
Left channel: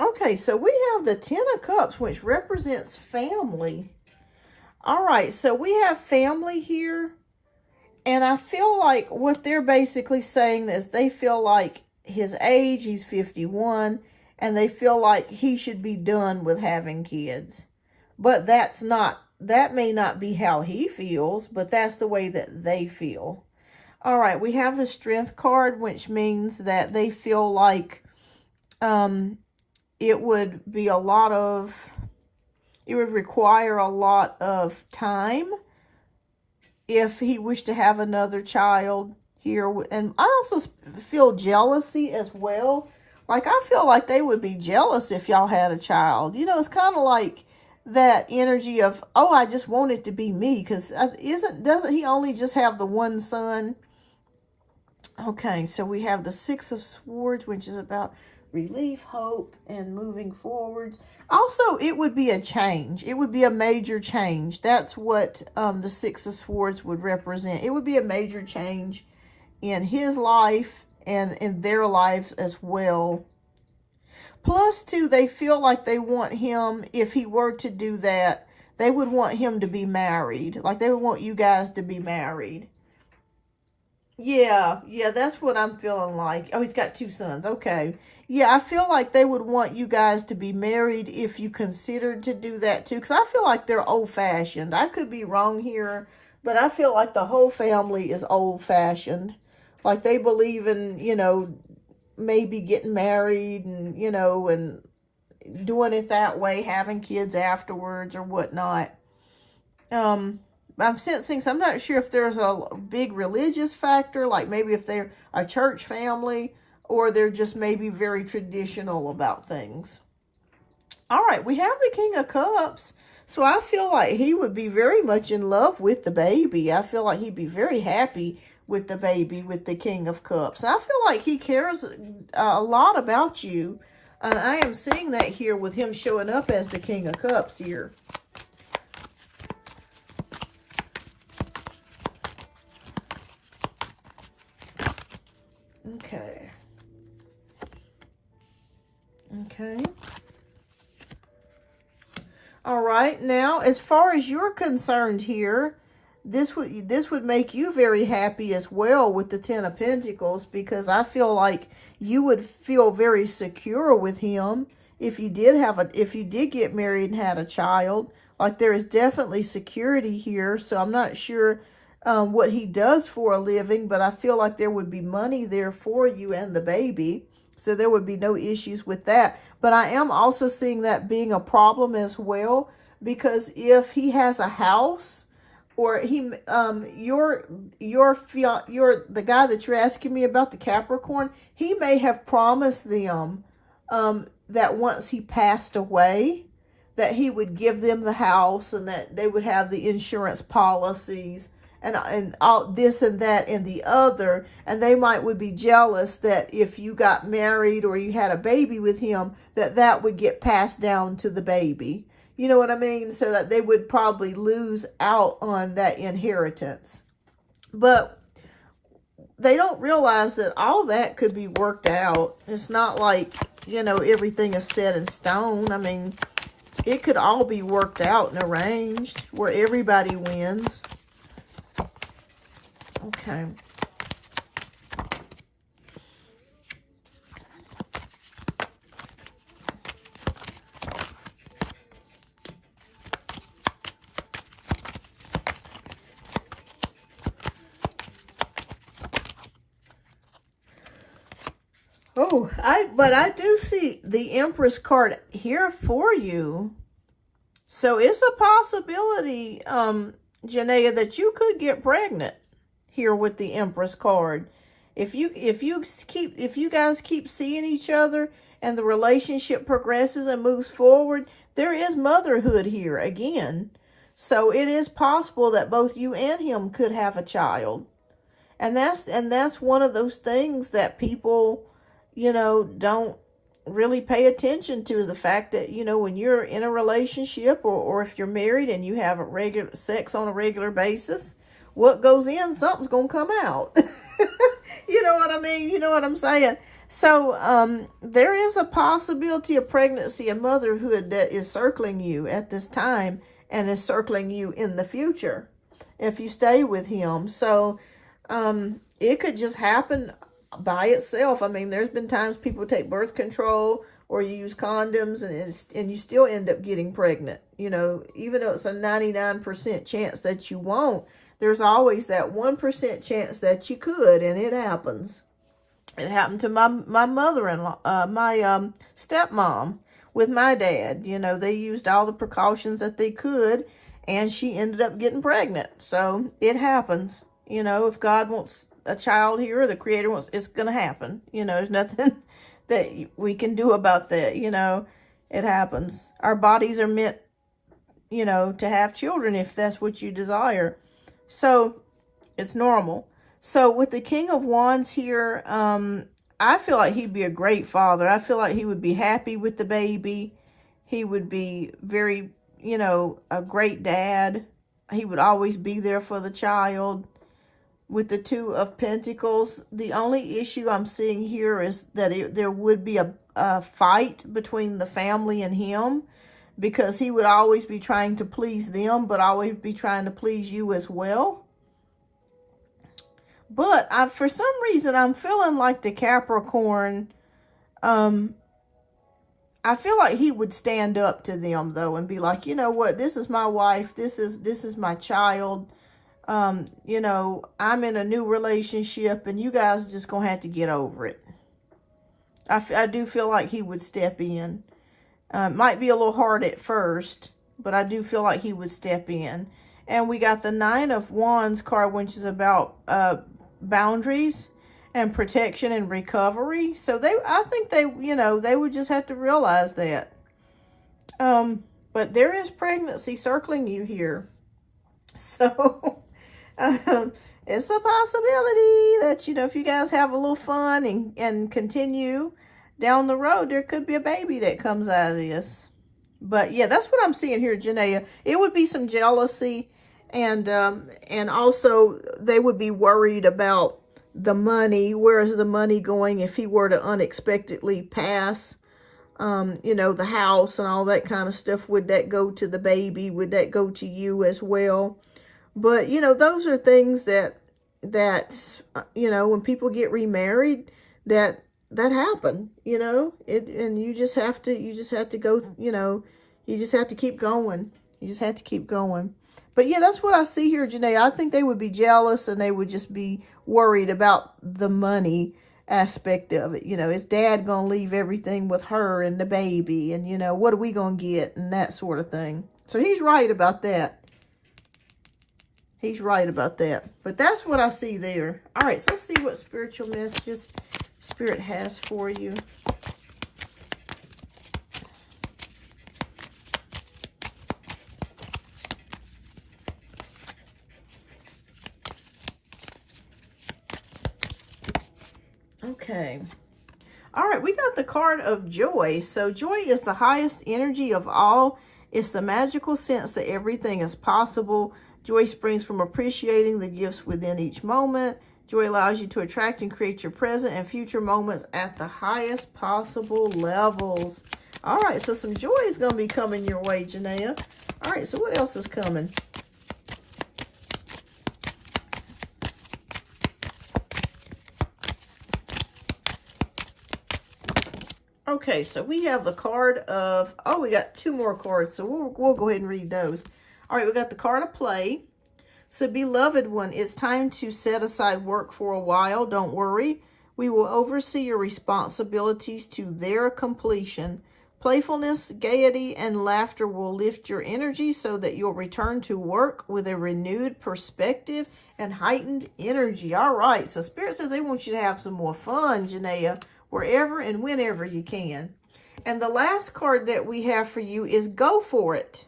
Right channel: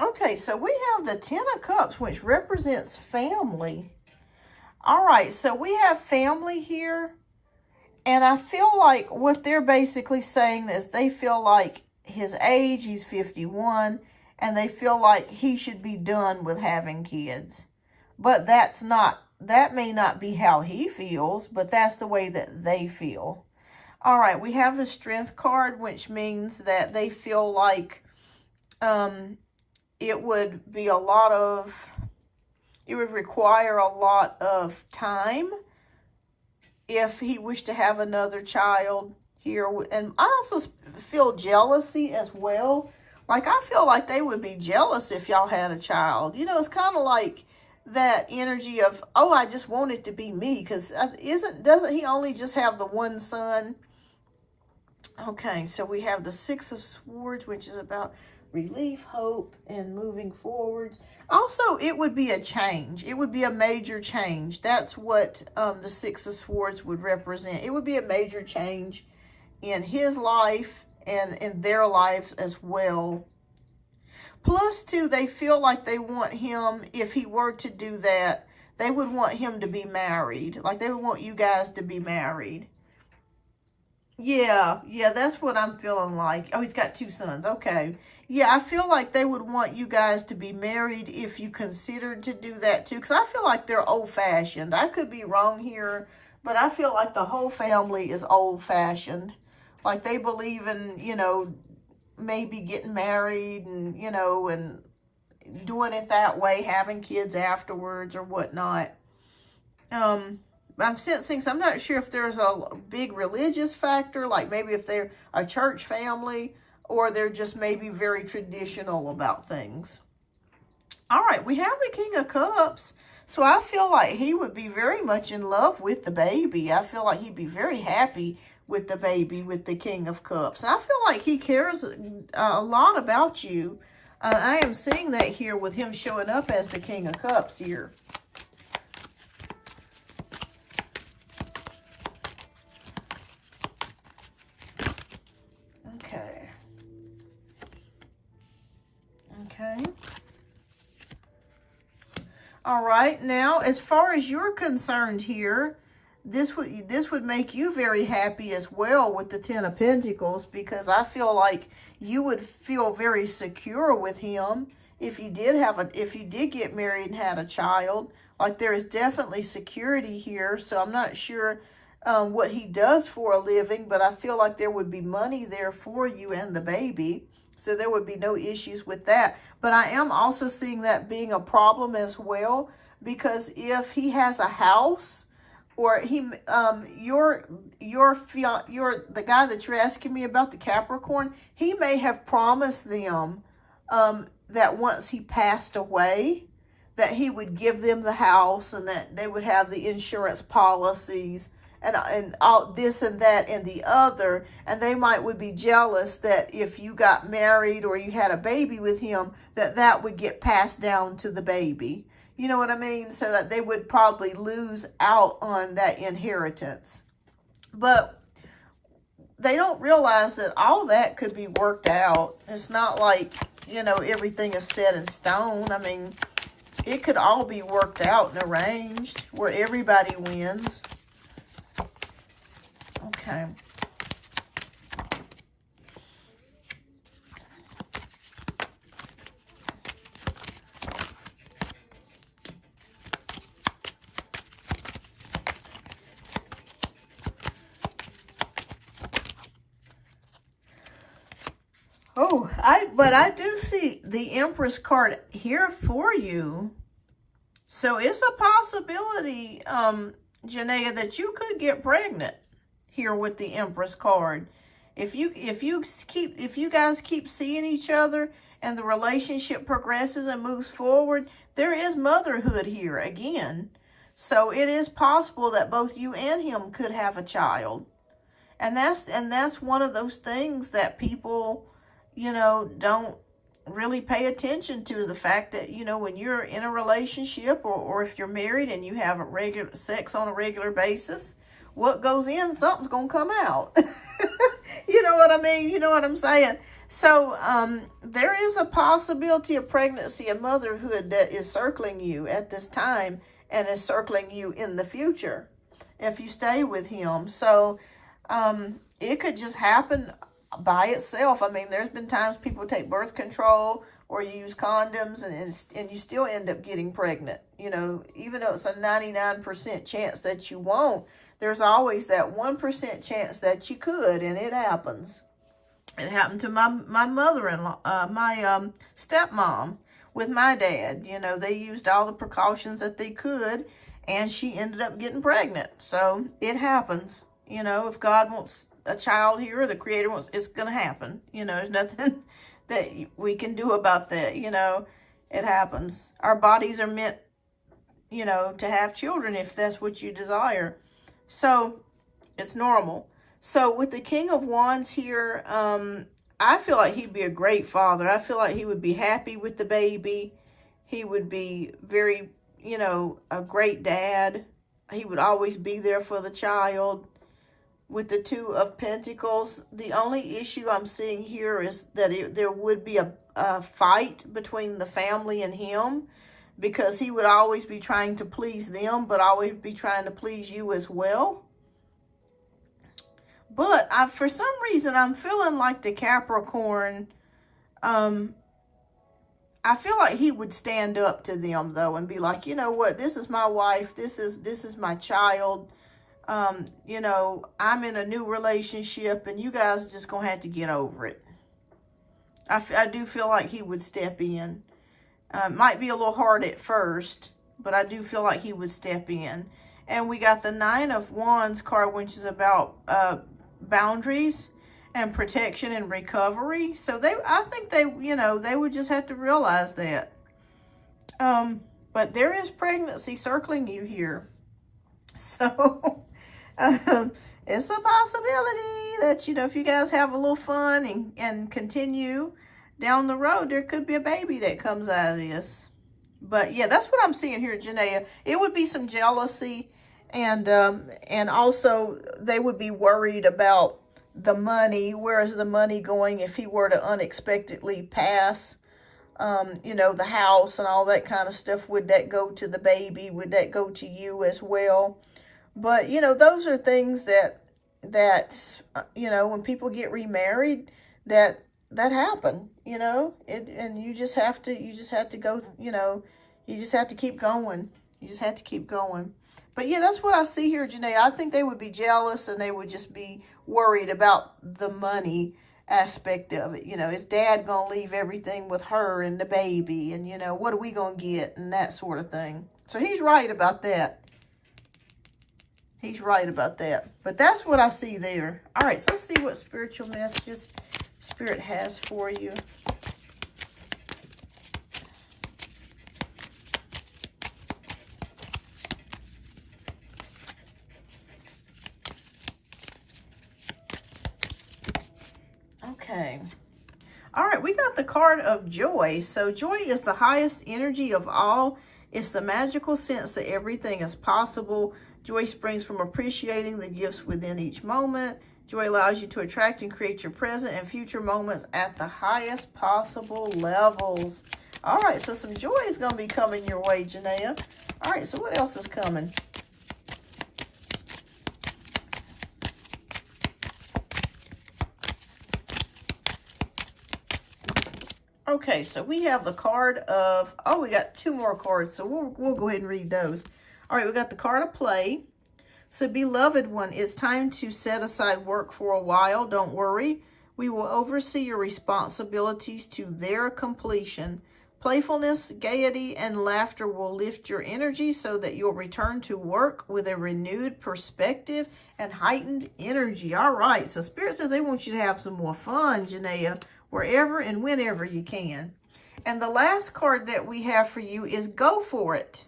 Okay, so we have the Ten of Cups, which represents family. All right, so we have family here. And I feel like what they're basically saying is they feel like his age, he's 51, and they feel like he should be done with having kids. But that may not be how he feels, but that's the way that they feel. All right, we have the Strength card, which means that they feel like it would require a lot of time if he wished to have another child here. And I also feel jealousy as well. Like, I feel like they would be jealous if y'all had a child. You know, it's kind of like that energy of, oh, I just want it to be me. Because doesn't he only just have the one son? Okay, so we have the Six of Swords, which is about relief, hope, and moving forwards. Also, it would be a change. It would be a major change. That's what the Six of Swords would represent. It would be a major change in his life and in their lives as well. Plus, too, they feel like they want him, if he were to do that, they would want him to be married. Like, they would want you guys to be married. Yeah, that's what I'm feeling like. Oh, he's got 2 sons. Okay. Yeah, I feel like they would want you guys to be married if you considered to do that too. Because I feel like they're old-fashioned. I could be wrong here, but I feel like the whole family is old-fashioned. Like, they believe in, you know, maybe getting married and, you know, and doing it that way, having kids afterwards or whatnot. I'm sensing, so I'm not sure if there's a big religious factor, like maybe if they're a church family, or they're just maybe very traditional about things. All right, we have the King of Cups. So I feel like he would be very much in love with the baby. I feel like he'd be very happy with the baby, with the King of Cups. I feel like he cares a lot about you. I am seeing that here with him showing up as the King of Cups here. Okay. All right. Now, as far as you're concerned here, this would make you very happy as well with the Ten of Pentacles, because I feel like you would feel very secure with him if you did get married and had a child. Like, there is definitely security here. So I'm not sure what he does for a living, but I feel like there would be money there for you and the baby. So there would be no issues with that. But I am also seeing that being a problem as well, because if he has a house, or the guy that you're asking me about, the Capricorn, he may have promised them that once he passed away, that he would give them the house and that they would have the insurance policies and all this and that and the other, and they would be jealous that if you got married or you had a baby with him, that would get passed down to the baby. You know what I mean? So that they would probably lose out on that inheritance. But they don't realize that all that could be worked out. It's not like, you know, everything is set in stone. I mean, it could all be worked out and arranged where everybody wins. Okay. Oh, but I do see the Empress card here for you. So it's a possibility, Janaea, that you could get pregnant here with the Empress card. If you guys keep seeing each other and the relationship progresses and moves forward, there is motherhood here again. So it is possible that both you and him could have a child. And that's one of those things that people, you know, don't really pay attention to, is the fact that, you know, when you're in a relationship or if you're married and you have regular sex on a regular basis, what goes in, something's going to come out. You know what I mean? You know what I'm saying? So there is a possibility of pregnancy and motherhood that is circling you at this time. and is circling you in the future if you stay with him. So it could just happen by itself. I mean, there's been times people take birth control or use condoms, and you still end up getting pregnant. You know, even though it's a 99% chance that you won't, there's always that 1% chance that you could, and it happens. It happened to my mother-in-law, my stepmom with my dad. You know, they used all the precautions that they could, and she ended up getting pregnant. So it happens. You know, if God wants a child here, or the Creator wants, it's going to happen. You know, there's nothing that we can do about that. You know, it happens. Our bodies are meant, you know, to have children if that's what you desire. So it's normal. So with the King of Wands here, I feel like he'd be a great father. I feel like he would be happy with the baby. He would be very, you know, a great dad. He would always be there for the child. With the Two of Pentacles, the only issue I'm seeing here is that there would be a fight between the family and him, because he would always be trying to please them, but always be trying to please you as well. But for some reason, I'm feeling like the Capricorn, I feel like he would stand up to them, though, and be like, you know what, this is my wife, this is my child. You know, I'm in a new relationship, and you guys are just going to have to get over it. I do feel like he would step in. Might be a little hard at first, but I do feel like he would step in. And we got the Nine of Wands card, which is about boundaries and protection and recovery. So I think they, you know, they would just have to realize that. But there is pregnancy circling you here. So it's a possibility that, you know, if you guys have a little fun and continue down the road, there could be a baby that comes out of this. But yeah, that's what I'm seeing here, Janaea. It would be some jealousy, and also they would be worried about the money. Where is the money going if he were to unexpectedly pass? You know, the house and all that kind of stuff. Would that go to the baby? Would that go to you as well? But, you know, those are things that you know, when people get remarried, that happen, you know, and you just have to go, you know, you just have to keep going. You just have to keep going. But yeah, that's what I see here, Janae. I think they would be jealous, and they would just be worried about the money aspect of it. You know, is dad going to leave everything with her and the baby? And, you know, what are we going to get? And that sort of thing. So he's right about that. He's right about that. But that's what I see there. All right, so let's see what spiritual messages Spirit has for you. Okay. All right, we got the card of joy. So joy is the highest energy of all. It's the magical sense that everything is possible. Joy springs from appreciating the gifts within each moment. Joy allows you to attract and create your present and future moments at the highest possible levels. All right, so some joy is going to be coming your way, Janaea. All right, so what else is coming? Okay, so we have the card of, we got two more cards, so we'll go ahead and read those. All right, we got the card of play. So, beloved one, it's time to set aside work for a while. Don't worry. We will oversee your responsibilities to their completion. Playfulness, gaiety, and laughter will lift your energy so that you'll return to work with a renewed perspective and heightened energy. All right, so Spirit says they want you to have some more fun, Janaea, wherever and whenever you can. And the last card that we have for you is go for it.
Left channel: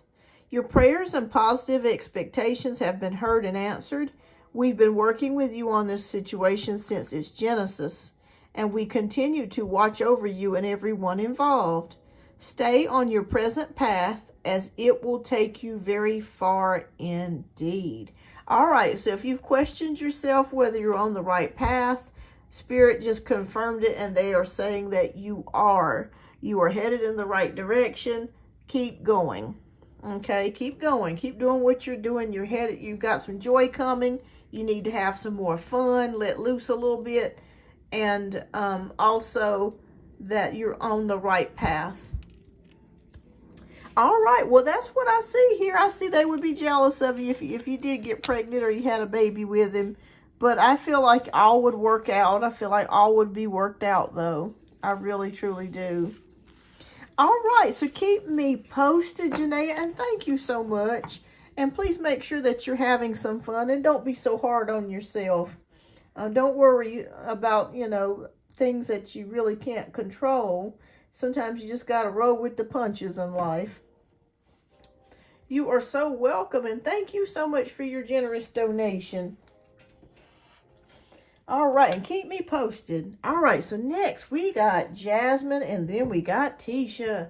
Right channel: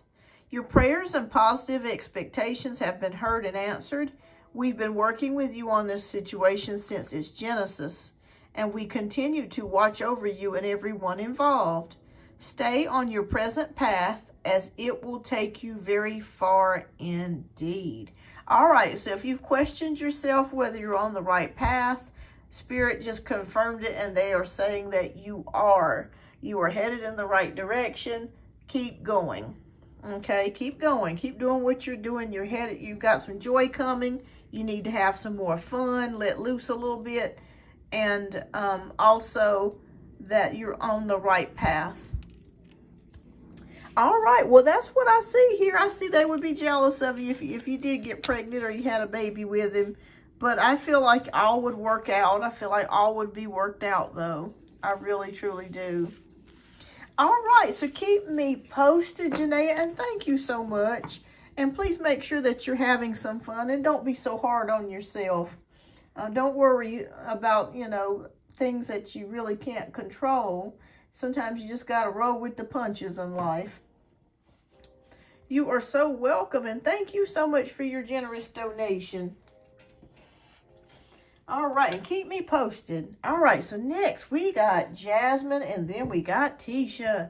Your prayers and positive expectations have been heard and answered. We've been working with you on this situation since its genesis, and we continue to watch over you and everyone involved. Stay on your present path, as it will take you very far indeed. All right, so if you've questioned yourself whether you're on the right path, Spirit just confirmed it, and they are saying that you are. You are headed in the right direction. Keep going. Okay, keep going. Keep doing what you're doing. You're headed, you've got some joy coming. You need to have some more fun, let loose a little bit. And also that you're on the right path. All right, well, that's what I see here. I see they would be jealous of you if you did get pregnant or you had a baby with him. But I feel like all would work out. I feel like all would be worked out, though. I really, truly do. All right, so keep me posted, Janaea, and thank you so much. And please make sure that you're having some fun and don't be so hard on yourself. Don't worry about, you know, things that you really can't control. Sometimes you just got to roll with the punches in life. You are so welcome, and thank you so much for your generous donation. All right, and keep me posted. All right, so next we got Jasmine, and then we got Tisha.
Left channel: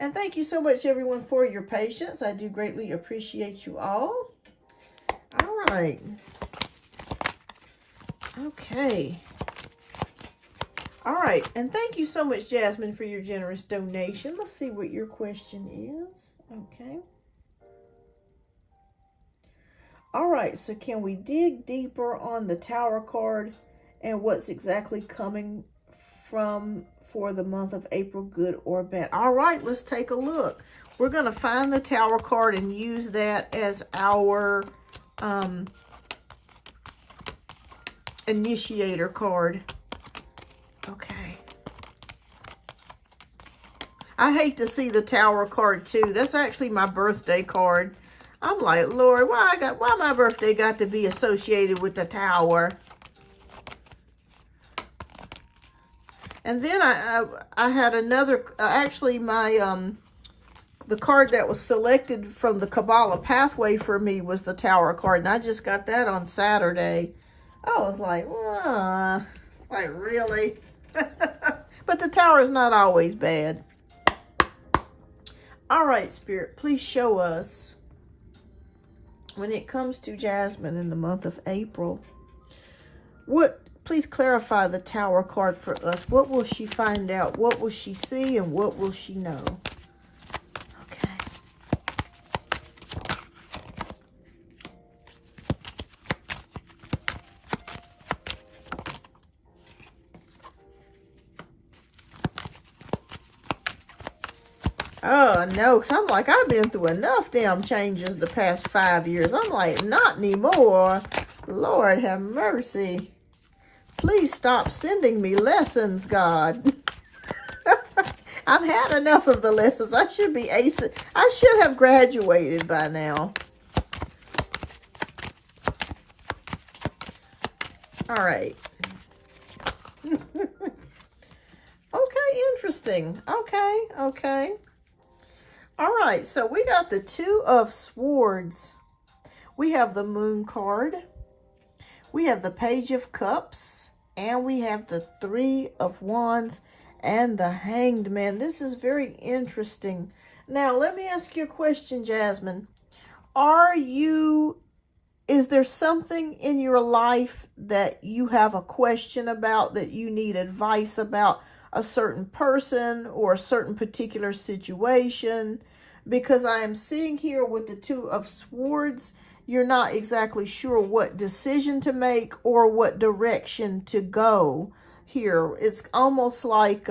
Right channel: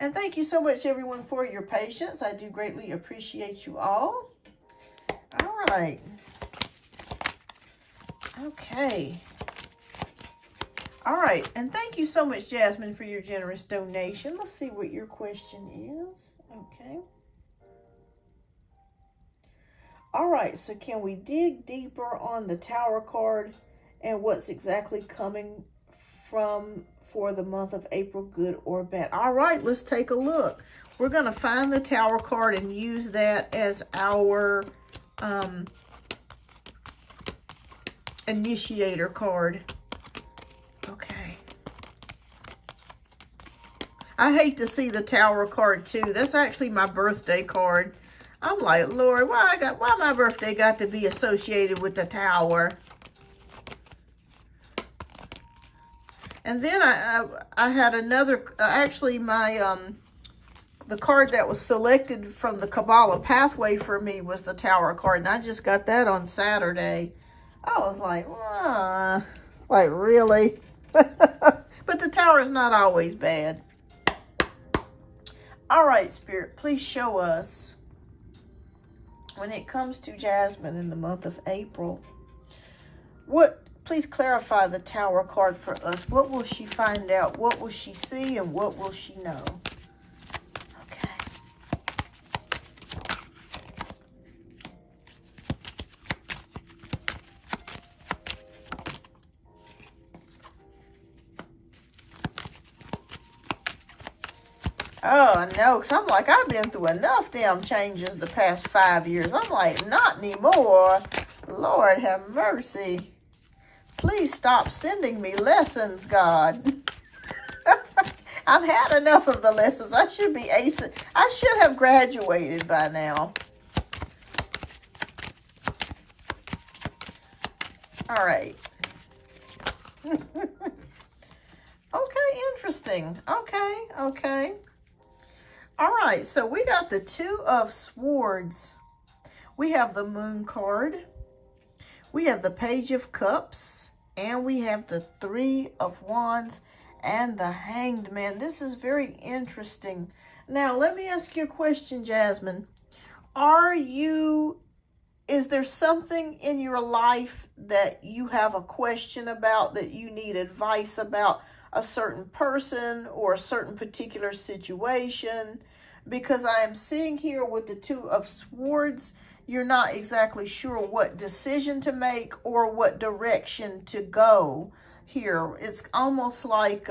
And thank you so much, everyone, for your patience. I do greatly appreciate you all. All right. Okay. All right, and thank you so much, Jasmine, for your generous donation. Let's see what your question is. Okay. All right, so can we dig deeper on the Tower card and what's exactly coming for the month of April, good or bad? All right, let's take a look. We're going to find the Tower card and use that as our initiator card. Okay. I hate to see the Tower card too. That's actually my birthday card. I'm like, Lord, why my birthday got to be associated with the Tower? And then I had another, actually my, the card that was selected from the Kabbalah pathway for me was the Tower card. And I just got that on Saturday. I was like, really? But the Tower is not always bad. All right, Spirit, please show us, when it comes to Jasmine in the month of April, please clarify the Tower card for us. What will she find out? What will she see? And what will she know? Okay. Oh, no, because I'm like, I've been through enough damn changes the past 5 years. I'm like, not anymore. Lord have mercy. Please stop sending me lessons, God. I've had enough of the lessons. I should be acing. I should have graduated by now. All right. Okay, interesting. Okay. All right, so we got the Two of Swords. We have the Moon card. We have the Page of Cups. And we have the Three of Wands and the Hanged Man. This is very interesting. Now, let me ask you a question, Jasmine. Is there something in your life that you have a question about, that you need advice about? A certain person or a certain particular situation? Because I am seeing here with the Two of Swords, you're not exactly sure what decision to make or what direction to go here. It's almost like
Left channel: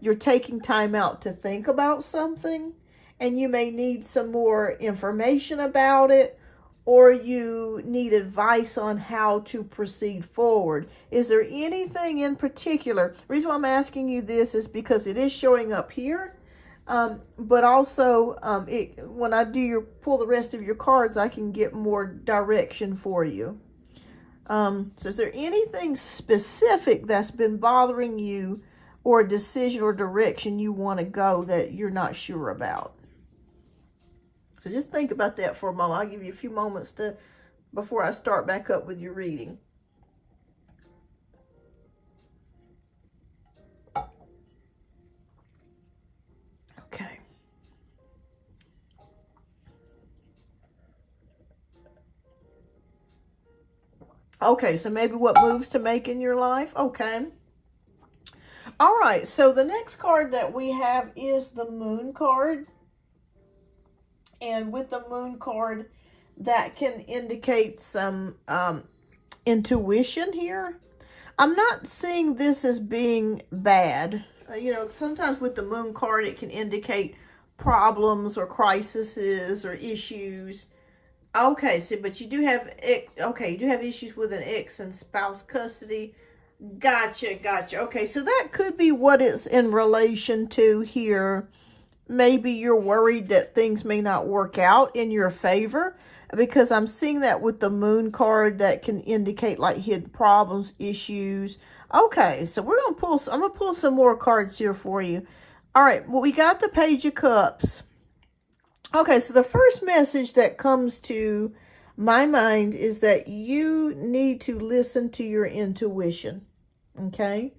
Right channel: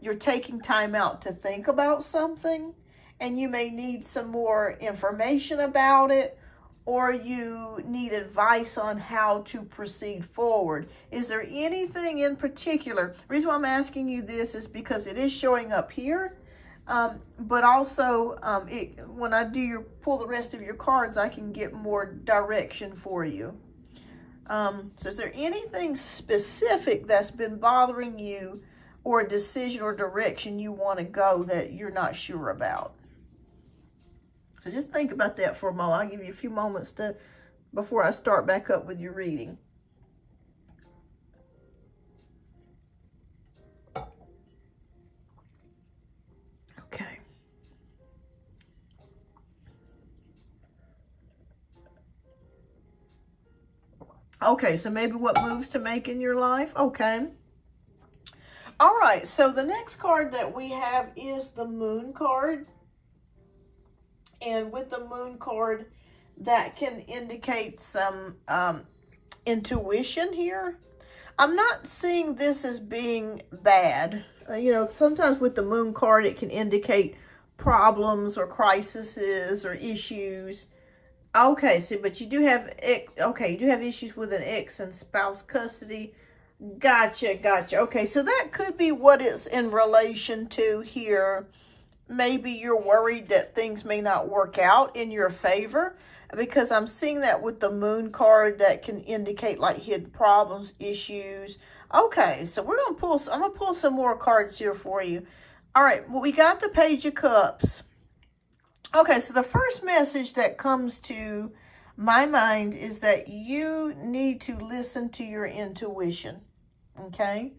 you're taking time out to think about something, and you may need some more information about it, or you need advice on how to proceed forward. Is there anything in particular? The reason why I'm asking you this is because it is showing up here, but also when I pull the rest of your cards, I can get more direction for you. So is there anything specific that's been bothering you, or a decision or direction you want to go that you're not sure about? So just think about that for a moment. I'll give you a few moments before I start back up with your reading. Okay. Okay, so maybe what moves to make in your life? Okay. All right, so the next card that we have is the Moon card. And with the moon card, that can indicate some intuition here. I'm not seeing this as being bad. You know, sometimes with the moon card, it can indicate problems or crises or issues. Okay, so but you do have, okay, you do have issues with an ex and spouse custody. Gotcha. Okay, so that could be what it's in relation to here. Maybe you're worried that things may not work out in your favor, because I'm seeing that with the moon card that can indicate like hidden problems, issues. Okay, so we're going to pull, I'm going to pull some more cards here for you. All right, well, we got the Page of Cups. Okay, so the first message that comes to my mind is that you need to listen to your intuition, okay?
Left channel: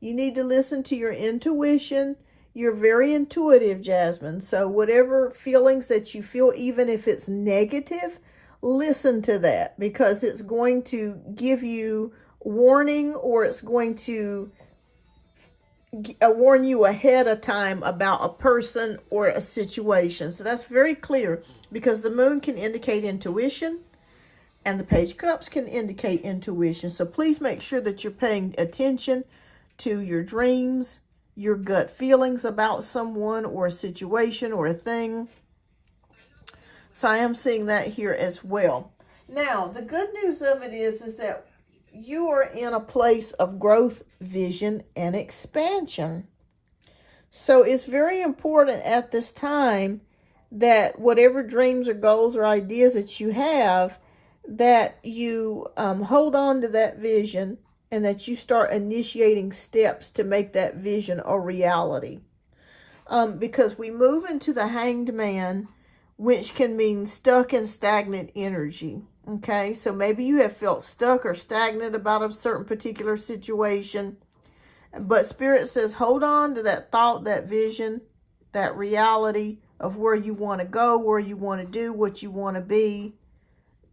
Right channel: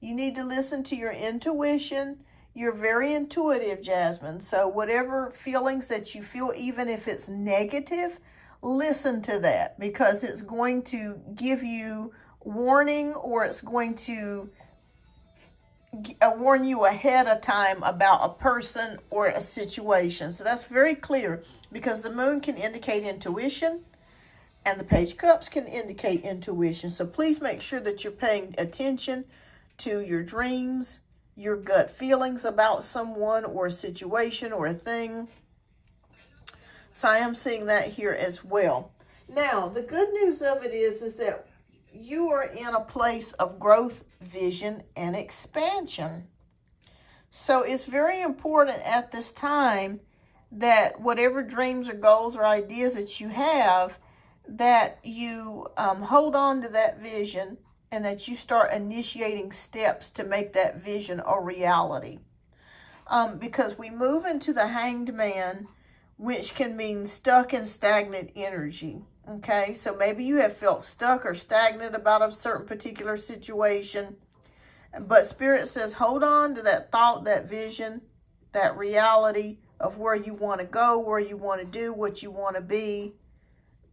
You need to listen to your intuition. You're very intuitive, Jasmine. So whatever feelings that you feel, even if it's negative, listen to that, because it's going to give you warning, or it's going to warn you ahead of time about a person or a situation. So that's very clear, because the moon can indicate intuition and the Page of Cups can indicate intuition. So please make sure that you're paying attention to your dreams, your gut feelings about someone or a situation or a thing. So I am seeing that here as well. Now, the good news of it is that you are in a place of growth, vision, and expansion. So it's very important at this time that whatever dreams or goals or ideas that you have, that you hold on to that vision, and that you start initiating steps to make that vision a reality. Because we move into the Hanged Man, which can mean stuck and stagnant energy. Okay, so maybe you have felt stuck or stagnant about a certain particular situation, but Spirit says hold on to that thought, that vision, that reality of where you want to go, where you want to do, what you want to be.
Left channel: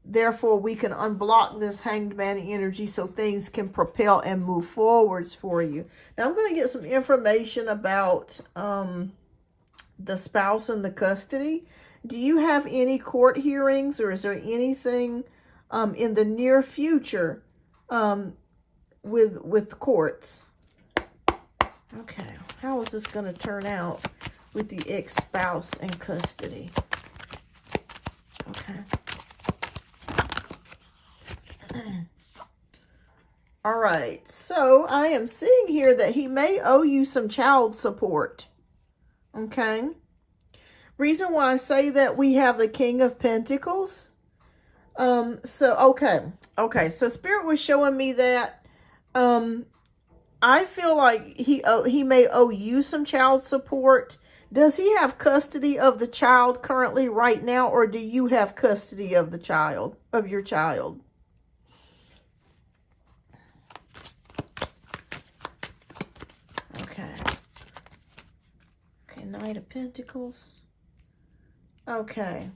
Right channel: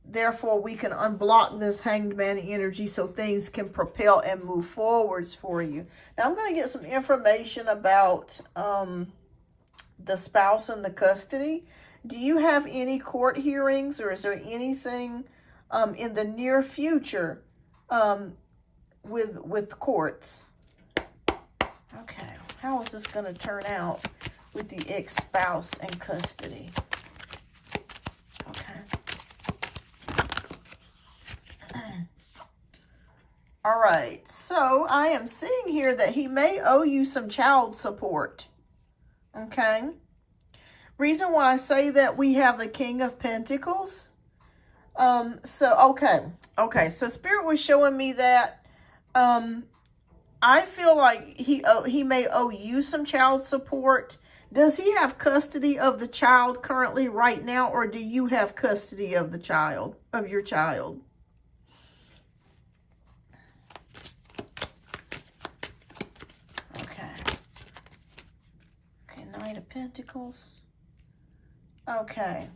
Therefore, we can unblock this Hanged Man energy so things can propel and move forwards for you. Now, I'm going to get some information about the spouse and the custody. Do you have any court hearings, or is there anything in the near future with courts? Okay, how is this going to turn out with the ex-spouse and custody? Okay. All right, so I am seeing here that he may owe you some child support. Okay. Reason why I say that, we have the King of Pentacles. So Spirit was showing me that I feel like he may owe you some child support. Does he have custody of the child currently right now, or do you have custody of the child, of your child? Okay, Knight of Pentacles. Okay.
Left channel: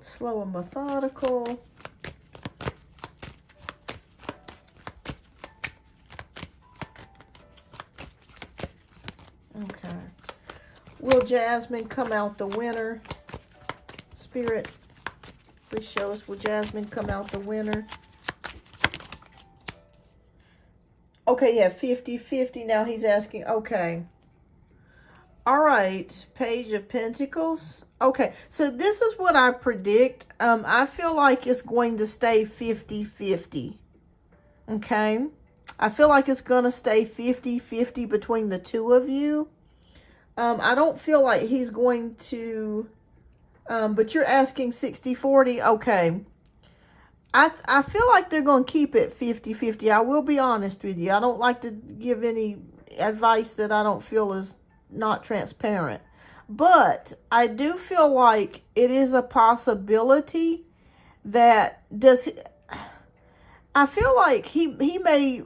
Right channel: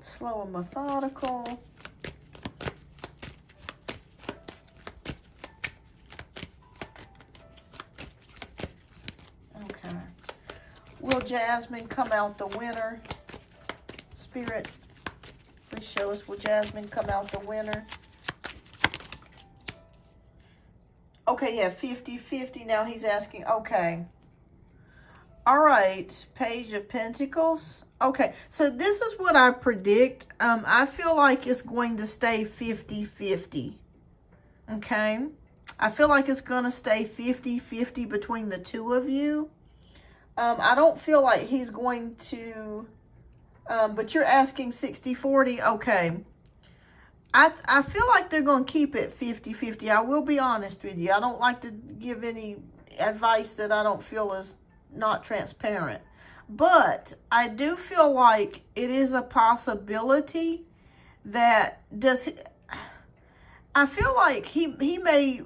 Slow and methodical. Okay. Will Jasmine come out the winner? Spirit, please show us, will Jasmine come out the winner? Okay, yeah, 50-50. Now he's asking, okay. All right, Page of Pentacles. Okay, so this is what I predict. I feel like it's going to stay 50-50. Okay? I feel like it's going to stay 50-50 between the two of you. I don't feel like he's going to... but you're asking 60-40. Okay. I feel like they're going to keep it 50-50. I will be honest with you. I don't like to give any advice that I don't feel is not transparent. But I do feel like it is a possibility that I feel like he may,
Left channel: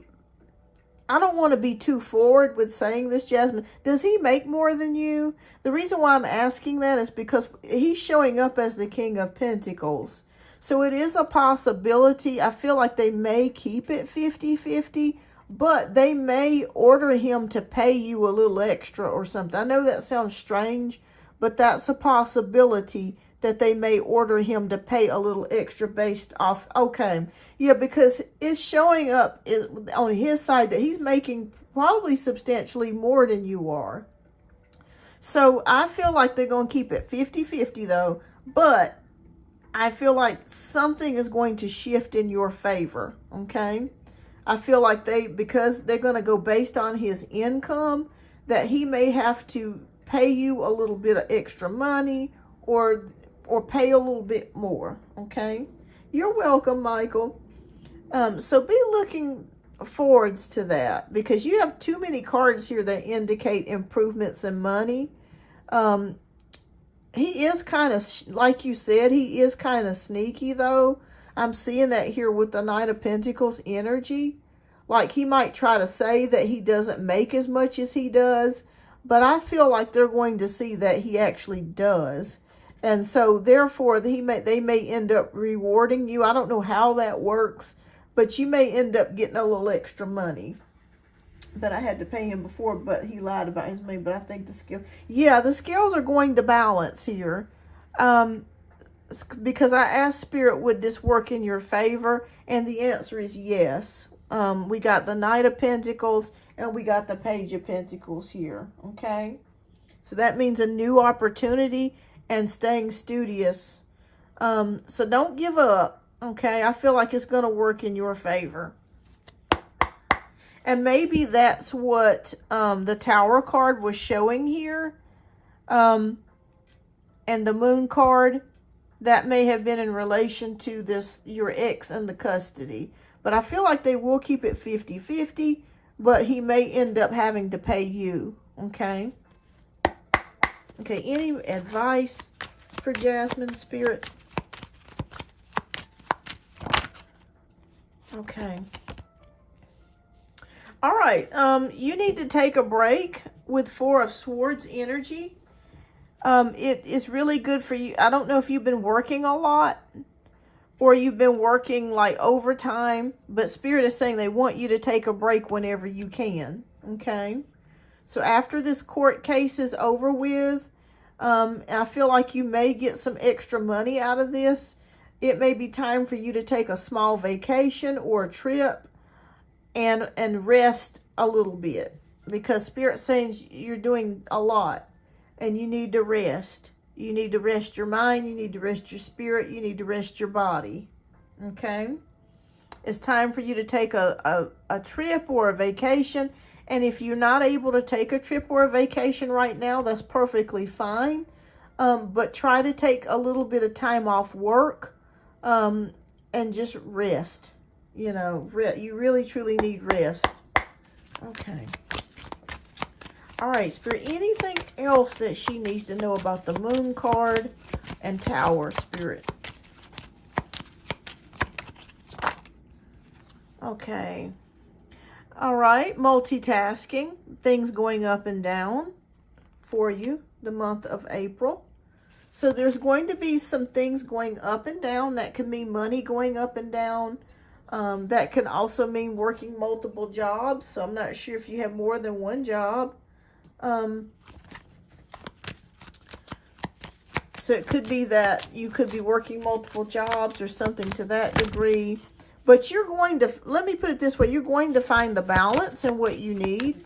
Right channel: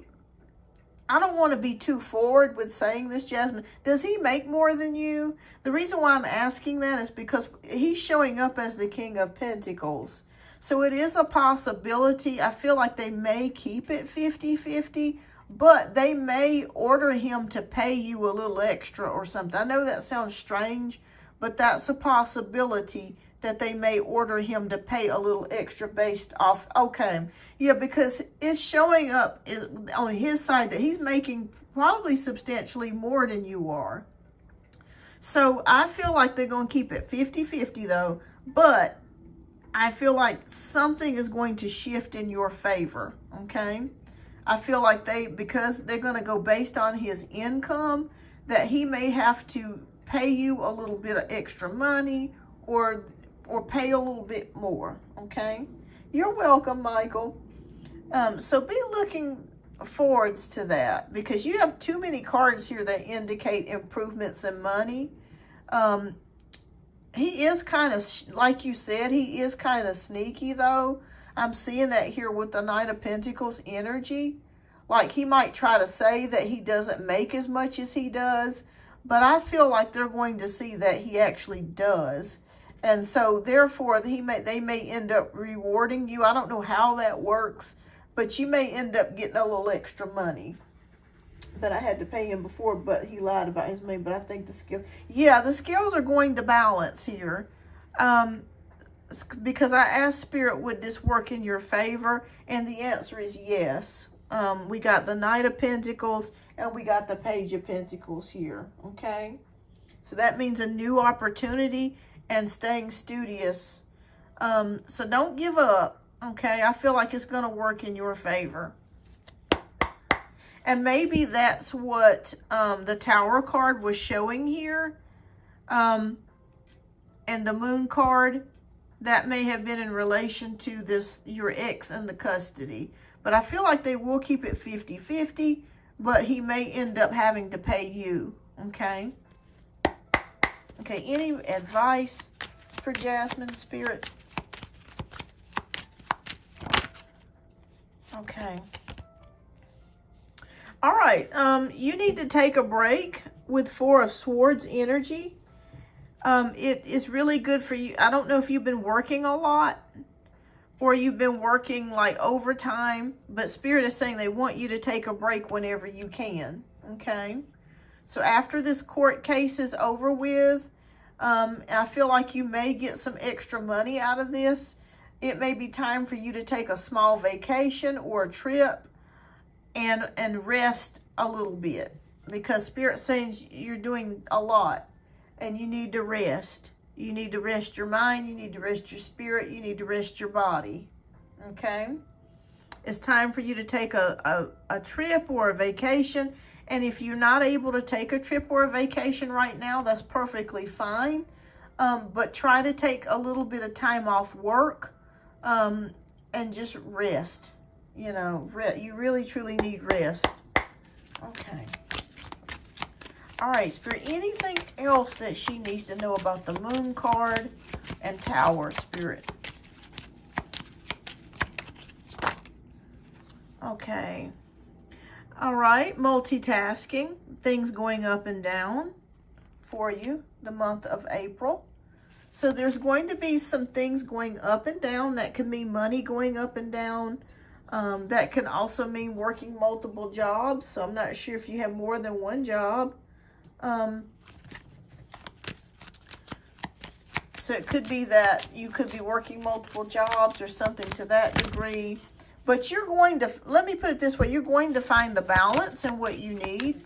I don't want to be too forward with saying this, Jasmine. Does he make more than you? The reason why I'm asking that is because he's showing up as the King of Pentacles. So it is a possibility. I feel like they may keep it 50-50, but they may order him to pay you a little extra or something. I know that sounds strange, but that's a possibility that they may order him to pay a little extra based off. Okay, yeah, because it's showing up on his side that he's making probably substantially more than you are. So I feel like they're going to keep it 50-50 though, but I feel like something is going to shift in your favor, okay? I feel like because they're going to go based on his income, that he may have to pay you a little bit of extra money or pay a little bit more, okay? You're welcome, Michael. So be looking forwards to that, because you have too many cards here that indicate improvements in money. He is kind of, like you said, he is kind of sneaky though. I'm seeing that here with the Knight of Pentacles energy. Like he might try to say that he doesn't make as much as he does, but I feel like they're going to see that he actually does. And so therefore they may end up rewarding you. I don't know how that works, but you may end up getting a little extra money. But I had to pay him before, but he lied about his money. But I think the scales, yeah, the scales are going to balance here. Because I asked Spirit, would this work in your favor? And the answer is yes. We got the Knight of Pentacles and we got the Page of Pentacles here, okay? So that means a new opportunity and staying studious. So don't give up, okay? I feel like it's going to work in your favor. And maybe that's what the Tower card was showing here. And the Moon card, that may have been in relation to this, your ex and the custody. But I feel like they will keep it 50-50, but he may end up having to pay you, okay? Okay, any advice for Jasmine, Spirit? Okay. All right, you need to take a break with Four of Swords energy. It is really good for you. I don't know if you've been working a lot or you've been working like overtime, but Spirit is saying they want you to take a break whenever you can, okay? So after this court case is over with, I feel like you may get some extra money out of this. It may be time for you to take a small vacation or a trip and rest a little bit, because Spirit's saying you're doing a lot and you need to rest. You need to rest your mind, you need to rest your spirit, you need to rest your body, okay? It's time for you to take a trip or a vacation, and if you're not able to take a trip or a vacation right now, that's perfectly fine, but try to take a little bit of time off work and just rest. You know, you really truly need rest. Okay. All right, Spirit, anything else that she needs to know about the Moon card and Tower, Spirit? Okay. All right, multitasking, things going up and down for you the month of April. So there's going to be some things going up and down. That can mean money going up and down. That can also mean working multiple jobs. So I'm not sure if you have more than one job. So it could be that you could be working multiple jobs or something to that degree. But you're going to, let me put it this way, you're going to find the balance in what you need.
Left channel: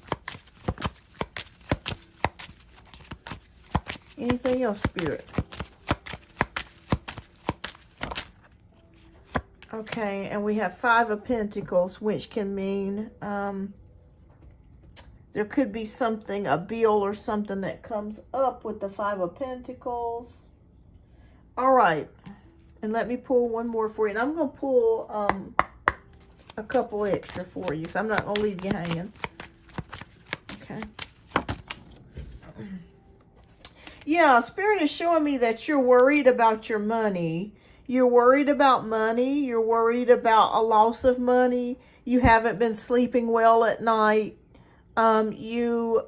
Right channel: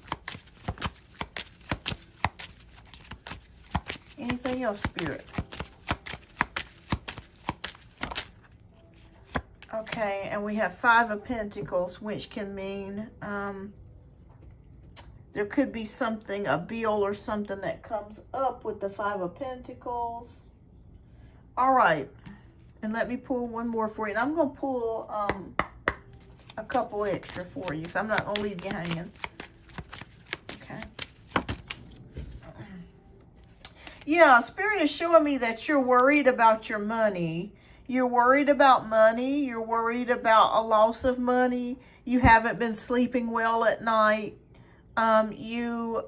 Anything else, Spirit? Okay, and we have Five of Pentacles, which can mean there could be something, a bill or something that comes up with the Five of Pentacles. All right, and let me pull one more for you. And I'm going to pull a couple extra for you, because I'm not going to leave you hanging. Okay. Yeah, Spirit is showing me that you're worried about your money. You're worried about money. You're worried about a loss of money. You haven't been sleeping well at night. You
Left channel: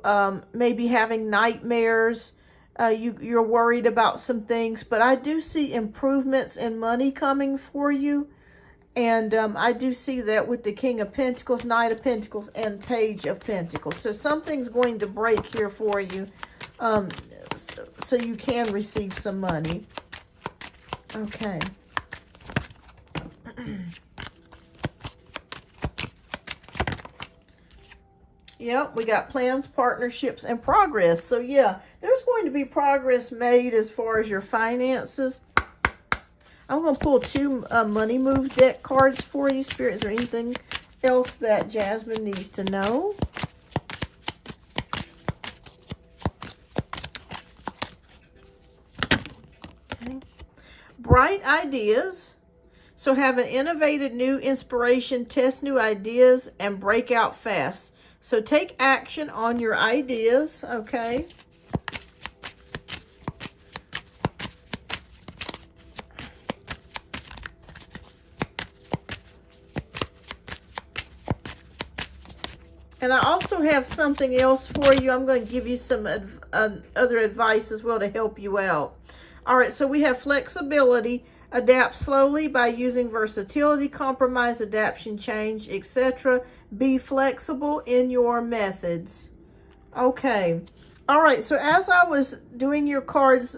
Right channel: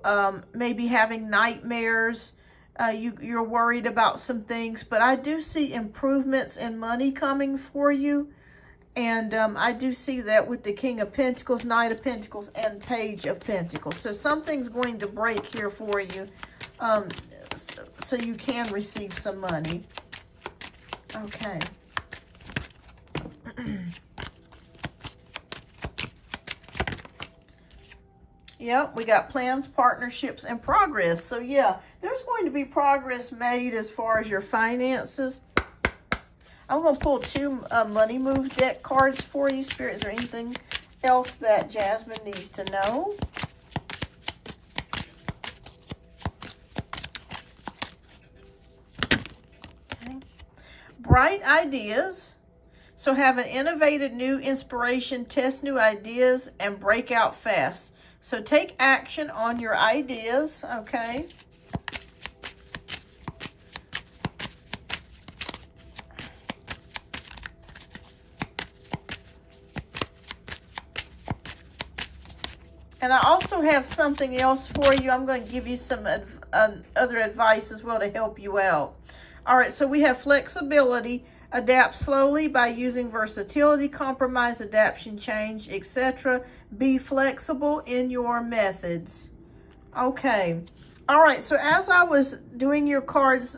may be having nightmares. You're worried about some things. But I do see improvements in money coming for you. And I do see that with the King of Pentacles, Knight of Pentacles, and Page of Pentacles. So something's going to break here for you. so you can receive some money. Okay. Yep, we got plans, partnerships, and progress. So yeah, there's going to be progress made as far as your finances. I'm going to pull two Money Moves deck cards for you. Spirit, is there anything else that Jasmine needs to know? Okay. Bright ideas. So have an innovative new inspiration, test new ideas, and break out fast. So take action on your ideas, okay? And I also have something else for you. I'm going to give you some other advice as well to help you out. All right, so we have flexibility. Adapt slowly by using versatility, compromise, adaptation, change, etc. Be flexible in your methods. Okay. All right, so as I was doing your cards,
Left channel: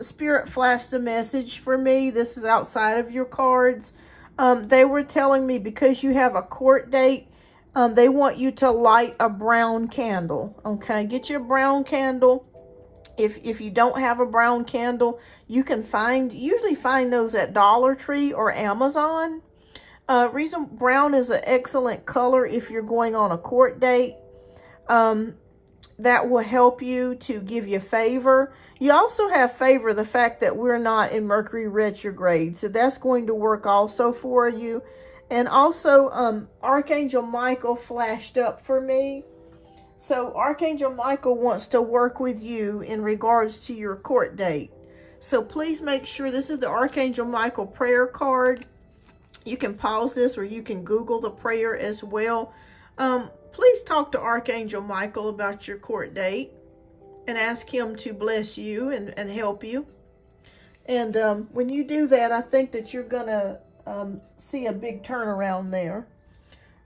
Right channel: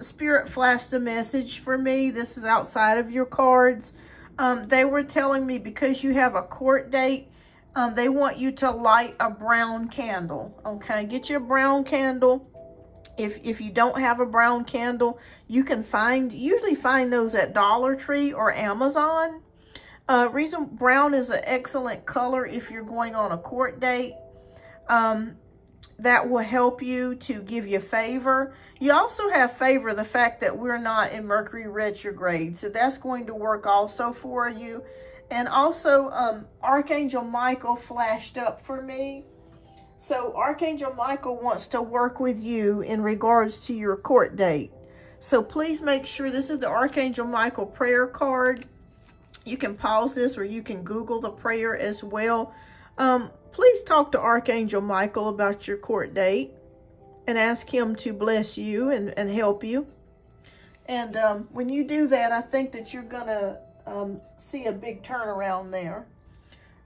Spirit flashed a message for me. This is outside of your cards. They were telling me because you have a court date, they want you to light a brown candle. Okay, get your brown candle. If you don't have a brown candle, you can usually find those at Dollar Tree or Amazon. Reason brown is an excellent color if you're going on a court date. That will help you to give you favor. You also have favor the fact that we're not in Mercury retrograde. So that's going to work also for you. And also, Archangel Michael flashed up for me. So Archangel Michael wants to work with you in regards to your court date. So please make sure, this is the Archangel Michael prayer card. You can pause this or you can Google the prayer as well. Please talk to Archangel Michael about your court date and ask him to bless you and help you. And when you do that, I think that you're going to see a big turnaround there.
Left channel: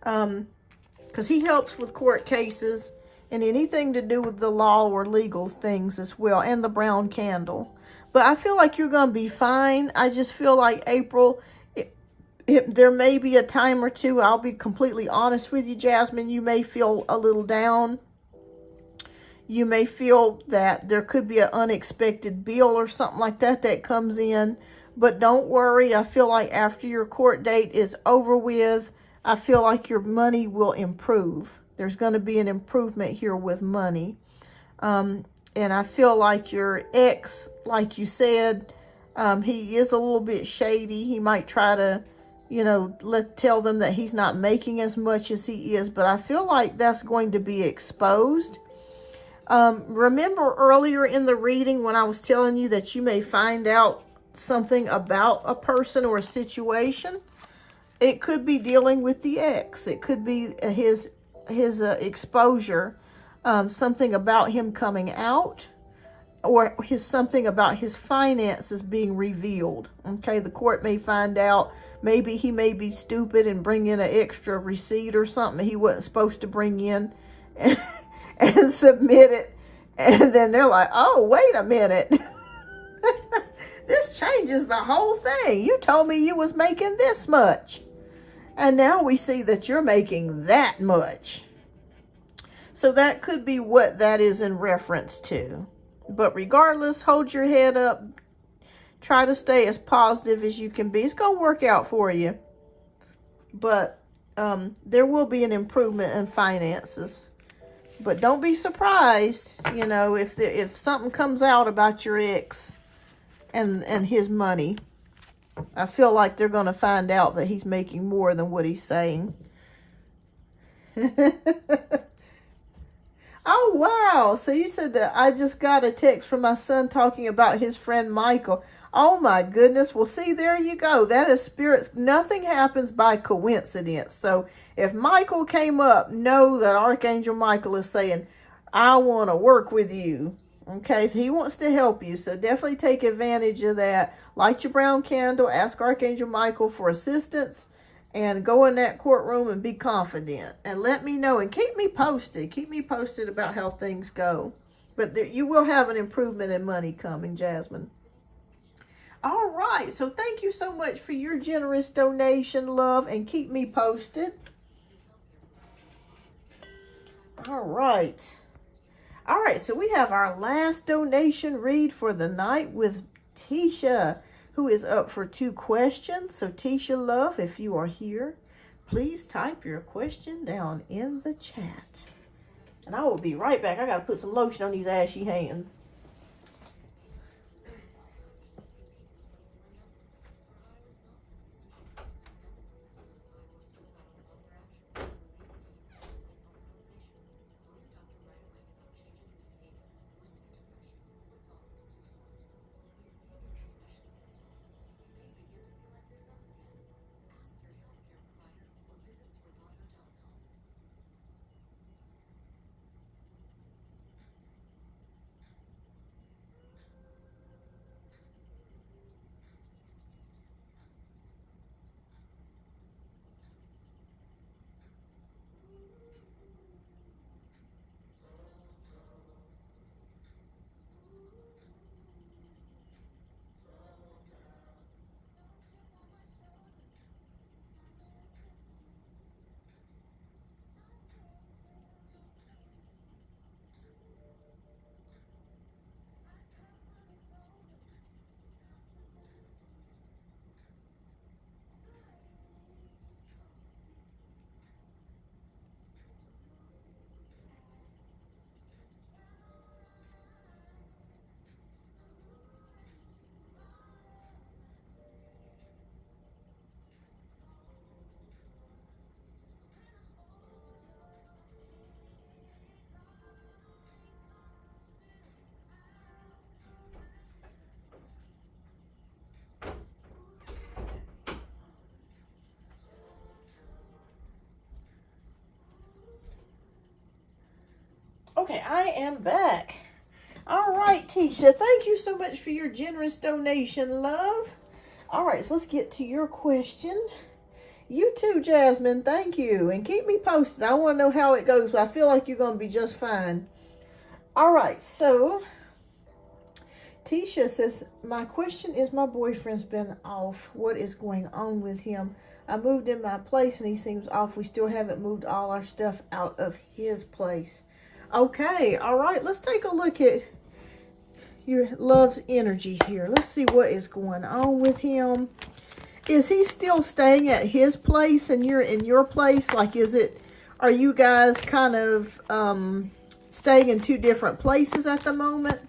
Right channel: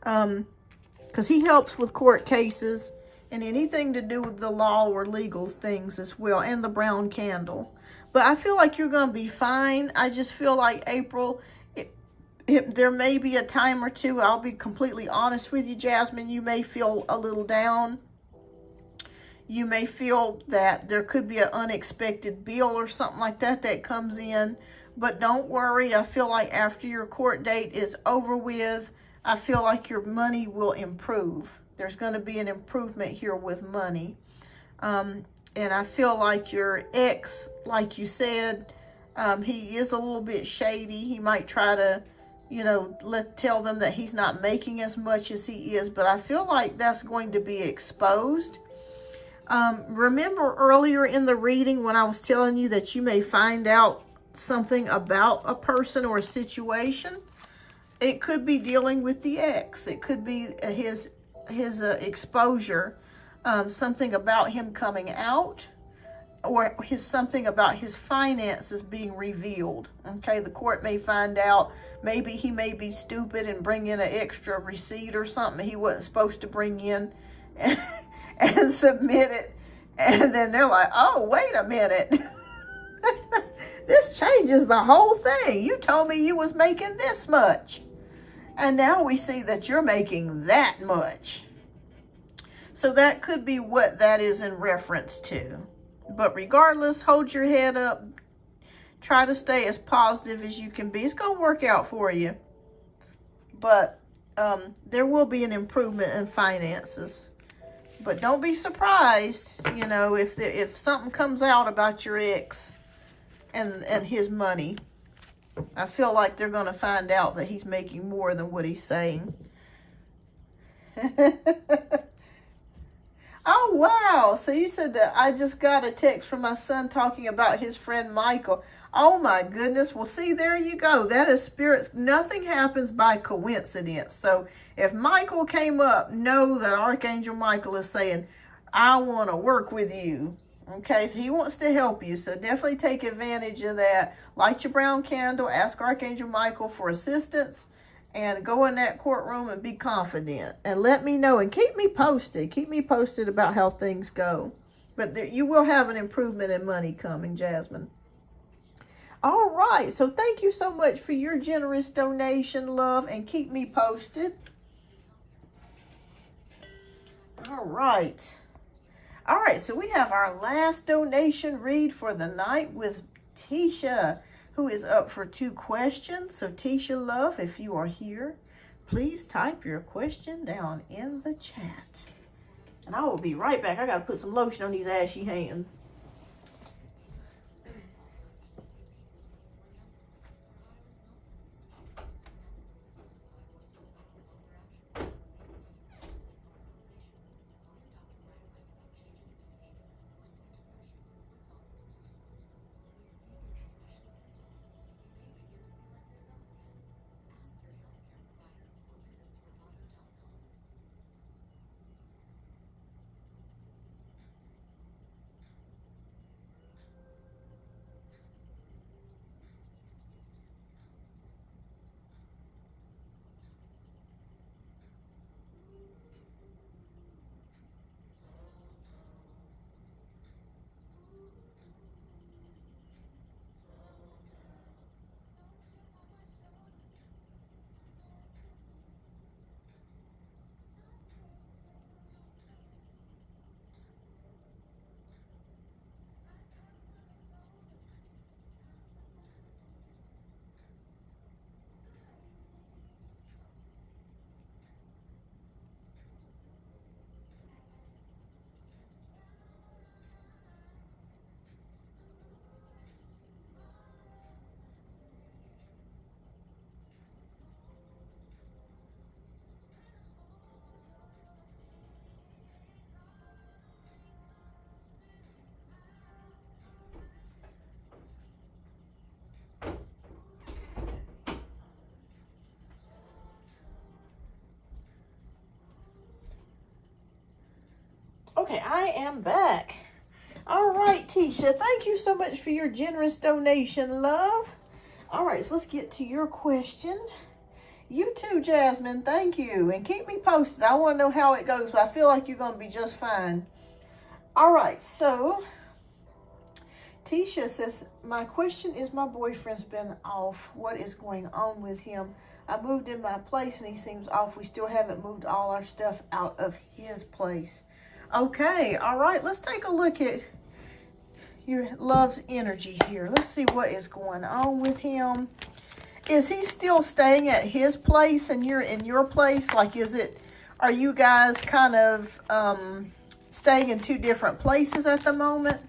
Because he helps with court cases and anything to do with the law or legal things as well, and the brown candle. But I feel like you're going to be fine. I just feel like April, there may be a time or two, I'll be completely honest with you, Jasmine, you may feel a little down. You may feel that there could be an unexpected bill or something like that that comes in. But don't worry, I feel like after your court date is over with, I feel like your money will improve. There's going to be an improvement here with money. And I feel like your ex, like you said, he is a little bit shady. He might try to, you know, tell them that he's not making as much as he is. But I feel like that's going to be exposed. Remember earlier in the reading when I was telling you that you may find out something about a person or a situation? It could be dealing with the ex. It could be his exposure, something about him coming out, or something about his finances being revealed. Okay, the court may find out. Maybe he may be stupid and bring in an extra receipt or something he wasn't supposed to bring in and submit it. And then they're like, oh, wait a minute. This changes the whole thing. You told me you was making this much. And now we see that you're making that much. So that could be what that is in reference to. But regardless, hold your head up. Try to stay as positive as you can be. It's going to work out for you. But there will be an improvement in finances. But don't be surprised, you know, if something comes out about your ex and his money. I feel like they're going to find out that he's making more than what he's saying. Oh, wow. So you said that I just got a text from my son talking about his friend Michael. Oh, my goodness. Well, see, there you go. That is spirits. Nothing happens by coincidence. So if Michael came up, know that Archangel Michael is saying, I want to work with you. Okay, so he wants to help you. So definitely take advantage of that. Light your brown candle. Ask Archangel Michael for assistance. And go in that courtroom and be confident. And let me know. And keep me posted. Keep me posted about how things go. But you will have an improvement in money coming, Jasmine. All right. So thank you so much for your generous donation, love, and keep me posted. All right. All right. So we have our last donation read for the night with Tisha, who is up for 2 questions. So Tisha, love, if you are here, please type your question down in the chat. And I will be right back. I got to put some lotion on these ashy hands. Okay, I am back. All right, Tisha, thank you so much for your generous donation, love. All right, so let's get to your question. You too, Jasmine, thank you. And keep me posted. I want to know how it goes, but I feel like you're going to be just fine. All right, so Tisha says, my question is, my boyfriend's been off. What is going on with him? I moved in my place and he seems off. We still haven't moved all our stuff out of his place. Okay, all right, let's take a look at your love's energy here. Let's see what is going on with him. Is he still staying at his place and you're in your place? Like, are you guys kind of staying in 2 different places at the moment?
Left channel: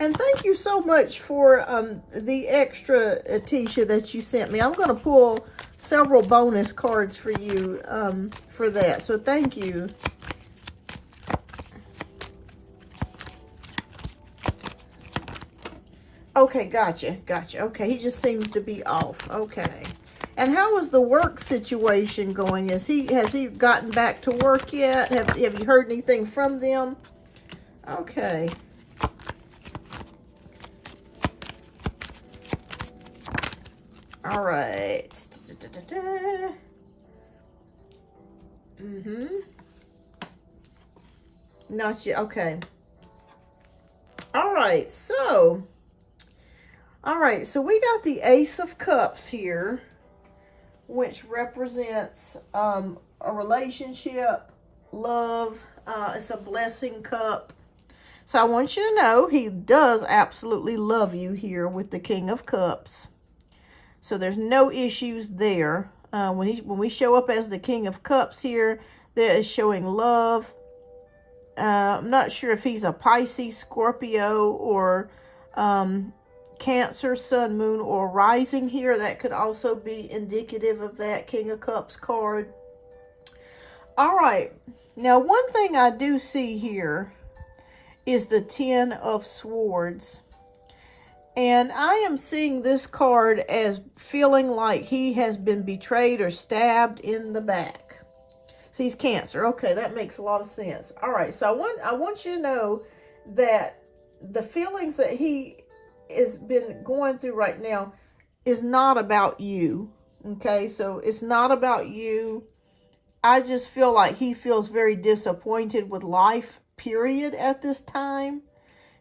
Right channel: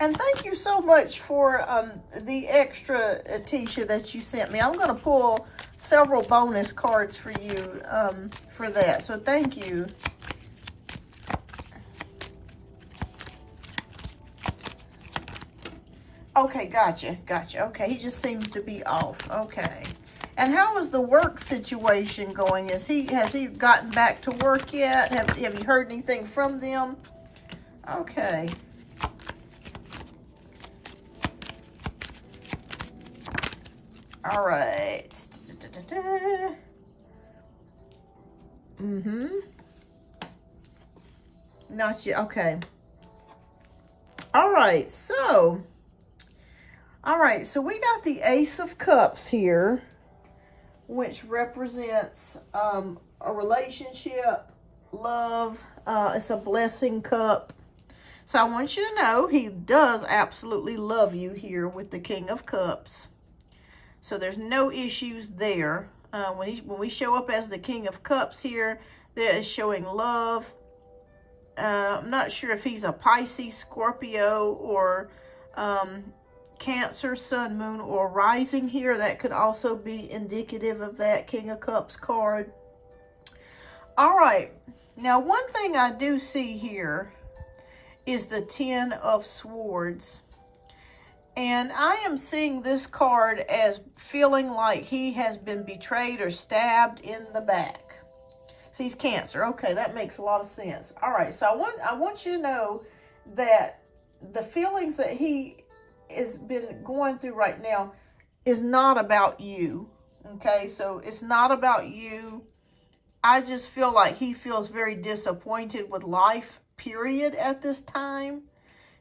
And thank you so much for the extra, Tisha, that you sent me. I'm going to pull several bonus cards for you for that. So thank you. Okay, gotcha. Okay, he just seems to be off. Okay. And how is the work situation going? Has he gotten back to work yet? Have you heard anything from them? Okay. All right. Not yet. Okay. All right. So we got the Ace of Cups here, which represents a relationship, love. It's a blessing cup. So I want you to know he does absolutely love you here with the King of Cups. So there's no issues there. When we show up as the King of Cups here, that is showing love. I'm not sure if he's a Pisces, Scorpio, or Cancer, Sun, Moon, or Rising here. That could also be indicative of that King of Cups card. All right. Now, one thing I do see here is the 10 of Swords. And I am seeing this card as feeling like he has been betrayed or stabbed in the back. So he's Cancer. Okay, that makes a lot of sense. All right, so I want you to know that the feelings that he has been going through right now is not about you. Okay, so it's not about you. I just feel like he feels very disappointed with life, period, at this time.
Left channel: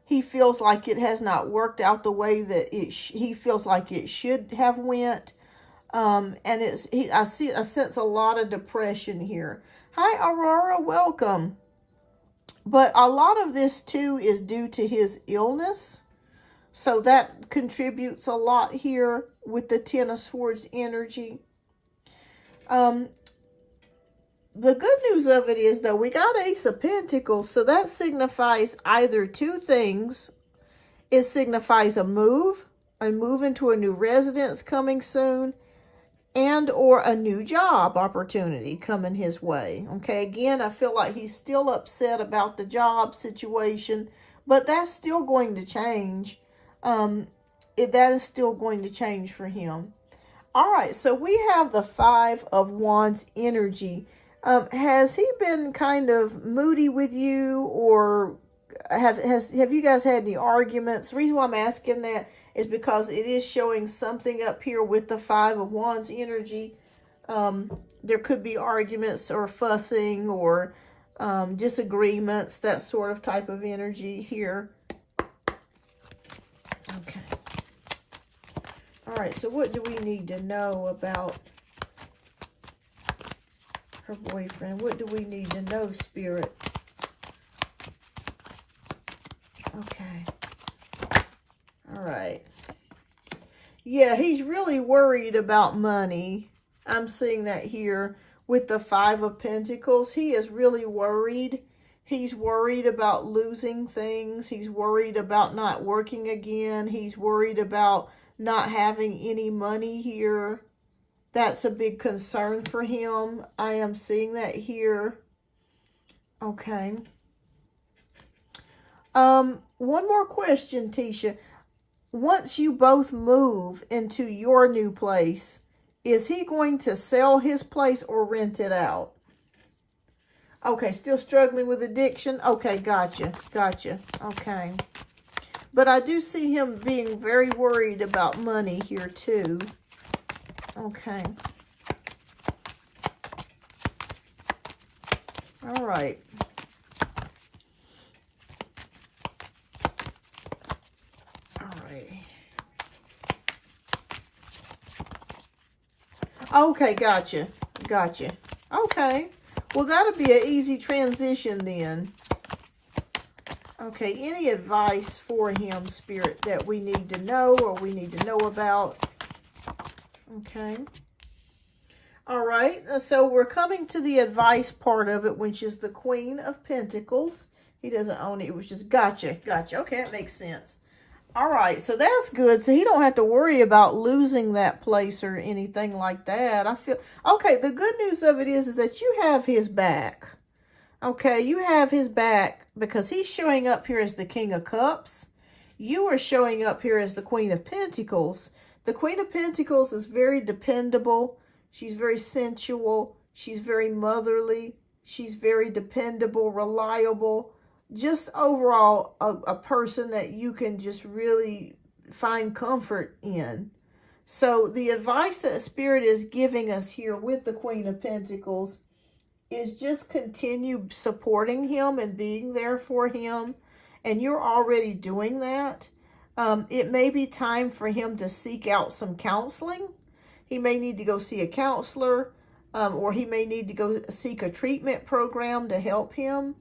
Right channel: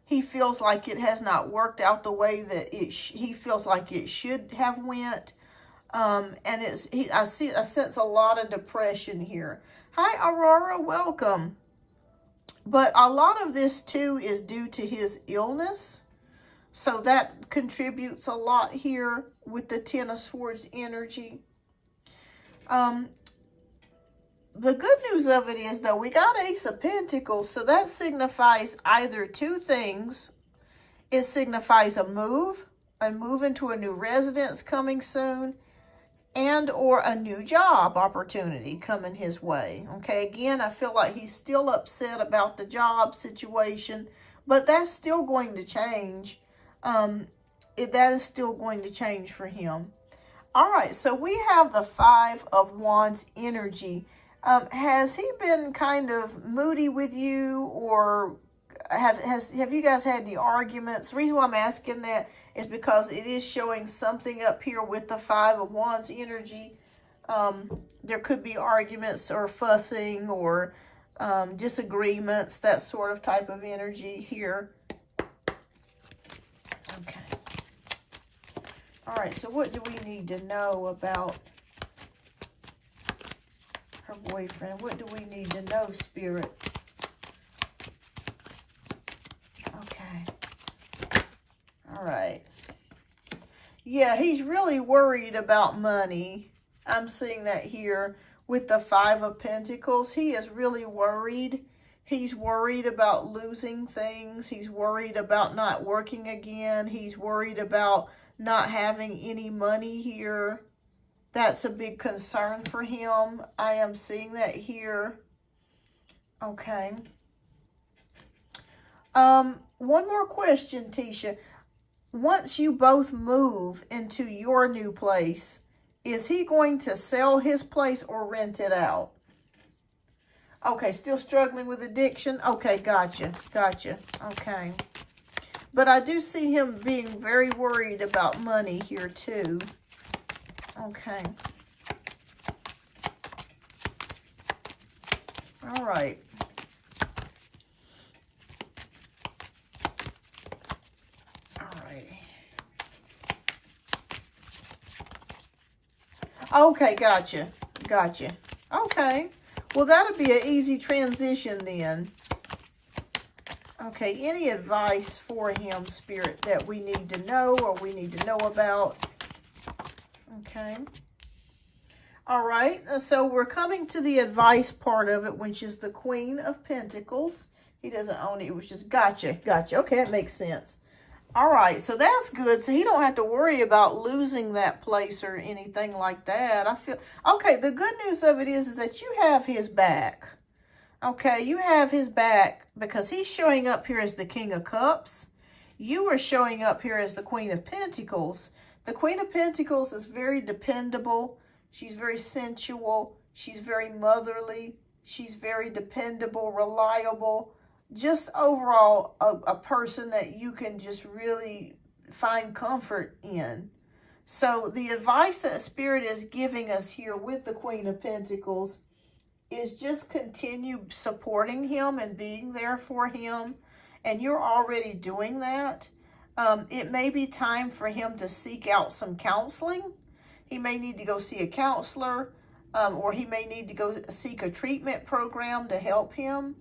He feels like it has not worked out the way that he feels like it should have went. And I sense a lot of depression here. Hi, Aurora, welcome. But a lot of this too is due to his illness. So that contributes a lot here with the Ten of Swords energy. The good news of it is, though, we got Ace of Pentacles. So that signifies either two things. It signifies a move into a new residence coming soon, and or a new job opportunity coming his way. Okay, again, I feel like he's still upset about the job situation, but that's still going to change. That is still going to change for him. All right, so we have the Five of Wands energy. Has he been kind of moody with you, or have you guys had any arguments? The reason why I'm asking that is because it is showing something up here with the Five of Wands energy. There could be arguments or fussing or disagreements, that sort of type of energy here. Okay. All right, so what do we need to know about her boyfriend? What do we need to know, Spirit? Okay. All right. Yeah, he's really worried about money. I'm seeing that here with the Five of Pentacles. He is really worried. He's worried about losing things. He's worried about not working again. He's worried about not having any money here. That's a big concern for him. I am seeing that here. Okay. One more question, Tisha. Once you both move into your new place, is he going to sell his place or rent it out? Okay, still struggling with addiction? Okay, gotcha. Okay. But I do see him being very worried about money here too. Okay. All right. Okay, gotcha. Okay. Well, that'll be an easy transition then. Okay, any advice for him, Spirit, that we need to know or we need to know about? Okay. All right, so we're coming to the advice part of it, which is the Queen of Pentacles. He doesn't own it. It was just gotcha. Okay, that makes sense. All right, so that's good. So he don't have to worry about losing that place or anything like that. I feel, okay, the good news of it is that you have his back. Okay, you have his back because he's showing up here as the King of Cups. You are showing up here as the Queen of Pentacles. The Queen of Pentacles is very dependable. She's very sensual. She's very motherly. She's very dependable, reliable. Just overall a person that you can just really find comfort in. So the advice that Spirit is giving us here with the Queen of Pentacles is just continue supporting him and being there for him. And you're already doing that. It may be time for him to seek out some counseling. He may need to go see a counselor, or he may need to go seek a treatment program to help him.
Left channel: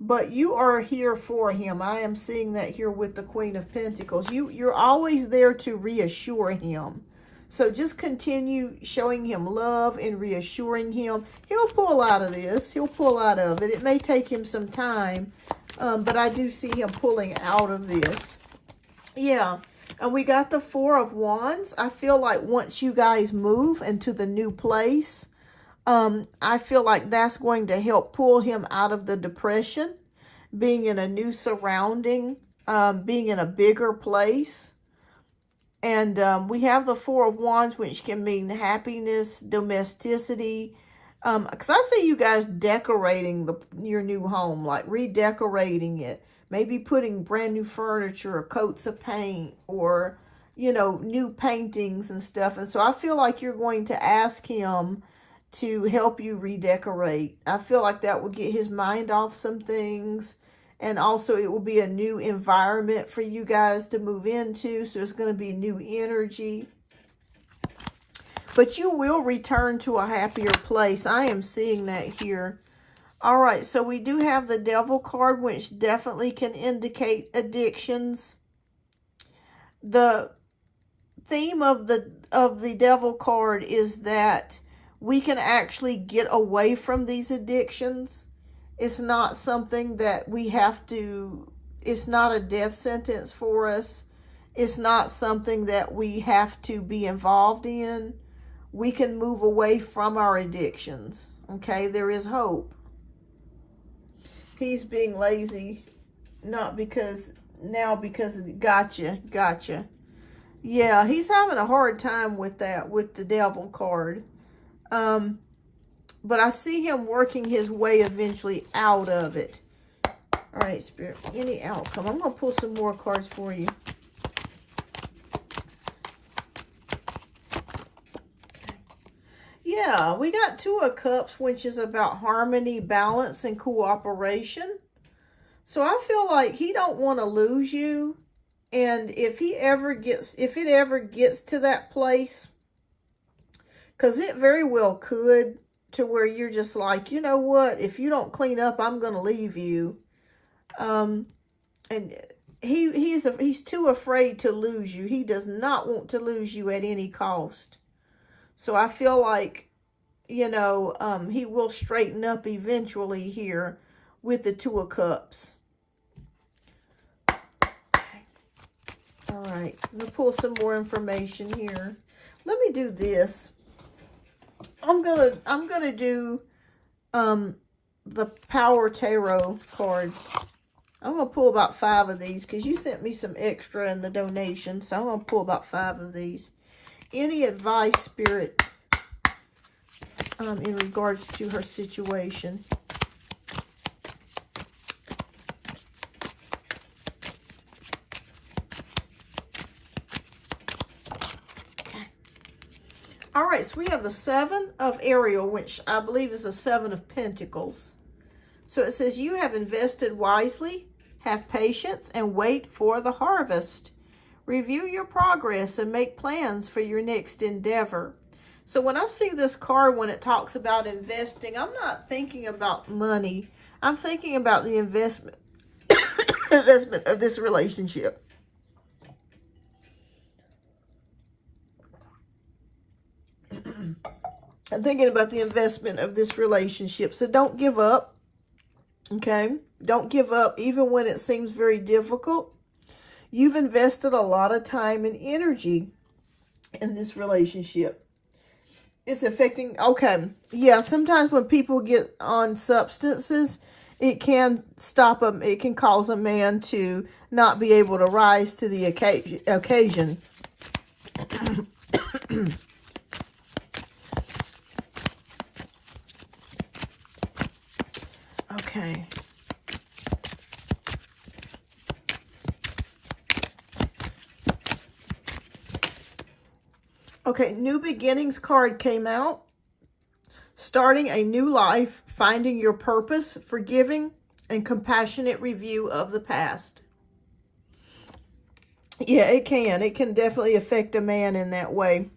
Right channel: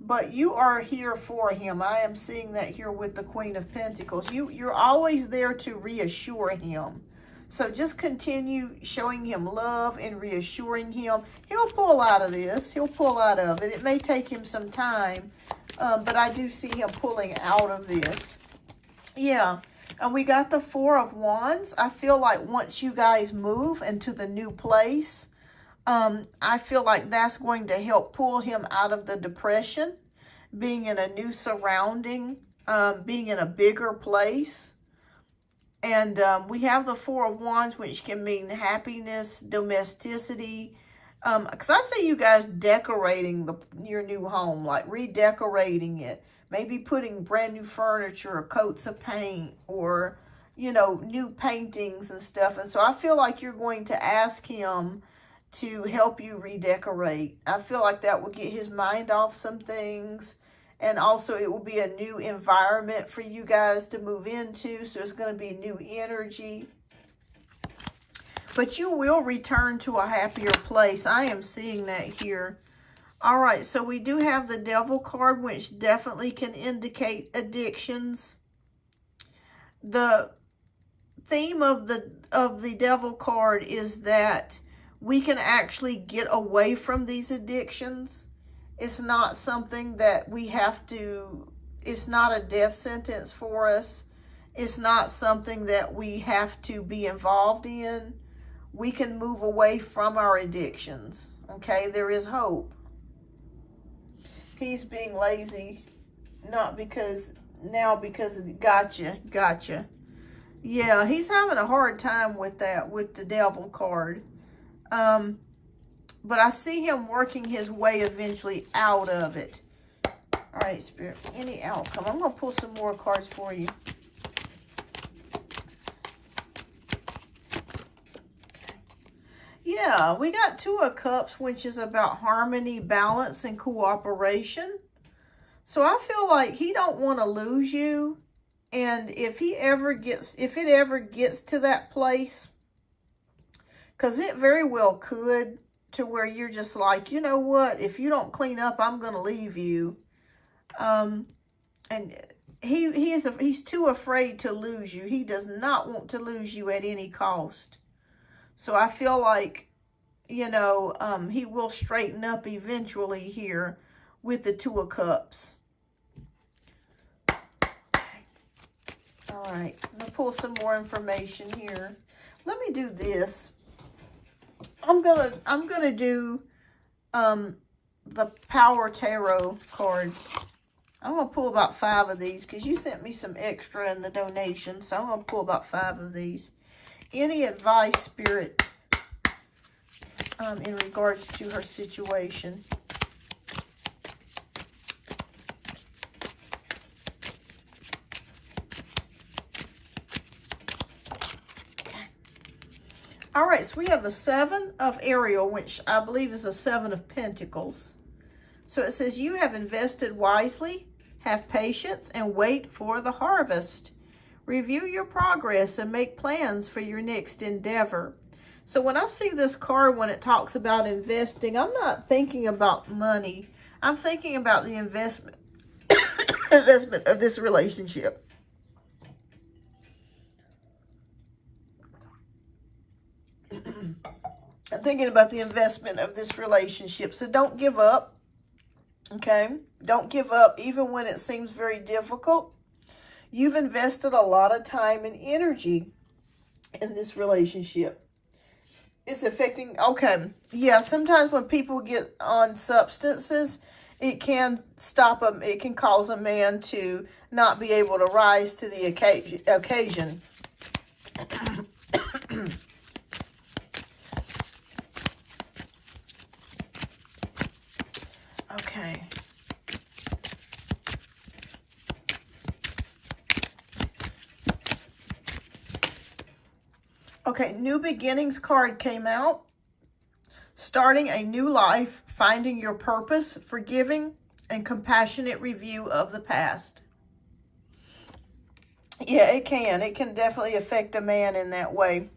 But you are here for him. I am seeing that here with the Queen of Pentacles. You're always there to reassure him. So just continue showing him love and reassuring him. He'll pull out of this. He'll pull out of it. It may take him some time, but I do see him pulling out of this. Yeah, and we got the Four of Wands. I feel like once you guys move into the new place, I feel like that's going to help pull him out of the depression, being in a new surrounding, being in a bigger place. And we have the Four of Wands, which can mean happiness, domesticity. Because I see you guys decorating your new home, like redecorating it, maybe putting brand new furniture or coats of paint or, you know, new paintings and stuff. And so I feel like you're going to ask him to help you redecorate. I feel like that will get his mind off some things. And also it will be a new environment for you guys to move into. So it's going to be new energy. But you will return to a happier place. I am seeing that here. All right, so we do have the Devil card, which definitely can indicate addictions. The theme of the Devil card is that we can actually get away from these addictions. It's not something that we have to, it's not a death sentence for us. It's not something that we have to be involved in. We can move away from our addictions, okay? There is hope. He's being lazy, not because, now because of, gotcha. Yeah, he's having a hard time with that, with the Devil card. But I see him working his way eventually out of it. All right, Spirit, any outcome. I'm going to pull some more cards for you. Yeah, we got Two of Cups, which is about harmony, balance, and cooperation. So I feel like he don't want to lose you. And if it ever gets to that place, because it very well could, to where you're just like, you know what, if you don't clean up, I'm going to leave you. And he's too afraid to lose you. He does not want to lose you at any cost. So I feel like, you know, he will straighten up eventually here with the Two of Cups. All right, I'm going to pull some more information here. Let me do this. I'm gonna do the Power Tarot cards. I'm gonna pull about 5 of these because you sent me some extra in the donation, so I'm gonna pull about 5 of these. Any advice, Spirit, in regards to her situation? All right, so we have the 7 of Ariel, which I believe is the 7 of Pentacles. So it says, you have invested wisely, have patience, and wait for the harvest. Review your progress and make plans for your next endeavor. So when I see this card, when it talks about investing, I'm not thinking about money. I'm thinking about the investment of this relationship. I'm thinking about the investment of this relationship. So don't give up, okay? Don't give up even when it seems very difficult. You've invested a lot of time and energy in this relationship. It's affecting, okay, yeah, sometimes when people get on substances, it can stop them. It can cause a man to not be able to rise to the occasion. Okay. Okay, New Beginnings card came out. Starting a new life, finding your purpose, forgiving, and compassionate review of the past. Yeah, it can. It can definitely affect a man in that way.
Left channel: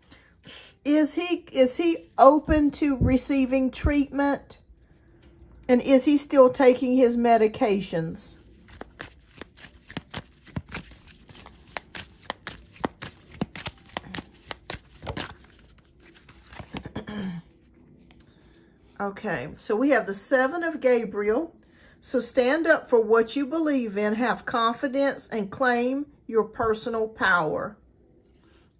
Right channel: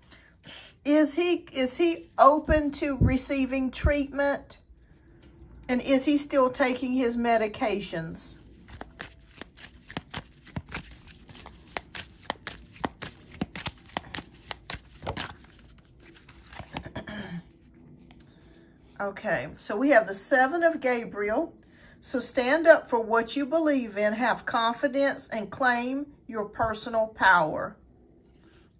Is he open to receiving treatment? And is he still taking his medications? Okay, so we have the 7 of Gabriel. So stand up for what you believe in, have confidence, and claim your personal power.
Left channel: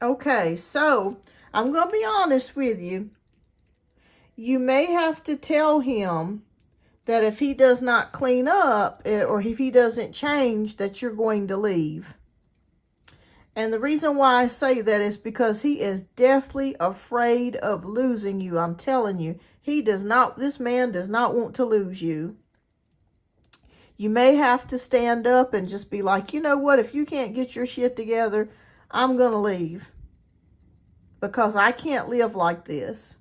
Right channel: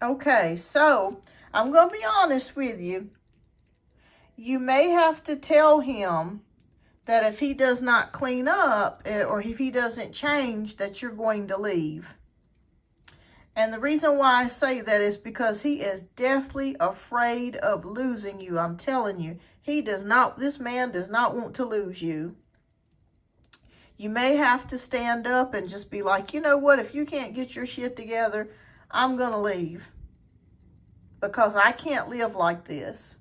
Okay, so I'm going to be honest with you. You may have to tell him that if he does not clean up or if he doesn't change, that you're going to leave. And the reason why I say that is because he is deathly afraid of losing you. I'm telling you, this man does not want to lose you. You may have to stand up and just be like, you know what, if you can't get your shit together, I'm going to leave. Because I can't live like this.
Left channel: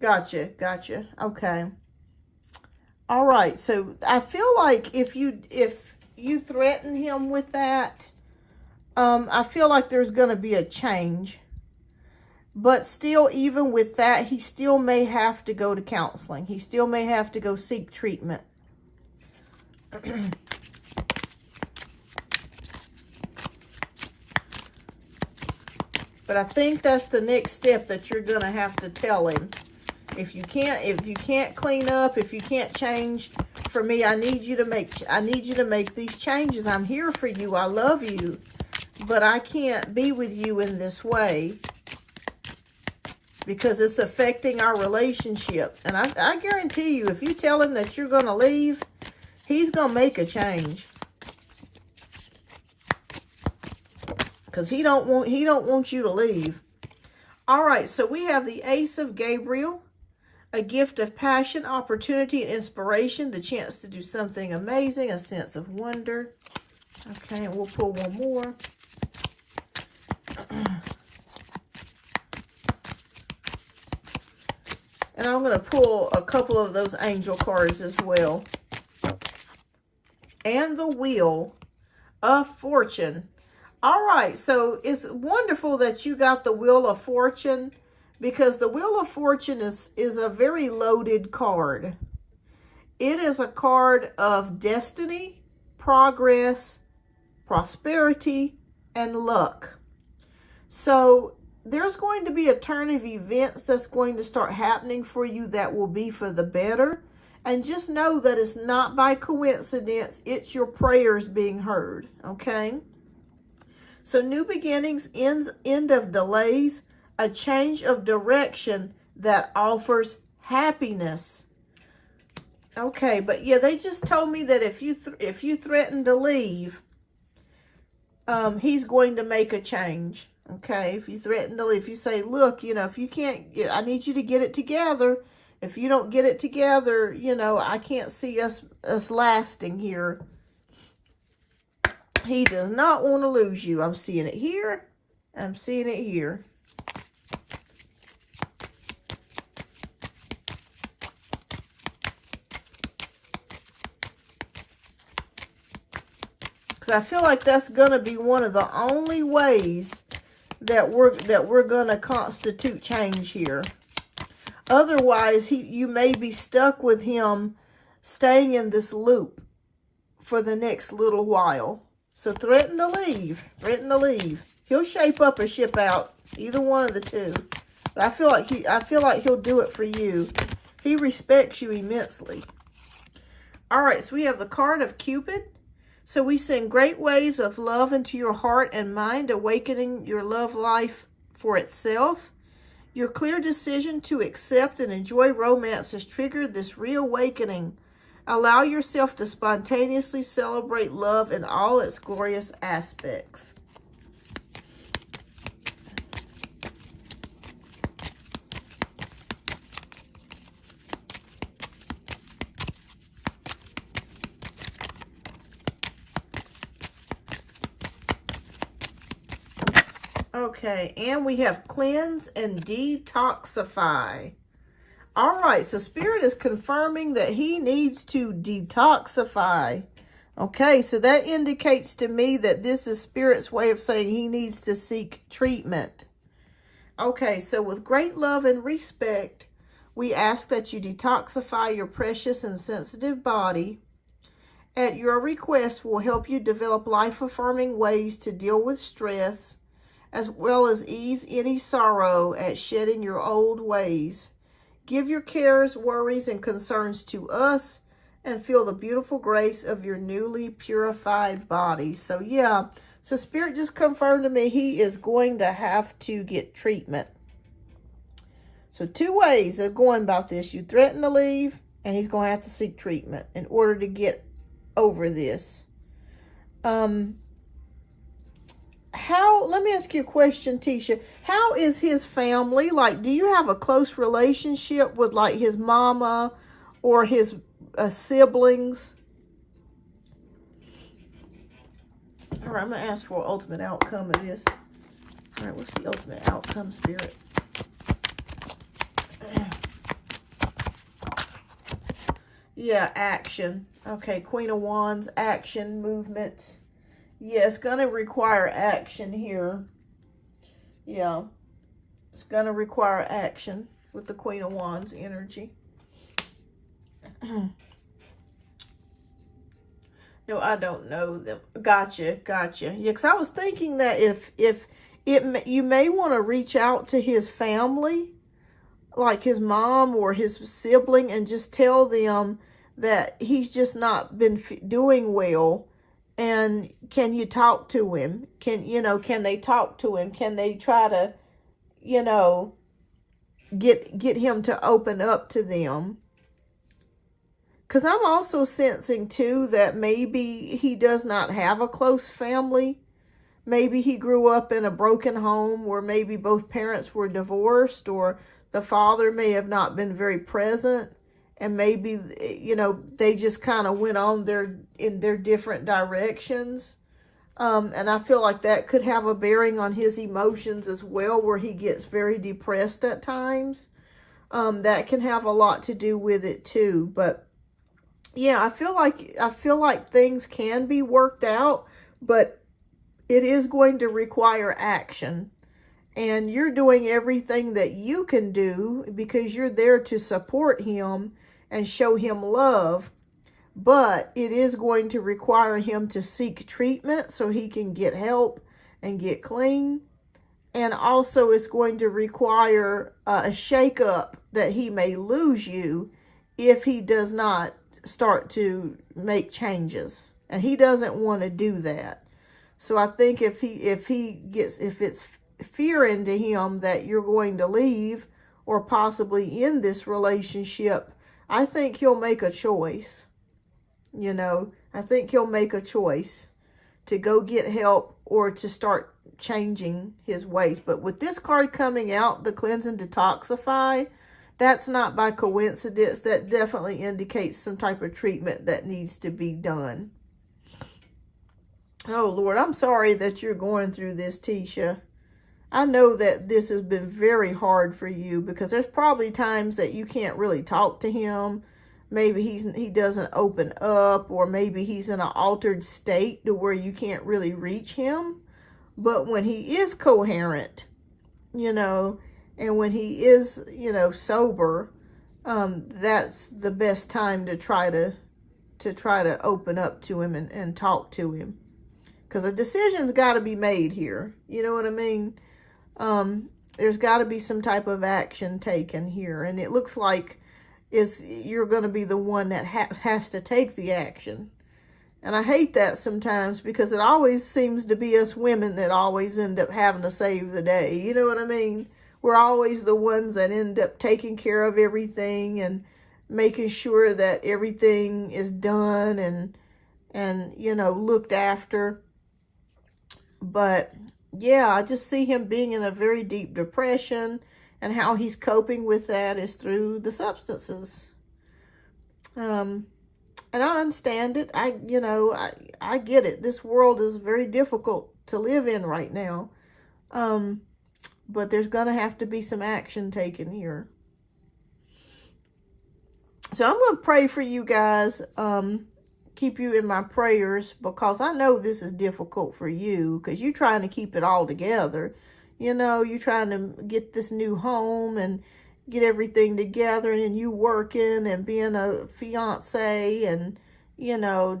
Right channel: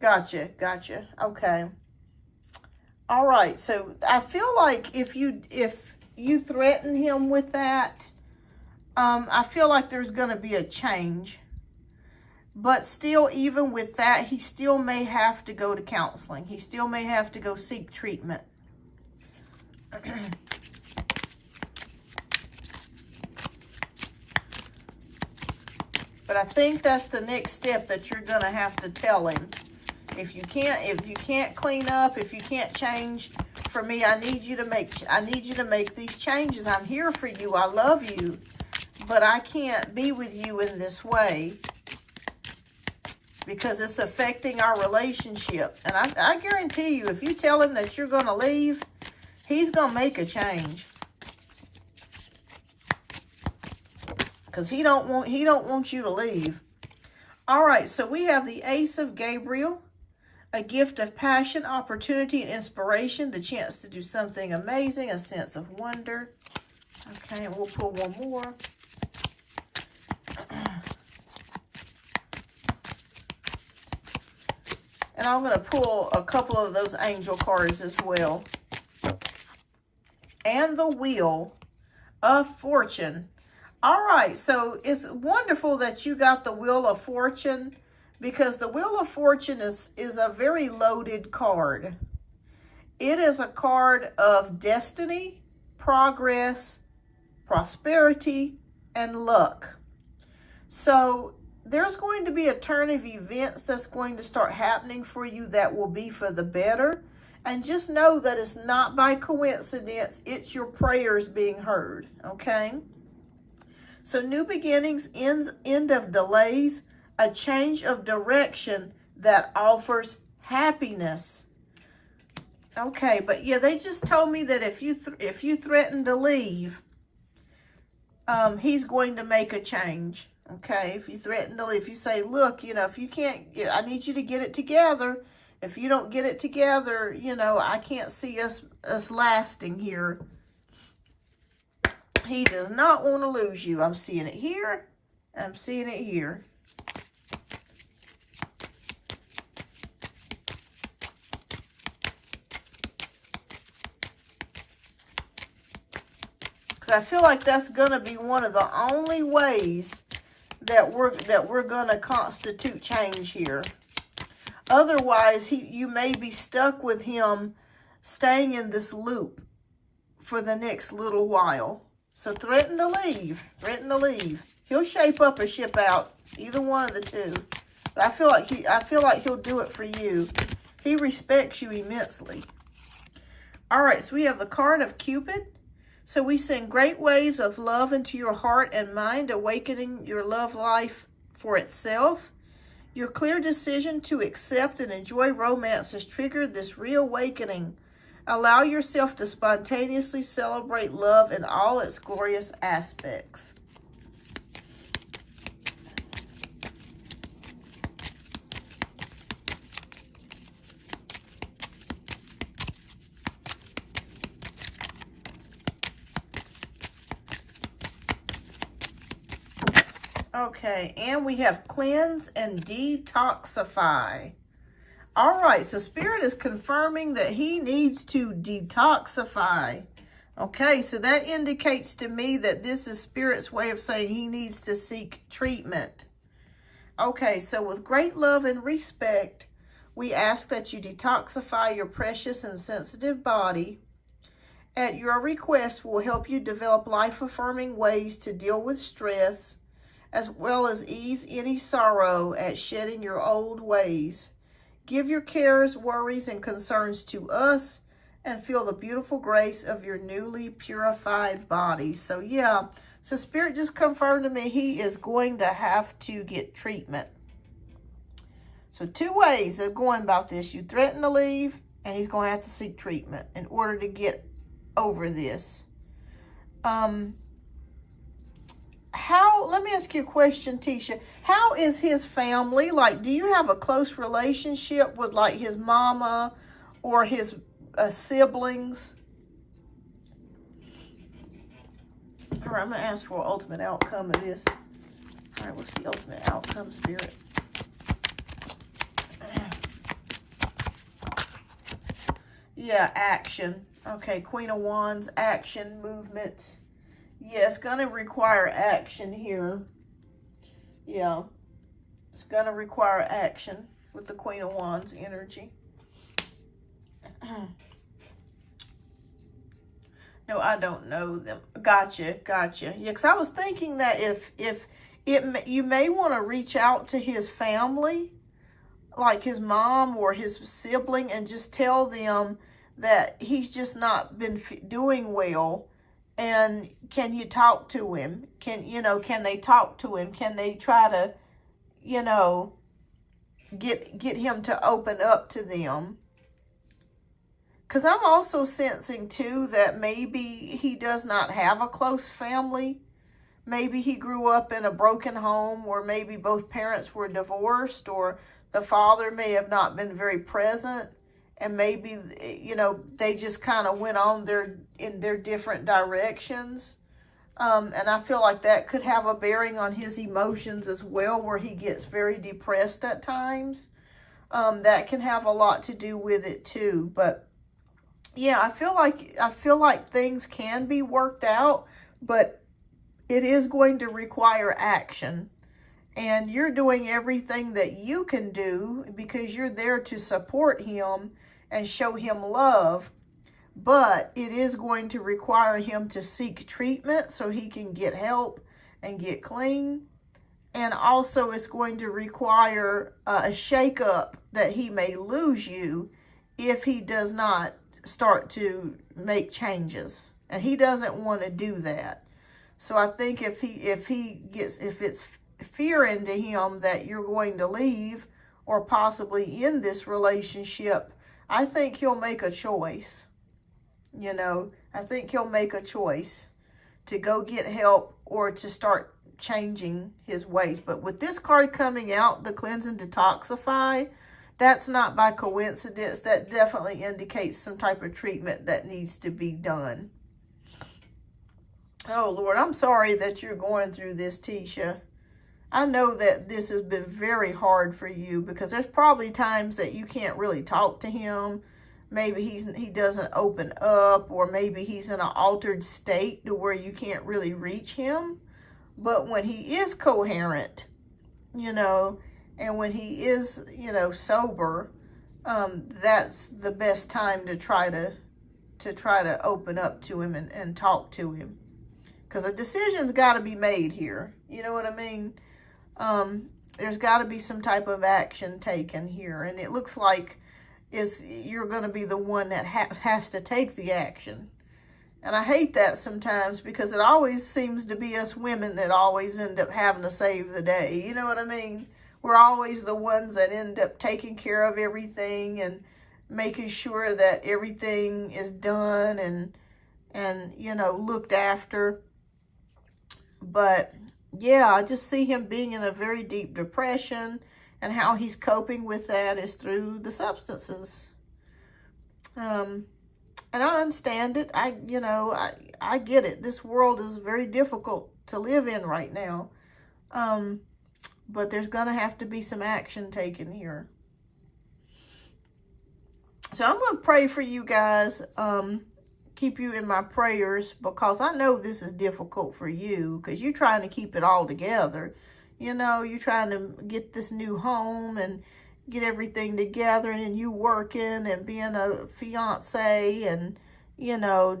Gotcha. Okay. All right. So I feel like if you threaten him with that, I feel like there's going to be a change. But still, even with that, he still may have to go to counseling. He still may have to go seek treatment. But I think that's the next step that you're going to have to tell him. If you can't clean up, if you can't change for me, I need you to make these changes. I'm here for you. I love you. But I can't be with you in this way because it's affecting our relationship. And I guarantee you, if you tell him that you're going to leave, he's going to make a change. Because he don't want you to leave. All right, so we have the Ace of Gabriel, a gift of passion, opportunity, and inspiration, the chance to do something amazing, a sense of wonder. Okay, and we'll pull one more. And I'm going to pull a couple of those angel cards as well. And the Wheel of Fortune. All right, so it's wonderful that you got the Wheel of Fortune, because the Wheel of Fortune is a very loaded card. It is a card of destiny, progress, prosperity, and luck. So there's going to be a turn of events that's going to start happening for you that will be for the better. And just know that it's not by coincidence. It's your prayers being heard, okay? So new beginnings, end of delays, a change of direction that offers happiness. Okay, but yeah, they just told me that if you threaten to leave, he's going to make a change. Okay, if you threaten to leave, if you say, look, you know, if you can't, I need you to get it together. If you don't get it together, you know, I can't see us lasting here. He does not want to lose you. I'm seeing it here. I'm seeing it here. Because I feel like that's going to be one of the only ways that we're going to constitute change here. Otherwise, you may be stuck with him staying in this loop for the next little while. So threaten to leave. Threaten to leave. He'll shape up or ship out. Either one of the two. But I feel like he'll do it for you. He respects you immensely. All right, so we have the card of Cupid. So we send great waves of love into your heart and mind, awakening your love life for itself. Your clear decision to accept and enjoy romance has triggered this reawakening. Allow yourself to spontaneously celebrate love in all its glorious aspects. Okay, and we have cleanse and detoxify. All right, so Spirit is confirming that he needs to detoxify. Okay, so that indicates to me that this is Spirit's way of saying he needs to seek treatment. Okay, so with great love and respect, we ask that you detoxify your precious and sensitive body. At your request, we'll help you develop life-affirming ways to deal with stress, as well as ease any sorrow at shedding your old ways. Give your cares, worries, and concerns to us and feel the beautiful grace of your newly purified body. So yeah, so Spirit just confirmed to me he is going to have to get treatment. So two ways of going about this. You threaten to leave, and he's going to have to seek treatment in order to get over this. Let me ask you a question, Tisha. How is his family? Like, do you have a close relationship with like his mama or his siblings. All right, I'm going to ask for ultimate outcome of this. All right, what's the ultimate outcome, Spirit? Yeah, action. Okay, Queen of Wands, action, movement. Yeah, it's going to require action here. Yeah, it's going to require action with the Queen of Wands energy. No, I don't know them. Gotcha. Yeah, because I was thinking that you may want to reach out to his family, like his mom or his sibling, and just tell them that he's just not been doing well. And can you talk to him? Can they talk to him? Can they try to, get him to open up to them? Because I'm also sensing, too, that maybe he does not have a close family. Maybe he grew up in a broken home where maybe both parents were divorced, or the father may have not been very present. And maybe, they just kind of went on in their different directions. And I feel like that could have a bearing on his emotions as well, where he gets very depressed at times. That can have a lot to do with it, too. But yeah, I feel like things can be worked out, but it is going to require action. And you're doing everything that you can do because you're there to support him and show him love. But it is going to require him to seek treatment so he can get help and get clean. And also it's going to require a shakeup that he may lose you if he does not start to make changes, and he doesn't want to do that. So I think if it's fear into him that you're going to leave or possibly end this relationship, I think he'll make a choice. I think he'll make a choice to go get help or to start changing his ways. But with this card coming out, the cleanse and detoxify, that's not by coincidence. That definitely indicates some type of treatment that needs to be done. Oh, Lord, I'm sorry that you're going through this, Tisha. I know that this has been very hard for you because there's probably times that you can't really talk to him. Maybe he doesn't open up, or maybe he's in an altered state to where you can't really reach him. But when he is coherent, and when he is, sober, that's the best time to try to open up to him and talk to him. Because a decision's got to be made here. You know what I mean? There's got to be some type of action taken here. And it looks like you're going to be the one that has to take the action. And I hate that sometimes because it always seems to be us women that always end up having to save the day. You know what I mean? We're always the ones that end up taking care of everything and making sure that everything is done and looked after. But yeah, I just see him being in a very deep depression, and how he's coping with that is through the substances. And I understand it. I get it. This world is very difficult to live in right now. But there's going to have to be some action taken here. So I'm going to pray for you guys. Keep you in my prayers, because I know this is difficult for you because you're trying to keep it all together. You're trying to get this new home and get everything together, and you working and being a fiance and,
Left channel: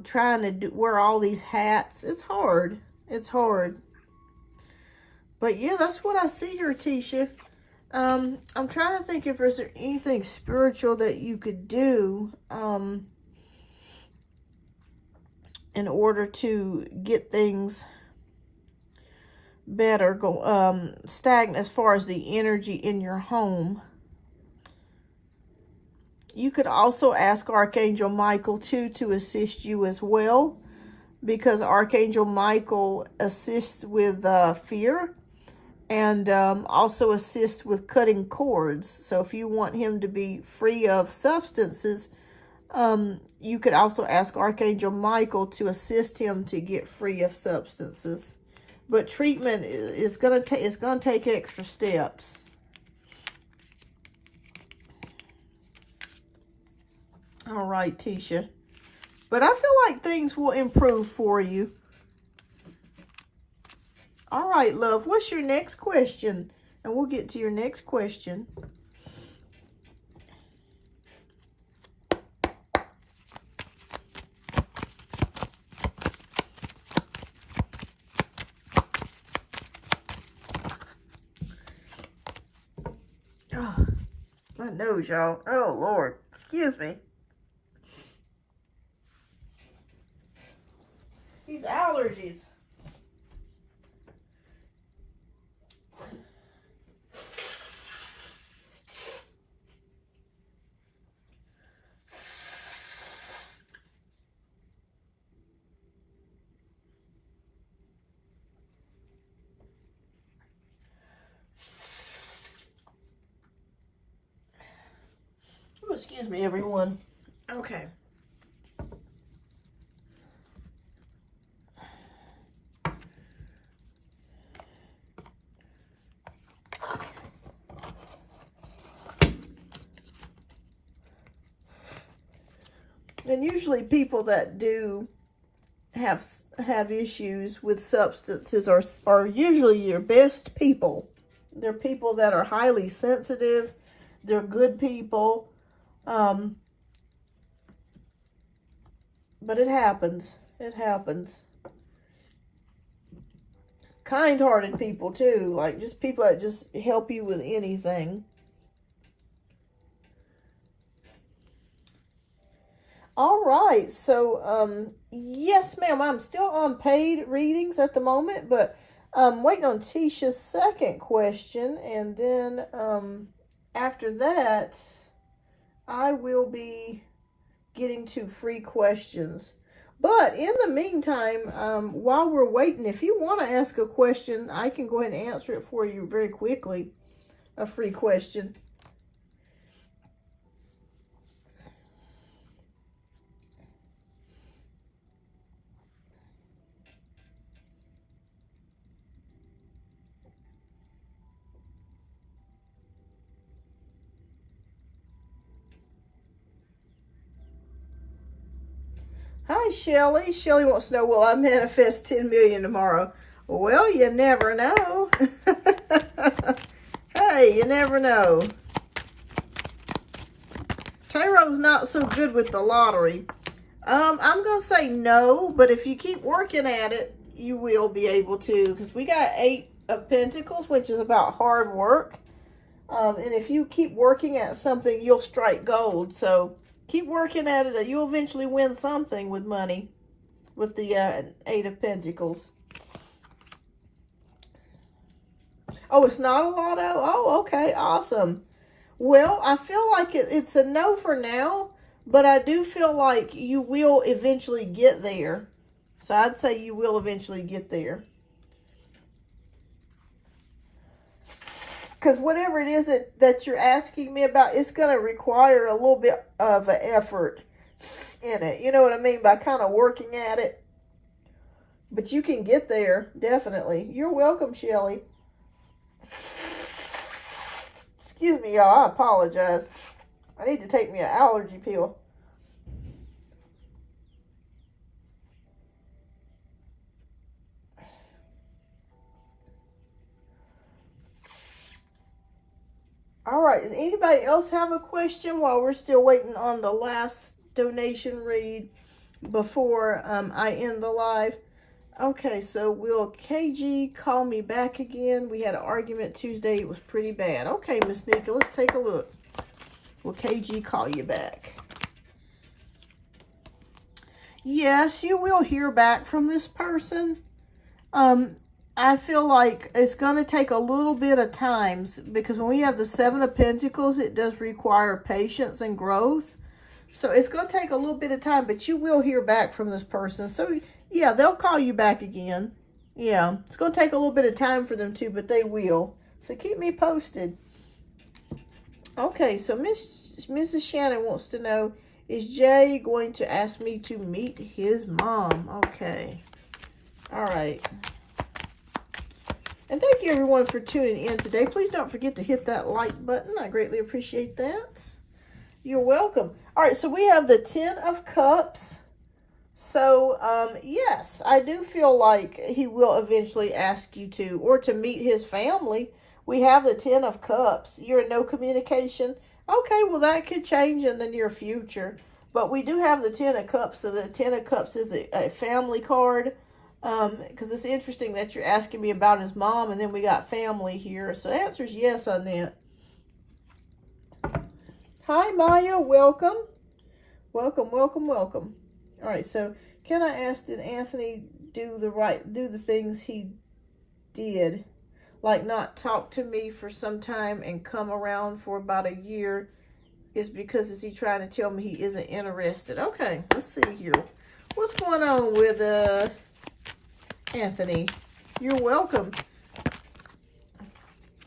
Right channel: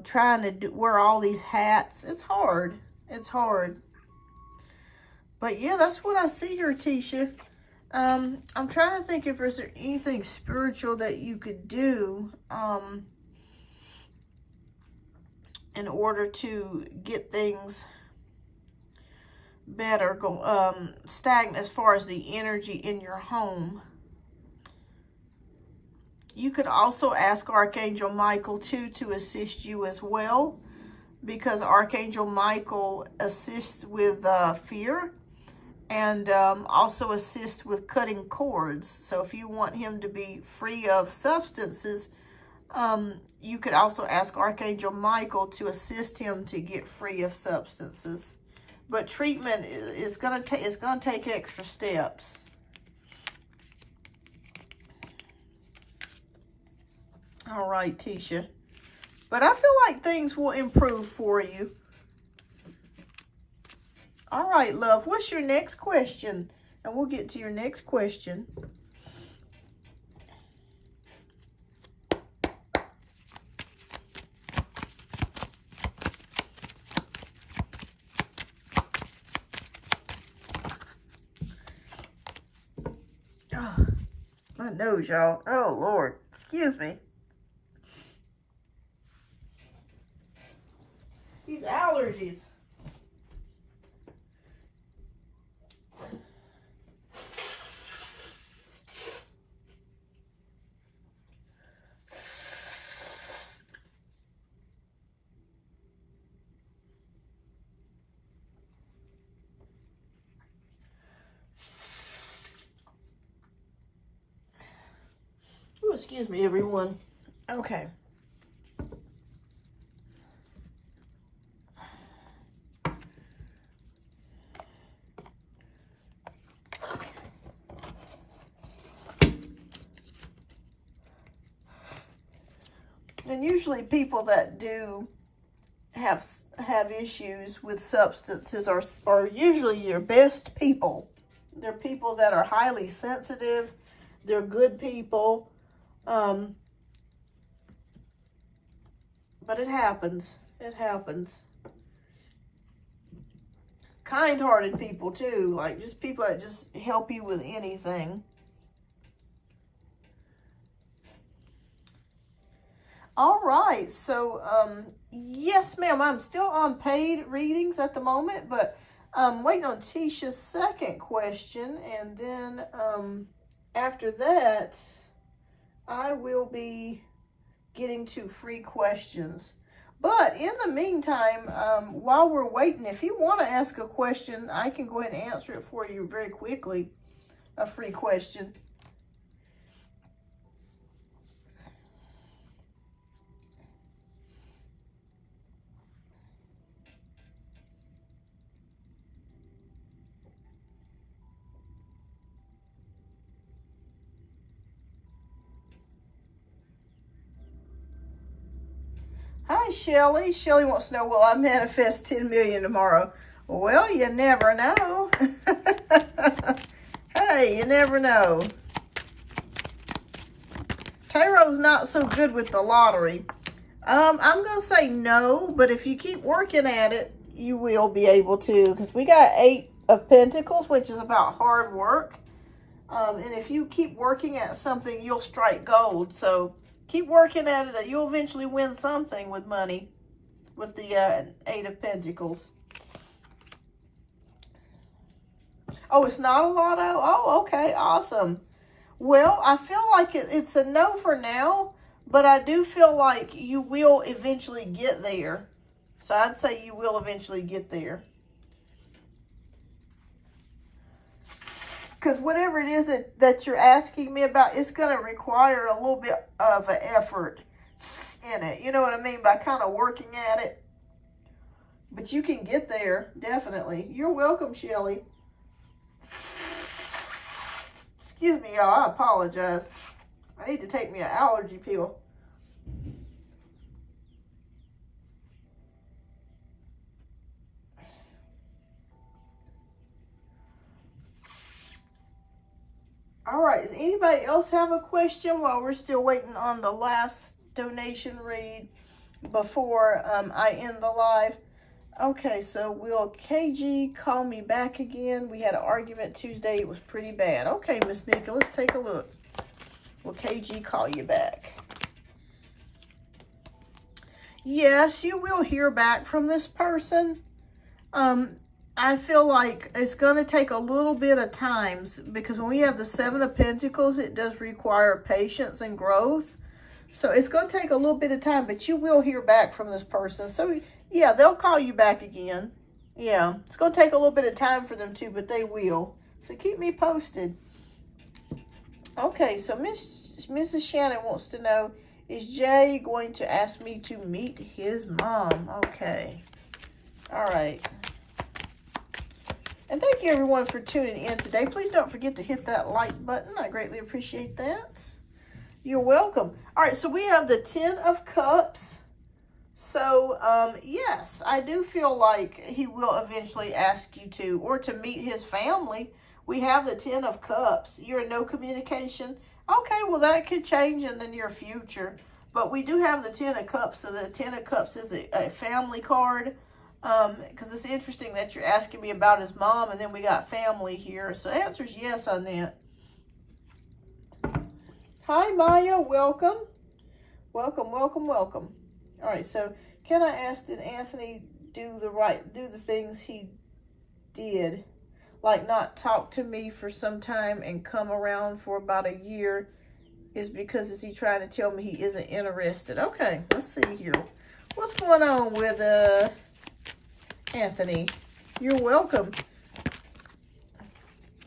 trying to wear all these hats. It's hard. It's hard. But yeah, that's what I see here, Tisha. I'm trying to think if there's anything spiritual that you could do in order to get things better, stagnant as far as the energy in your home. You could also ask Archangel Michael too to assist you as well, because Archangel Michael assists with fear and also assists with cutting cords. So if you want him to be free of substances, You could also ask Archangel Michael to assist him to get free of substances. But treatment is going to take extra steps. All right, Tisha. But I feel like things will improve for you. All right, love. What's your next question? And we'll get to your next question. Oh, my nose, y'all. Oh, Lord. Excuse me. These allergies. Ooh, excuse me, everyone. Okay. And usually people that do have issues with substances are usually your best people. They're people that are highly sensitive. They're good people. But it happens. It happens. Kind-hearted people too. Like just people that just help you with anything. All right, so, yes, ma'am, I'm still on paid readings at the moment, but I'm waiting on Tisha's second question, and then, after that, I will be getting to free questions. But in the meantime, while we're waiting, if you want to ask a question, I can go ahead and answer it for you very quickly, a free question. Hi, Shelly. Shelly wants to know, will I manifest 10 million tomorrow? Well, you never know. Hey, you never know. Taro's not so good with the lottery. I'm going to say no, but if you keep working at it, you will be able to. Because we got 8 of Pentacles, which is about hard work. And if you keep working at something, you'll strike gold. So keep working at it. You'll eventually win something with money. With the 8 of Pentacles. Oh, it's not a lotto? Oh, okay. Awesome. Well, I feel like it's a no for now. But I do feel like you will eventually get there. So I'd say you will eventually get there. Because whatever it is that you're asking me about, it's going to require a little bit of an effort in it. You know what I mean? By kind of working at it. But you can get there, definitely. You're welcome, Shelly. Excuse me, y'all. I apologize. I need to take me an allergy pill. All right, does anybody else have a question while we're still waiting on the last donation read before I end the live? Okay, so will KG call me back again? We had an argument Tuesday. It was pretty bad. Okay, Miss Nika, let's take a look. Will KG call you back? Yes, you will hear back from this person. I feel like it's going to take a little bit of time because when we have the 7 of Pentacles, it does require patience and growth. So it's going to take a little bit of time, but you will hear back from this person. So yeah, they'll call you back again. Yeah, it's going to take a little bit of time for them to, but they will. So keep me posted. Okay, so Mrs. Shannon wants to know, Is Jay going to ask me to meet his mom? Okay. All right. And thank you, everyone, for tuning in today. Please don't forget to hit that like button. I greatly appreciate that. You're welcome. All right, so we have the 10 of Cups. So, yes, I do feel like he will eventually ask you to, or to meet his family. We have the 10 of Cups. You're in no communication. Okay, well, that could change in the near future. But we do have the 10 of Cups. So the 10 of Cups is a family card. Because it's interesting that you're asking me about his mom, and then we got family here. So the answer is yes on that. Hi, Maya. Welcome. Welcome, welcome, welcome. All right, so can I ask, did Anthony do the things he did? Like not talk to me for some time and come around for about a year? Is he trying to tell me he isn't interested? Okay, let's see here. What's going on with Anthony? You're welcome.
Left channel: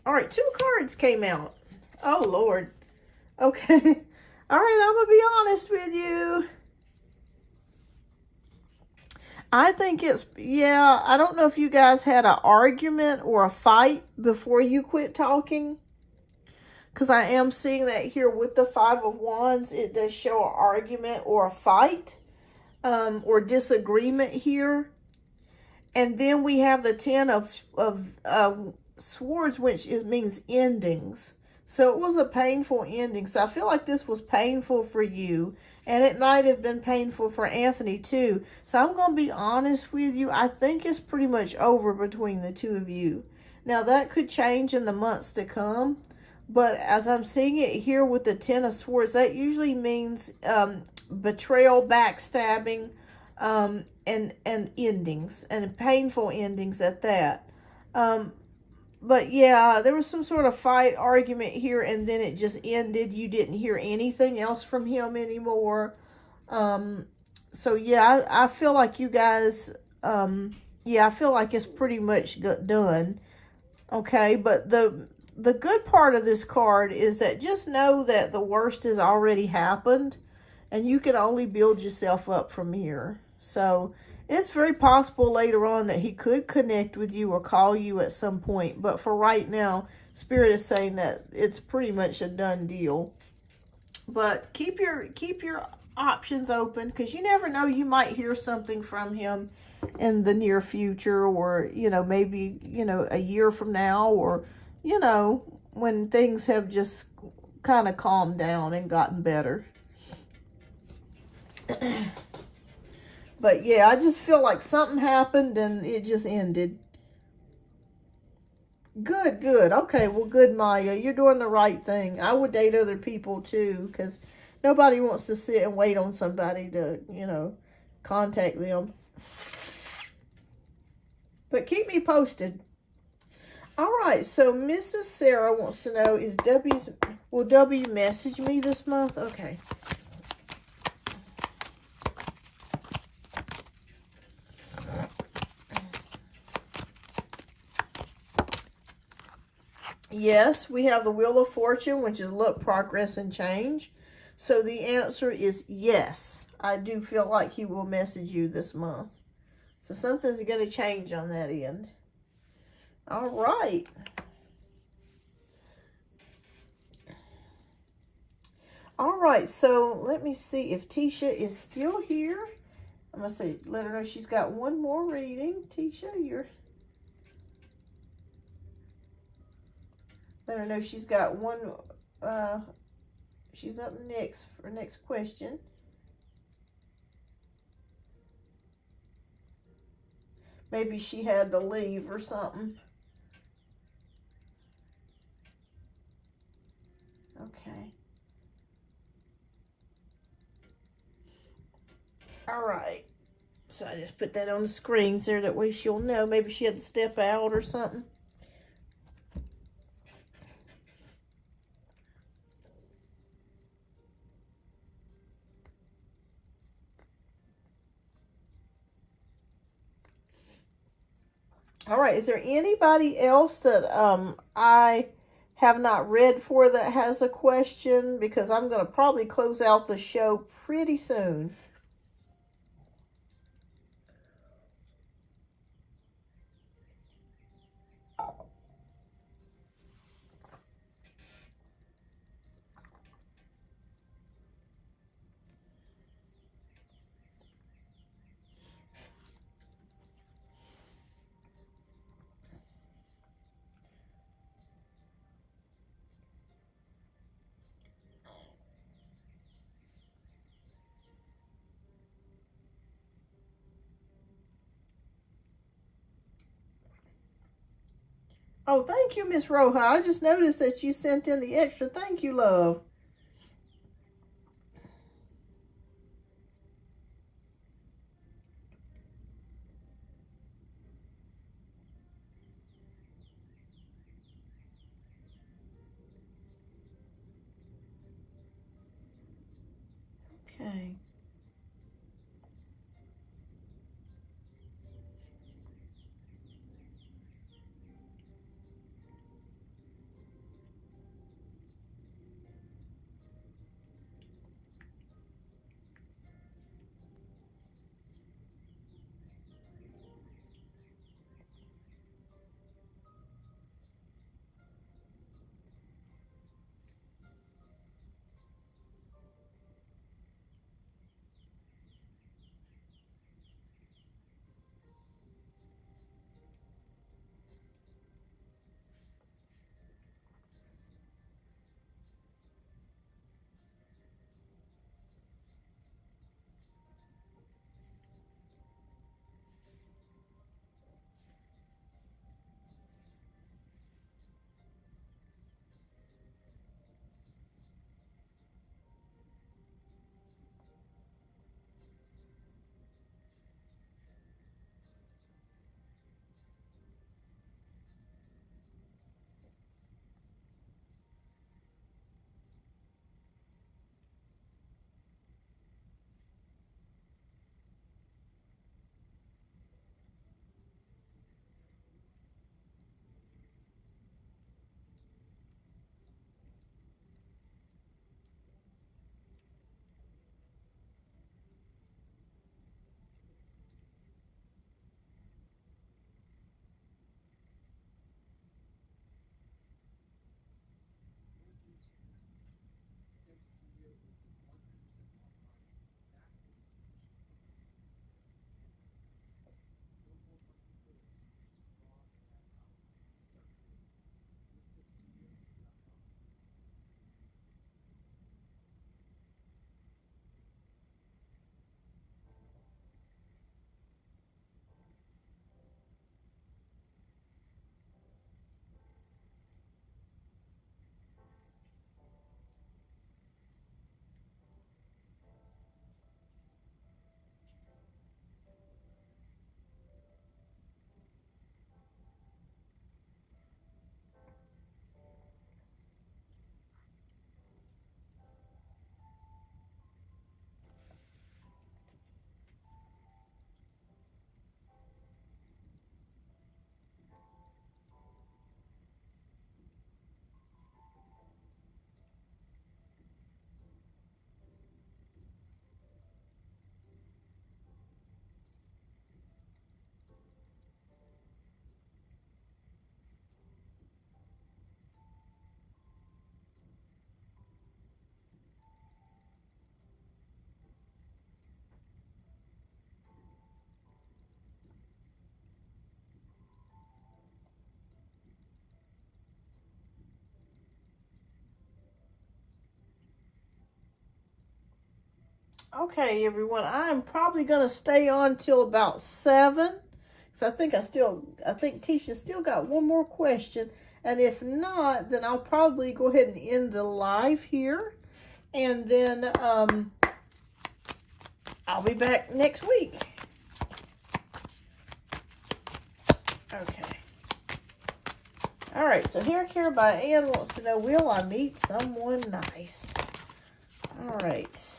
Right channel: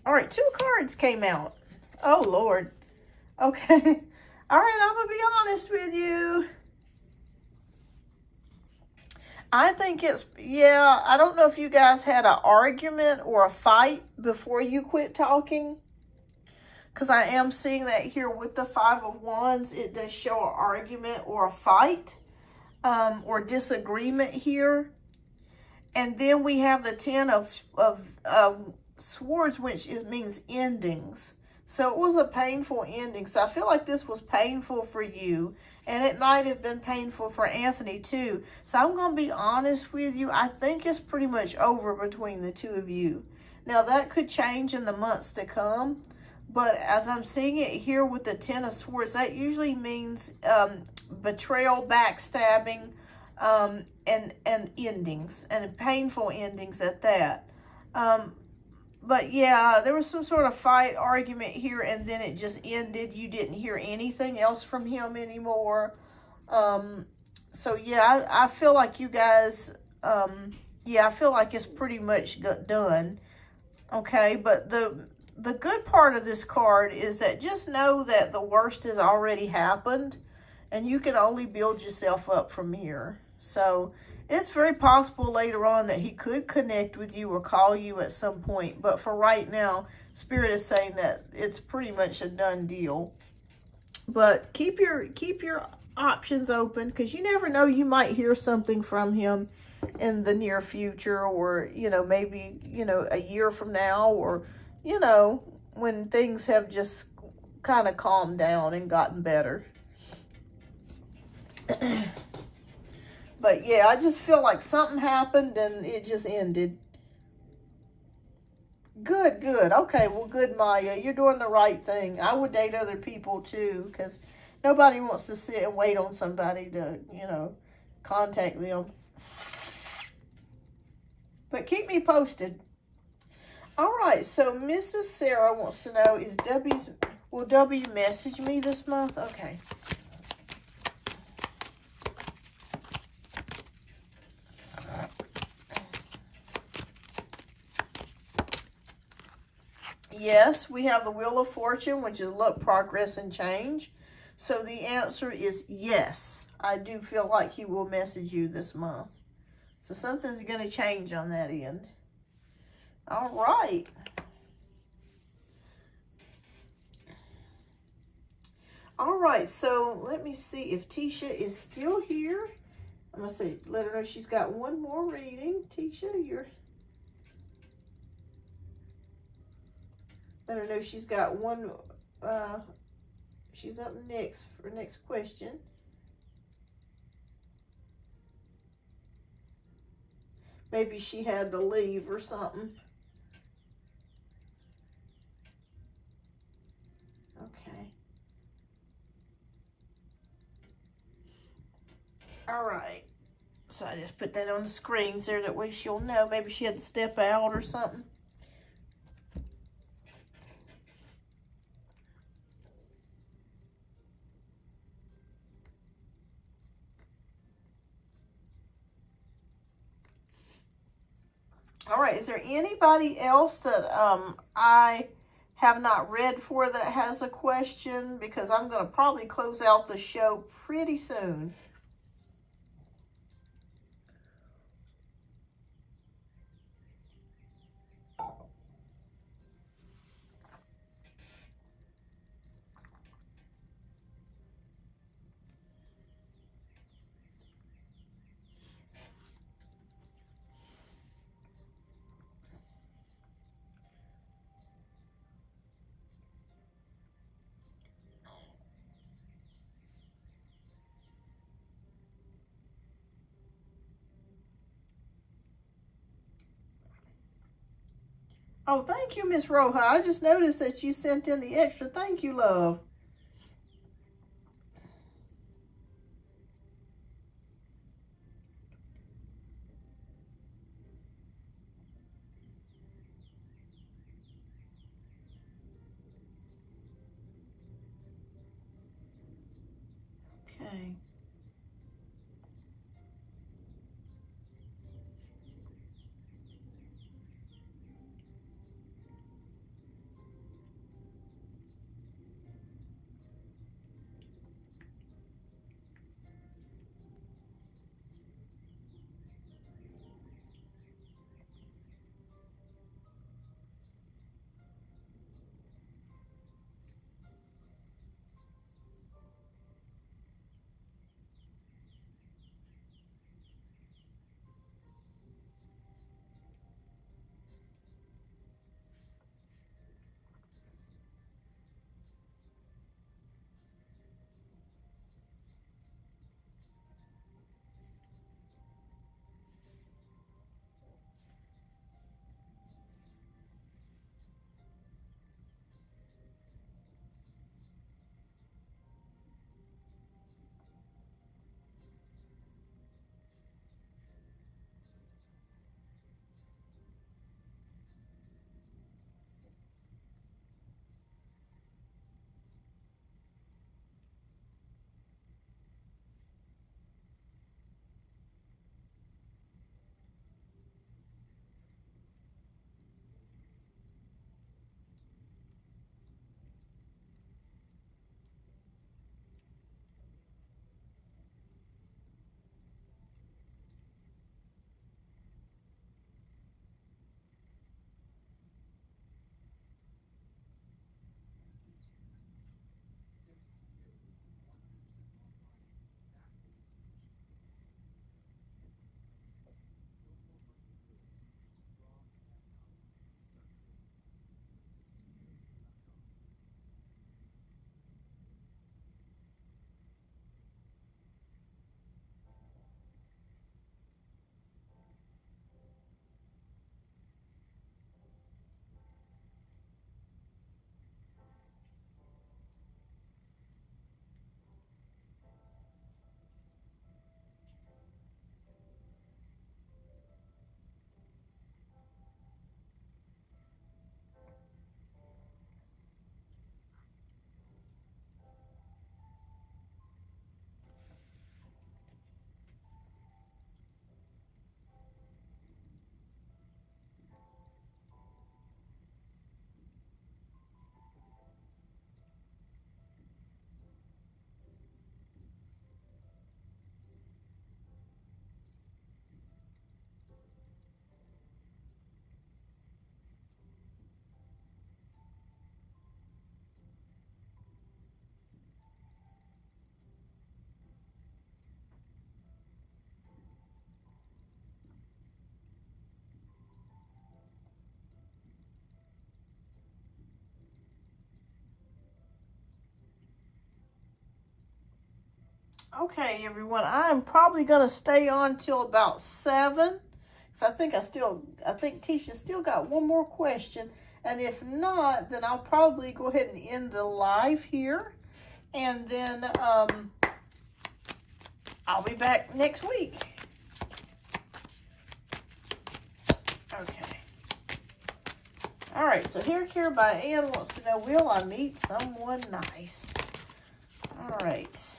All right, 2 cards came out. Oh, Lord. Okay. All right, I'm going to be honest with you. I think I don't know if you guys had an argument or a fight before you quit talking. Because I am seeing that here with the 5 of Wands. It does show an argument or a fight or disagreement here. And then we have the 10 of Swords, which means endings. So it was a painful ending. So I feel like this was painful for you. And it might have been painful for Anthony too. So I'm going to be honest with you. I think it's pretty much over between the 2 of you. Now that could change in the months to come. But as I'm seeing it here with the 10 of Swords, that usually means betrayal, backstabbing, and endings, and painful endings at that. But yeah, there was some sort of fight, argument here, and then it just ended. You didn't hear anything else from him anymore. So yeah, I feel like you guys, I feel like it's pretty much done. Okay, but the good part of this card is that just know that the worst has already happened, and you can only build yourself up from here. So it's very possible later on that he could connect with you or call you at some point. But for right now, Spirit is saying that it's pretty much a done deal. But keep your options open, because you never know, you might hear something from him in the near future, or maybe a year from now, or when things have just kind of calmed down and gotten better. But yeah, I just feel like something happened and it just ended. Good, good. Okay, well, good, Maya. You're doing the right thing. I would date other people too, because nobody wants to sit and wait on somebody to, contact them. But keep me posted. All right, so Mrs. Sarah wants to know, will W message me this month? Okay. Yes, we have the Wheel of Fortune, which is luck, progress, and change. So the answer is yes. I do feel like he will message you this month. So something's going to change on that end. All right. All right, so let me see if Tisha is still here. I'm going to see, let her know she's got one more reading. Tisha, let her know she's got one, she's up next for next question. Maybe she had to leave or something. Okay. All right. So I just put that on the screen there, that way she'll know. Maybe she had to step out or something. All right, is there anybody else that I have not read for that has a question, because I'm going to probably close out the show pretty soon. Oh, thank you, Miss Roja. I just noticed that you sent in the extra. Thank you, love. Okay. Okay, everyone, I'm probably going to stay on till about 7. So I think Tisha still got one more question. And if not, then I'll probably go ahead and end the live here. And then I'll be back next week. Okay. All right, so Hair Care by Ann wants to know, will I meet someone nice? All right.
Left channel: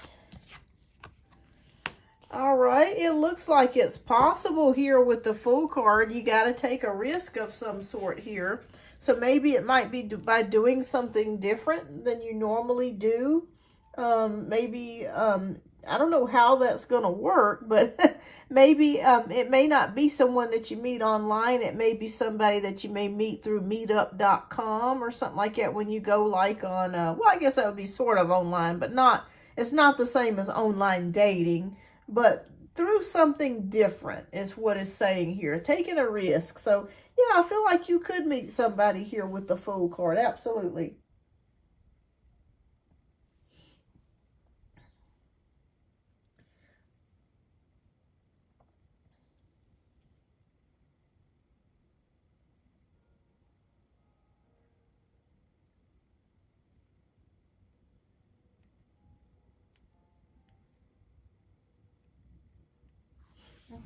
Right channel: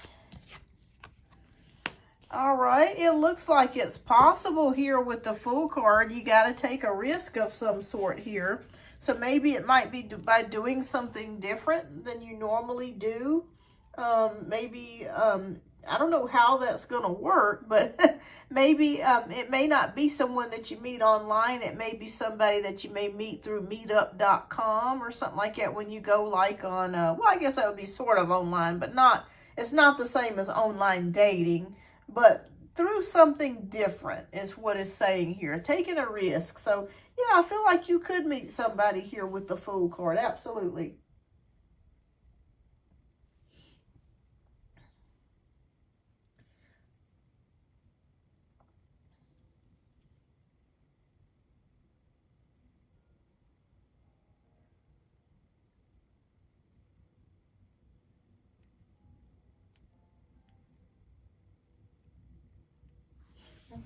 All right, it looks like it's possible here with the Fool card. You got to take a risk of some sort here. So maybe it might be by doing something different than you normally do. I don't know how that's going to work, but maybe it may not be someone that you meet online. It may be somebody that you may meet through meetup.com or something like that when you go like on, well, I guess that would be sort of online, but it's not the same as online dating, but through something different is what it's saying here, taking a risk. So yeah, I feel like you could meet somebody here with the Fool card, absolutely.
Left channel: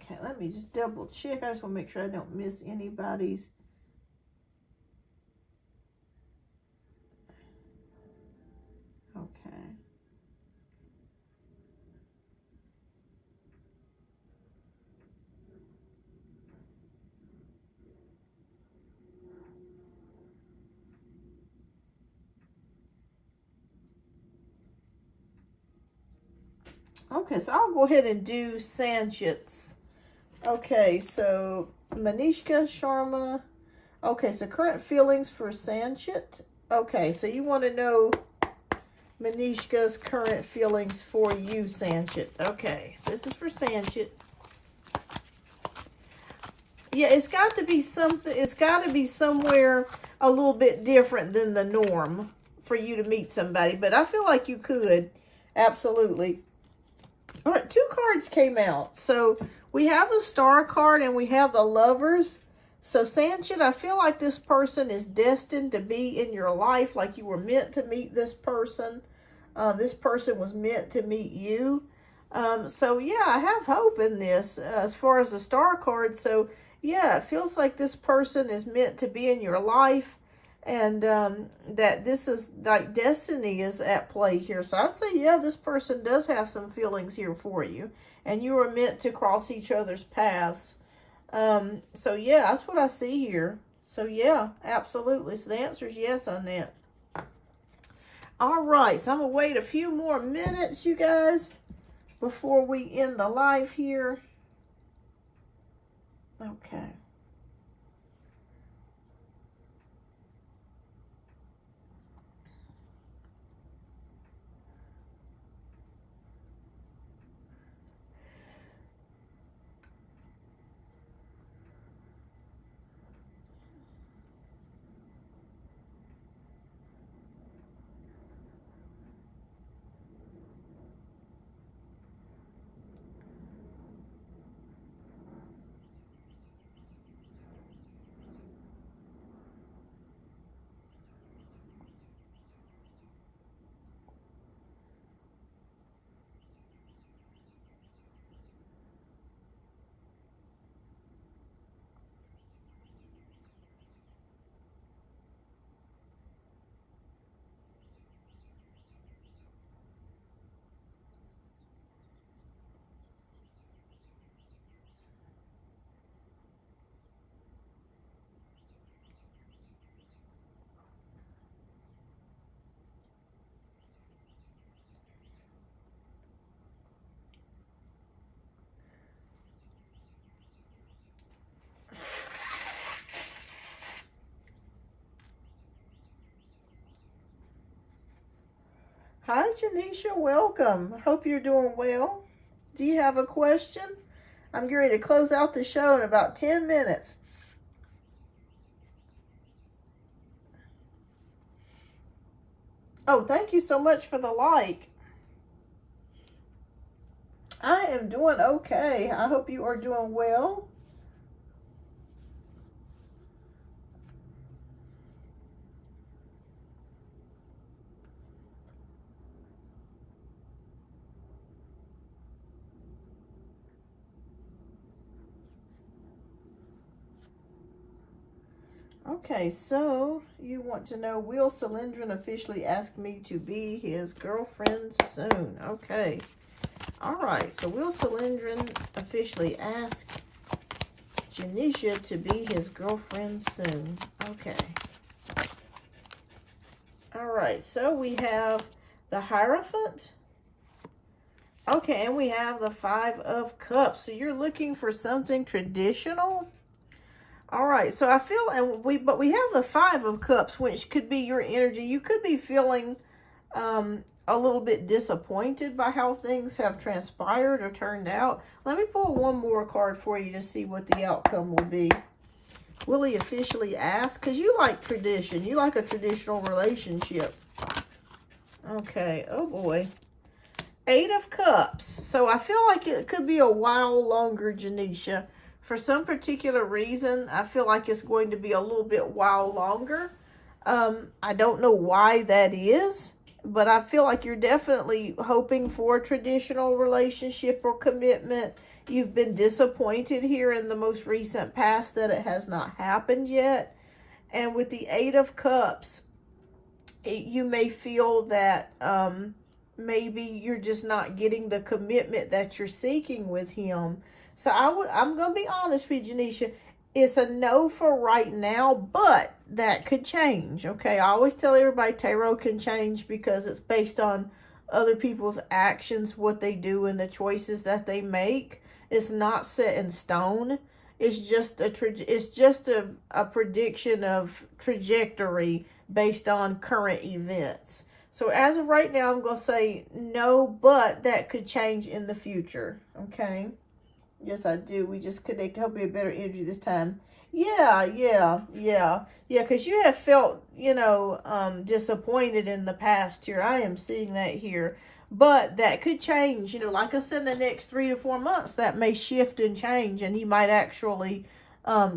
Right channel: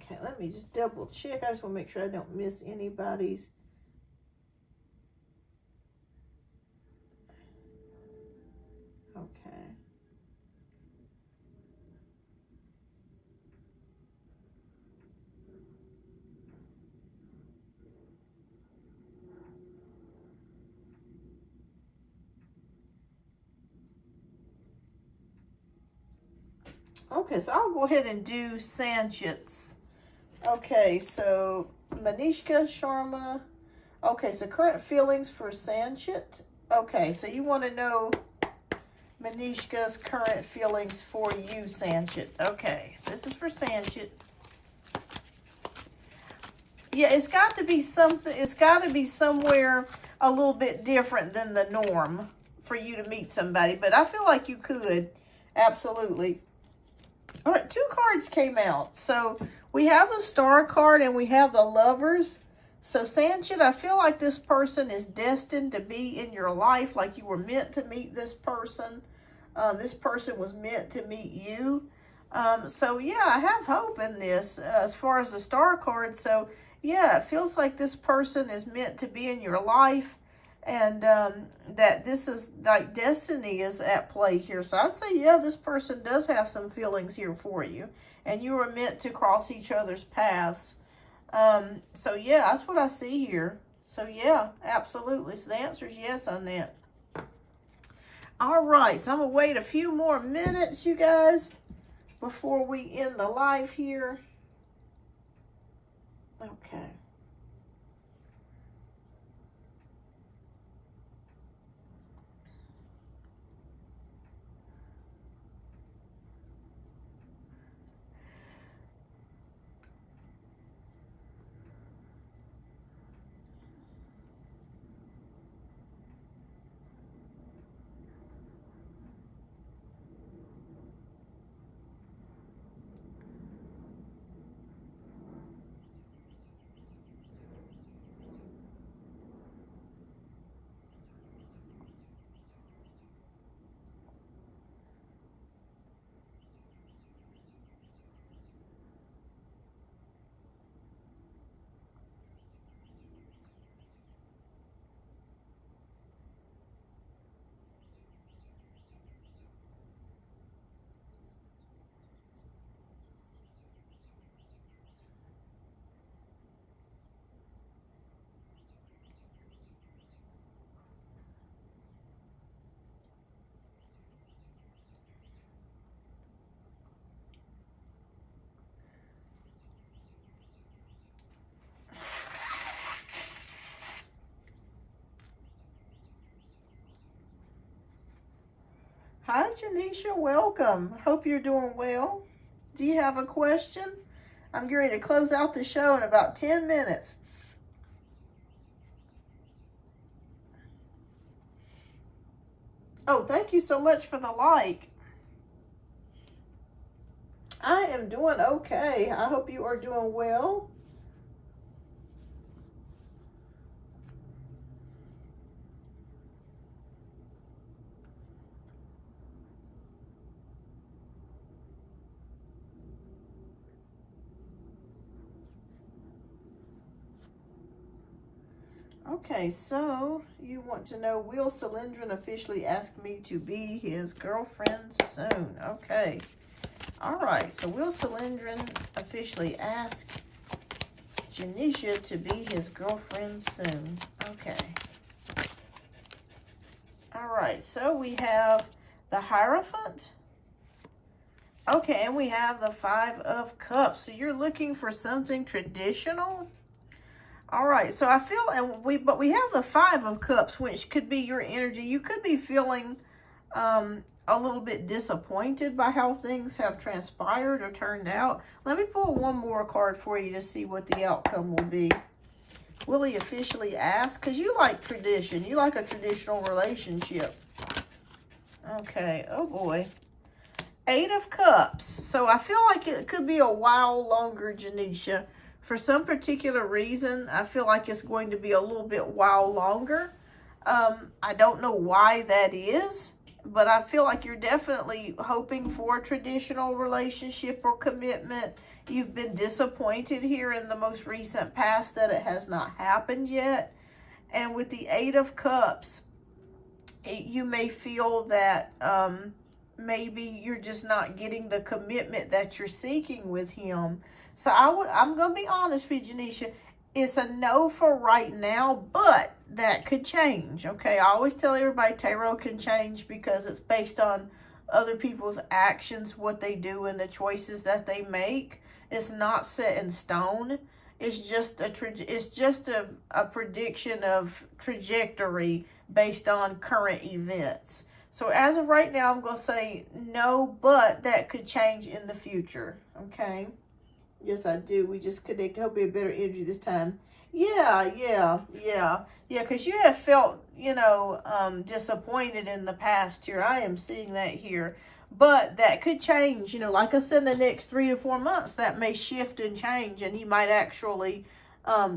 Okay, let me just double check. I just want to make sure I don't miss anybody's. Okay. Okay, so I'll go ahead and do Sanchit's. Okay, so Manishka Sharma. Okay, so current feelings for Sanchit. Okay, so you want to know Manishka's current feelings for you, Sanchit. Okay, so this is for Sanchit. Yeah, it's got to be something, it's got to be somewhere a little bit different than the norm for you to meet somebody, but I feel like you could, absolutely. All right, 2 cards came out. So we have the Star card and we have the Lovers. So Sanchit, I feel like this person is destined to be in your life, like you were meant to meet this person. This person was meant to meet you. So yeah, I have hope in this as far as the Star card. So yeah, it feels like this person is meant to be in your life, and that this is like destiny is at play here. So I'd say, yeah, this person does have some feelings here for you, and you are meant to cross each other's paths. So yeah, that's what I see here. So yeah, absolutely. So the answer is yes on that. All right, so I'm gonna wait a few more minutes, you guys, before we end the live here. Okay. Hi, Janisha. Welcome. Hope you're doing well. Do you have a question? I'm getting ready to close out the show in about 10 minutes. Oh, thank you so much for the like. I am doing okay. I hope you are doing well. Okay, so you want to know, will Cylindrin officially ask me to be his girlfriend soon? Okay. All right, so will Cylindrin officially ask Janisha to be his girlfriend soon? Okay. All right, so we have the Hierophant. Okay, and we have the Five of Cups. So you're looking for something traditional? All right, so I feel, but we have the Five of Cups, which could be your energy. You could be feeling a little bit disappointed by how things have transpired or turned out. Let me pull one more card for you to see what the outcome will be. Will he officially ask? Because you like tradition. You like a traditional relationship. Okay, oh boy. Eight of Cups. So I feel like it could be a while longer, Janisha. For some particular reason, I feel like it's going to be a little bit while longer. I don't know why that is, but I feel like you're definitely hoping for a traditional relationship or commitment. You've been disappointed here in the most recent past that it has not happened yet. And with the Eight of Cups, you may feel that maybe you're just not getting the commitment that you're seeking with him. So I'm going to be honest with you, Janisha. It's a no for right now, but that could change, okay? I always tell everybody tarot can change because it's based on other people's actions, what they do, and the choices that they make. It's not set in stone. It's just a prediction of trajectory based on current events. So as of right now, I'm going to say no, but that could change in the future, okay? Yes, I do. We just connect. Hope we have better energy this time. Yeah, because you have felt, disappointed in the past here. I am seeing that here. But that could change, like I said, in the next 3 to 4 months, that may shift and change, and he might actually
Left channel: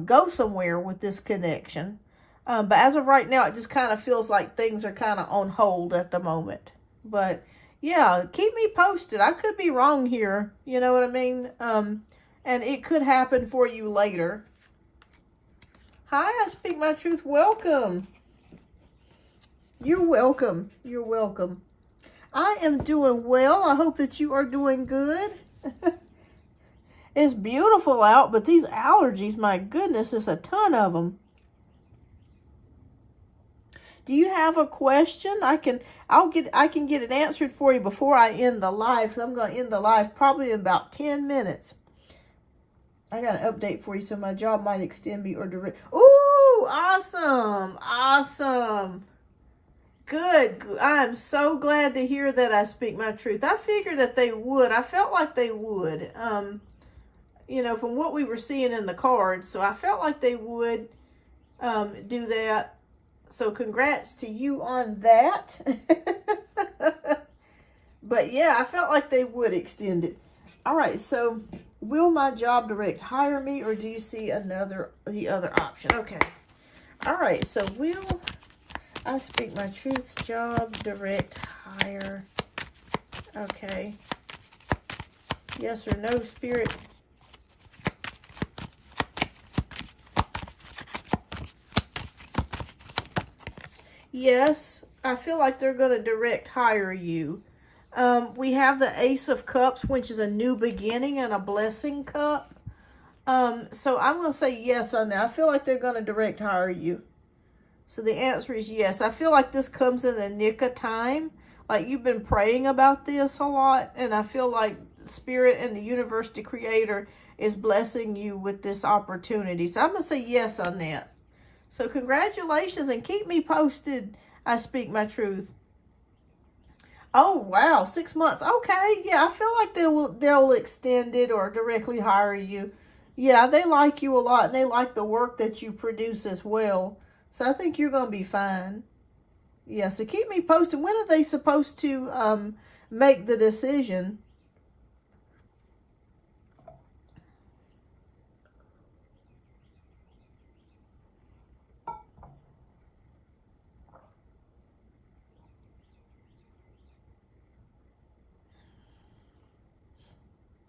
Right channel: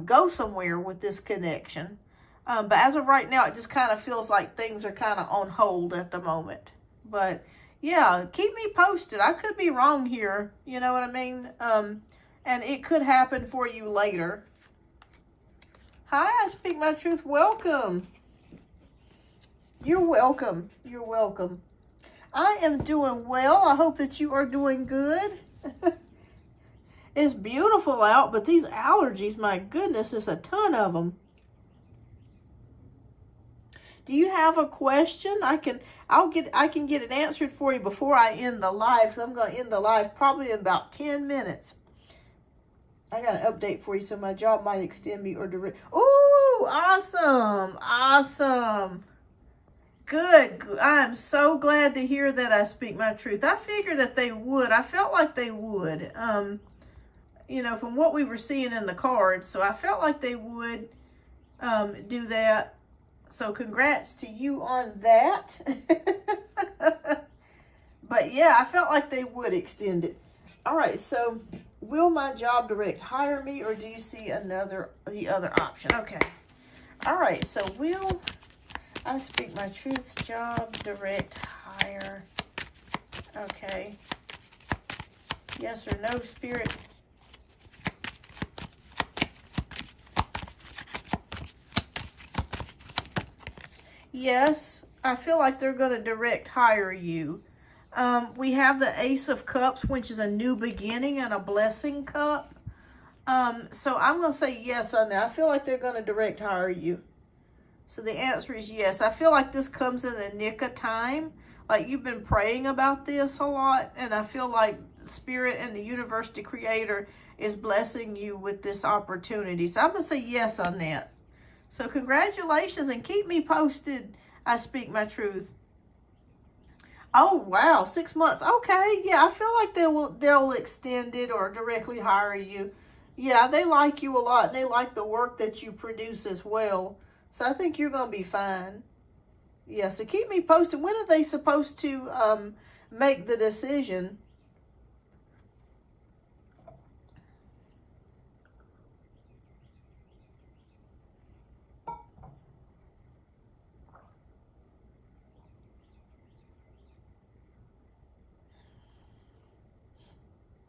go somewhere with this connection. But as of right now, it just kind of feels like things are kind of on hold at the moment. But yeah, keep me posted. I could be wrong here. You know what I mean? And it could happen for you later. Hi, I speak my truth. Welcome. You're welcome. You're welcome. I am doing well. I hope that you are doing good. It's beautiful out, but these allergies, my goodness, it's a ton of them. Do you have a question? I can get it answered for you before I end the live. I'm going to end the live probably in about 10 minutes. I got an update for you, so my job might extend me or direct. Ooh, awesome. Awesome. Good. I'm so glad to hear that I speak my truth. I figured that they would. I felt like they would. From what we were seeing in the cards. So I felt like they would do that. So congrats to you on that. But yeah, I felt like they would extend it. All right, so will my job direct hire me, or do you see the other option? Okay. All right, so will I speak my truth's job direct hire? Okay. Yes or no, Spirit? Yes, I feel like they're going to direct hire you. We have the Ace of Cups, which is a new beginning and a blessing cup. So I'm going to say yes on that. I feel like they're going to direct hire you. So the answer is yes. I feel like this comes in the nick of time. Like you've been praying about this a lot. And I feel like Spirit and the universe, the creator, is blessing you with this opportunity. So I'm going to say yes on that. So congratulations, and keep me posted. I speak my truth. Oh, wow. 6 months. Okay. Yeah, I feel like they'll extend it or directly hire you. Yeah, they like you a lot, and they like the work that you produce as well. So I think you're going to be fine. Yeah, so keep me posted. When are they supposed to make the decision?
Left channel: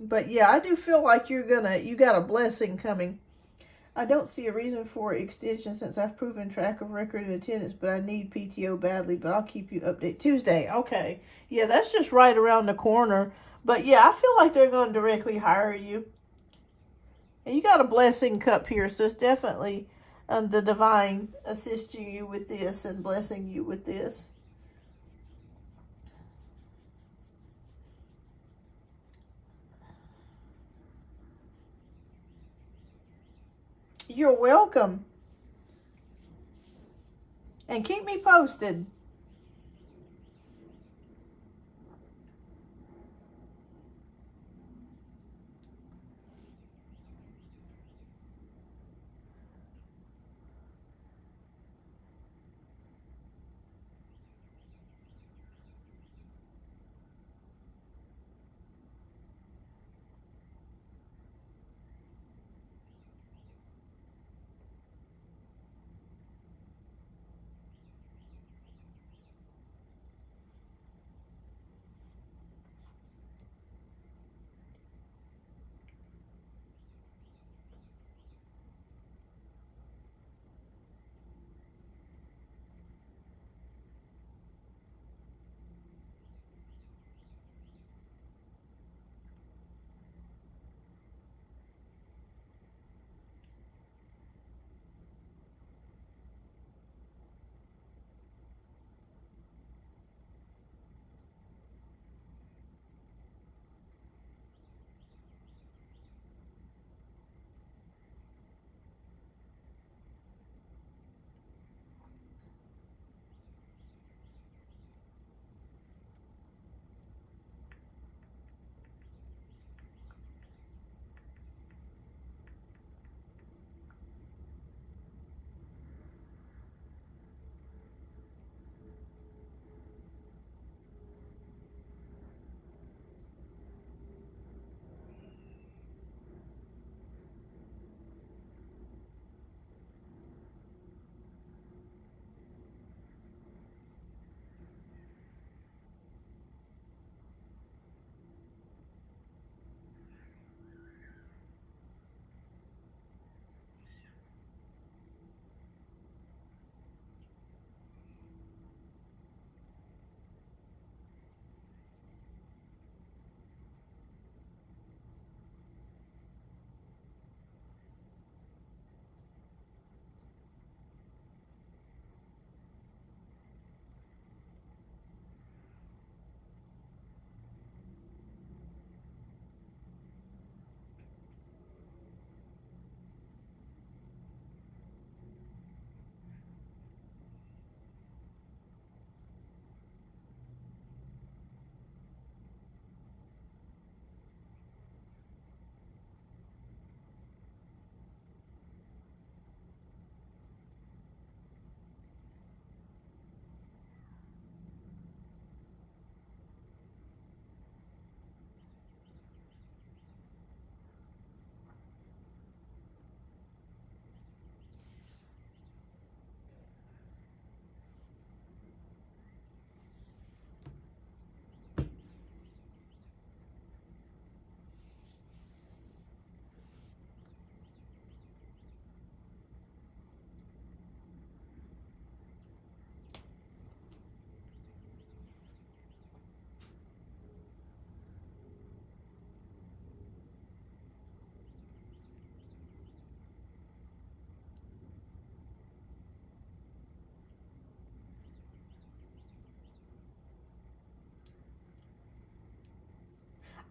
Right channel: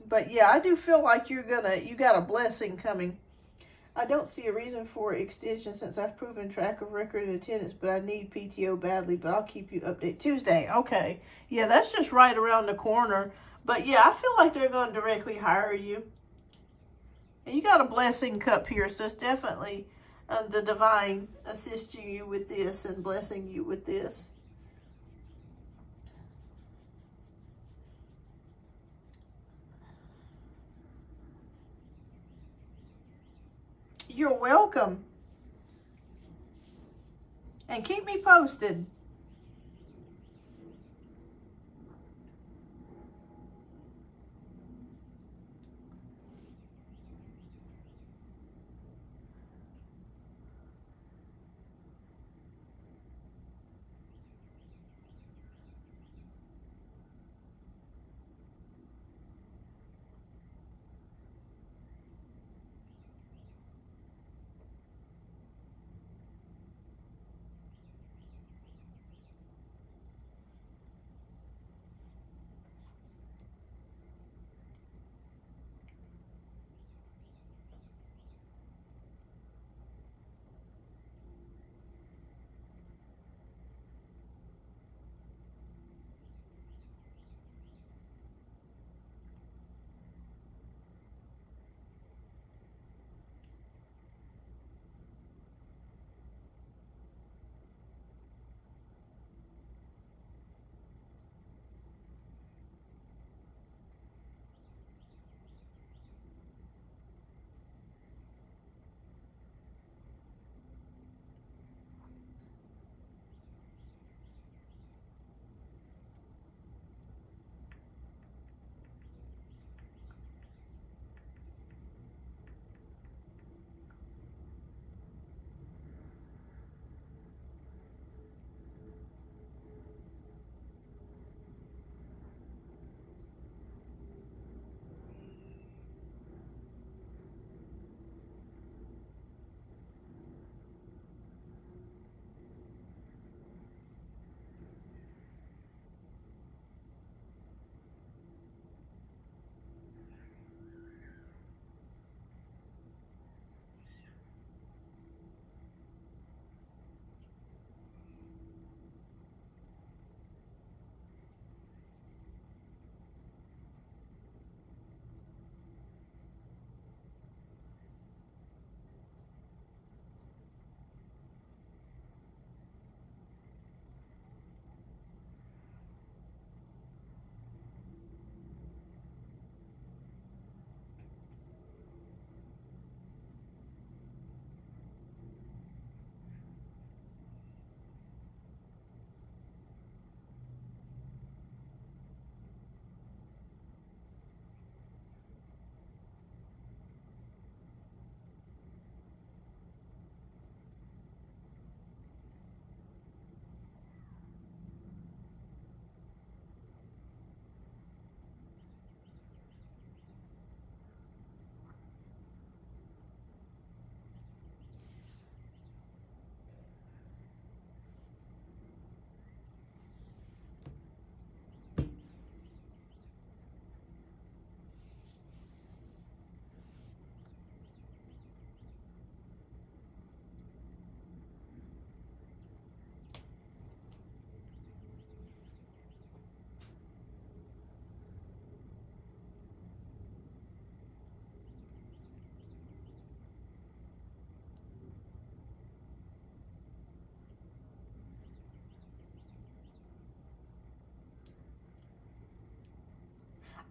But yeah, I do feel like you got a blessing coming. I don't see a reason for extension since I've proven track of record and attendance, but I need PTO badly, but I'll keep you updated. Tuesday, okay. Yeah, that's just right around the corner. But yeah, I feel like they're going to directly hire you. And you got a blessing cup here, so it's definitely the divine assisting you with this and blessing you with this. You're welcome. And keep me posted.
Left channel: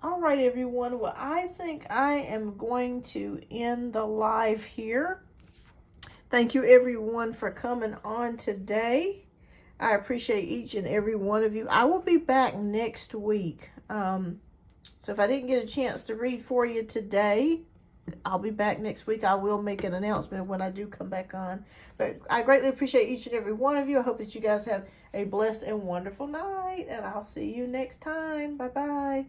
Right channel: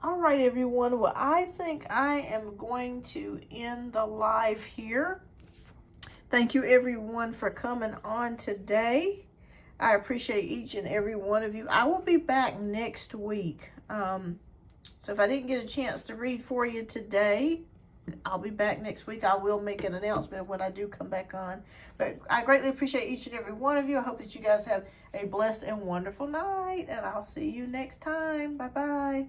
All right, everyone. Well, I think I am going to end the live here. Thank you, everyone, for coming on today. I appreciate each and every one of you. I will be back next week. So if I didn't get a chance to read for you today, I'll be back next week. I will make an announcement when I do come back on. But I greatly appreciate each and every one of you. I hope that you guys have a blessed and wonderful night. And I'll see you next time. Bye-bye.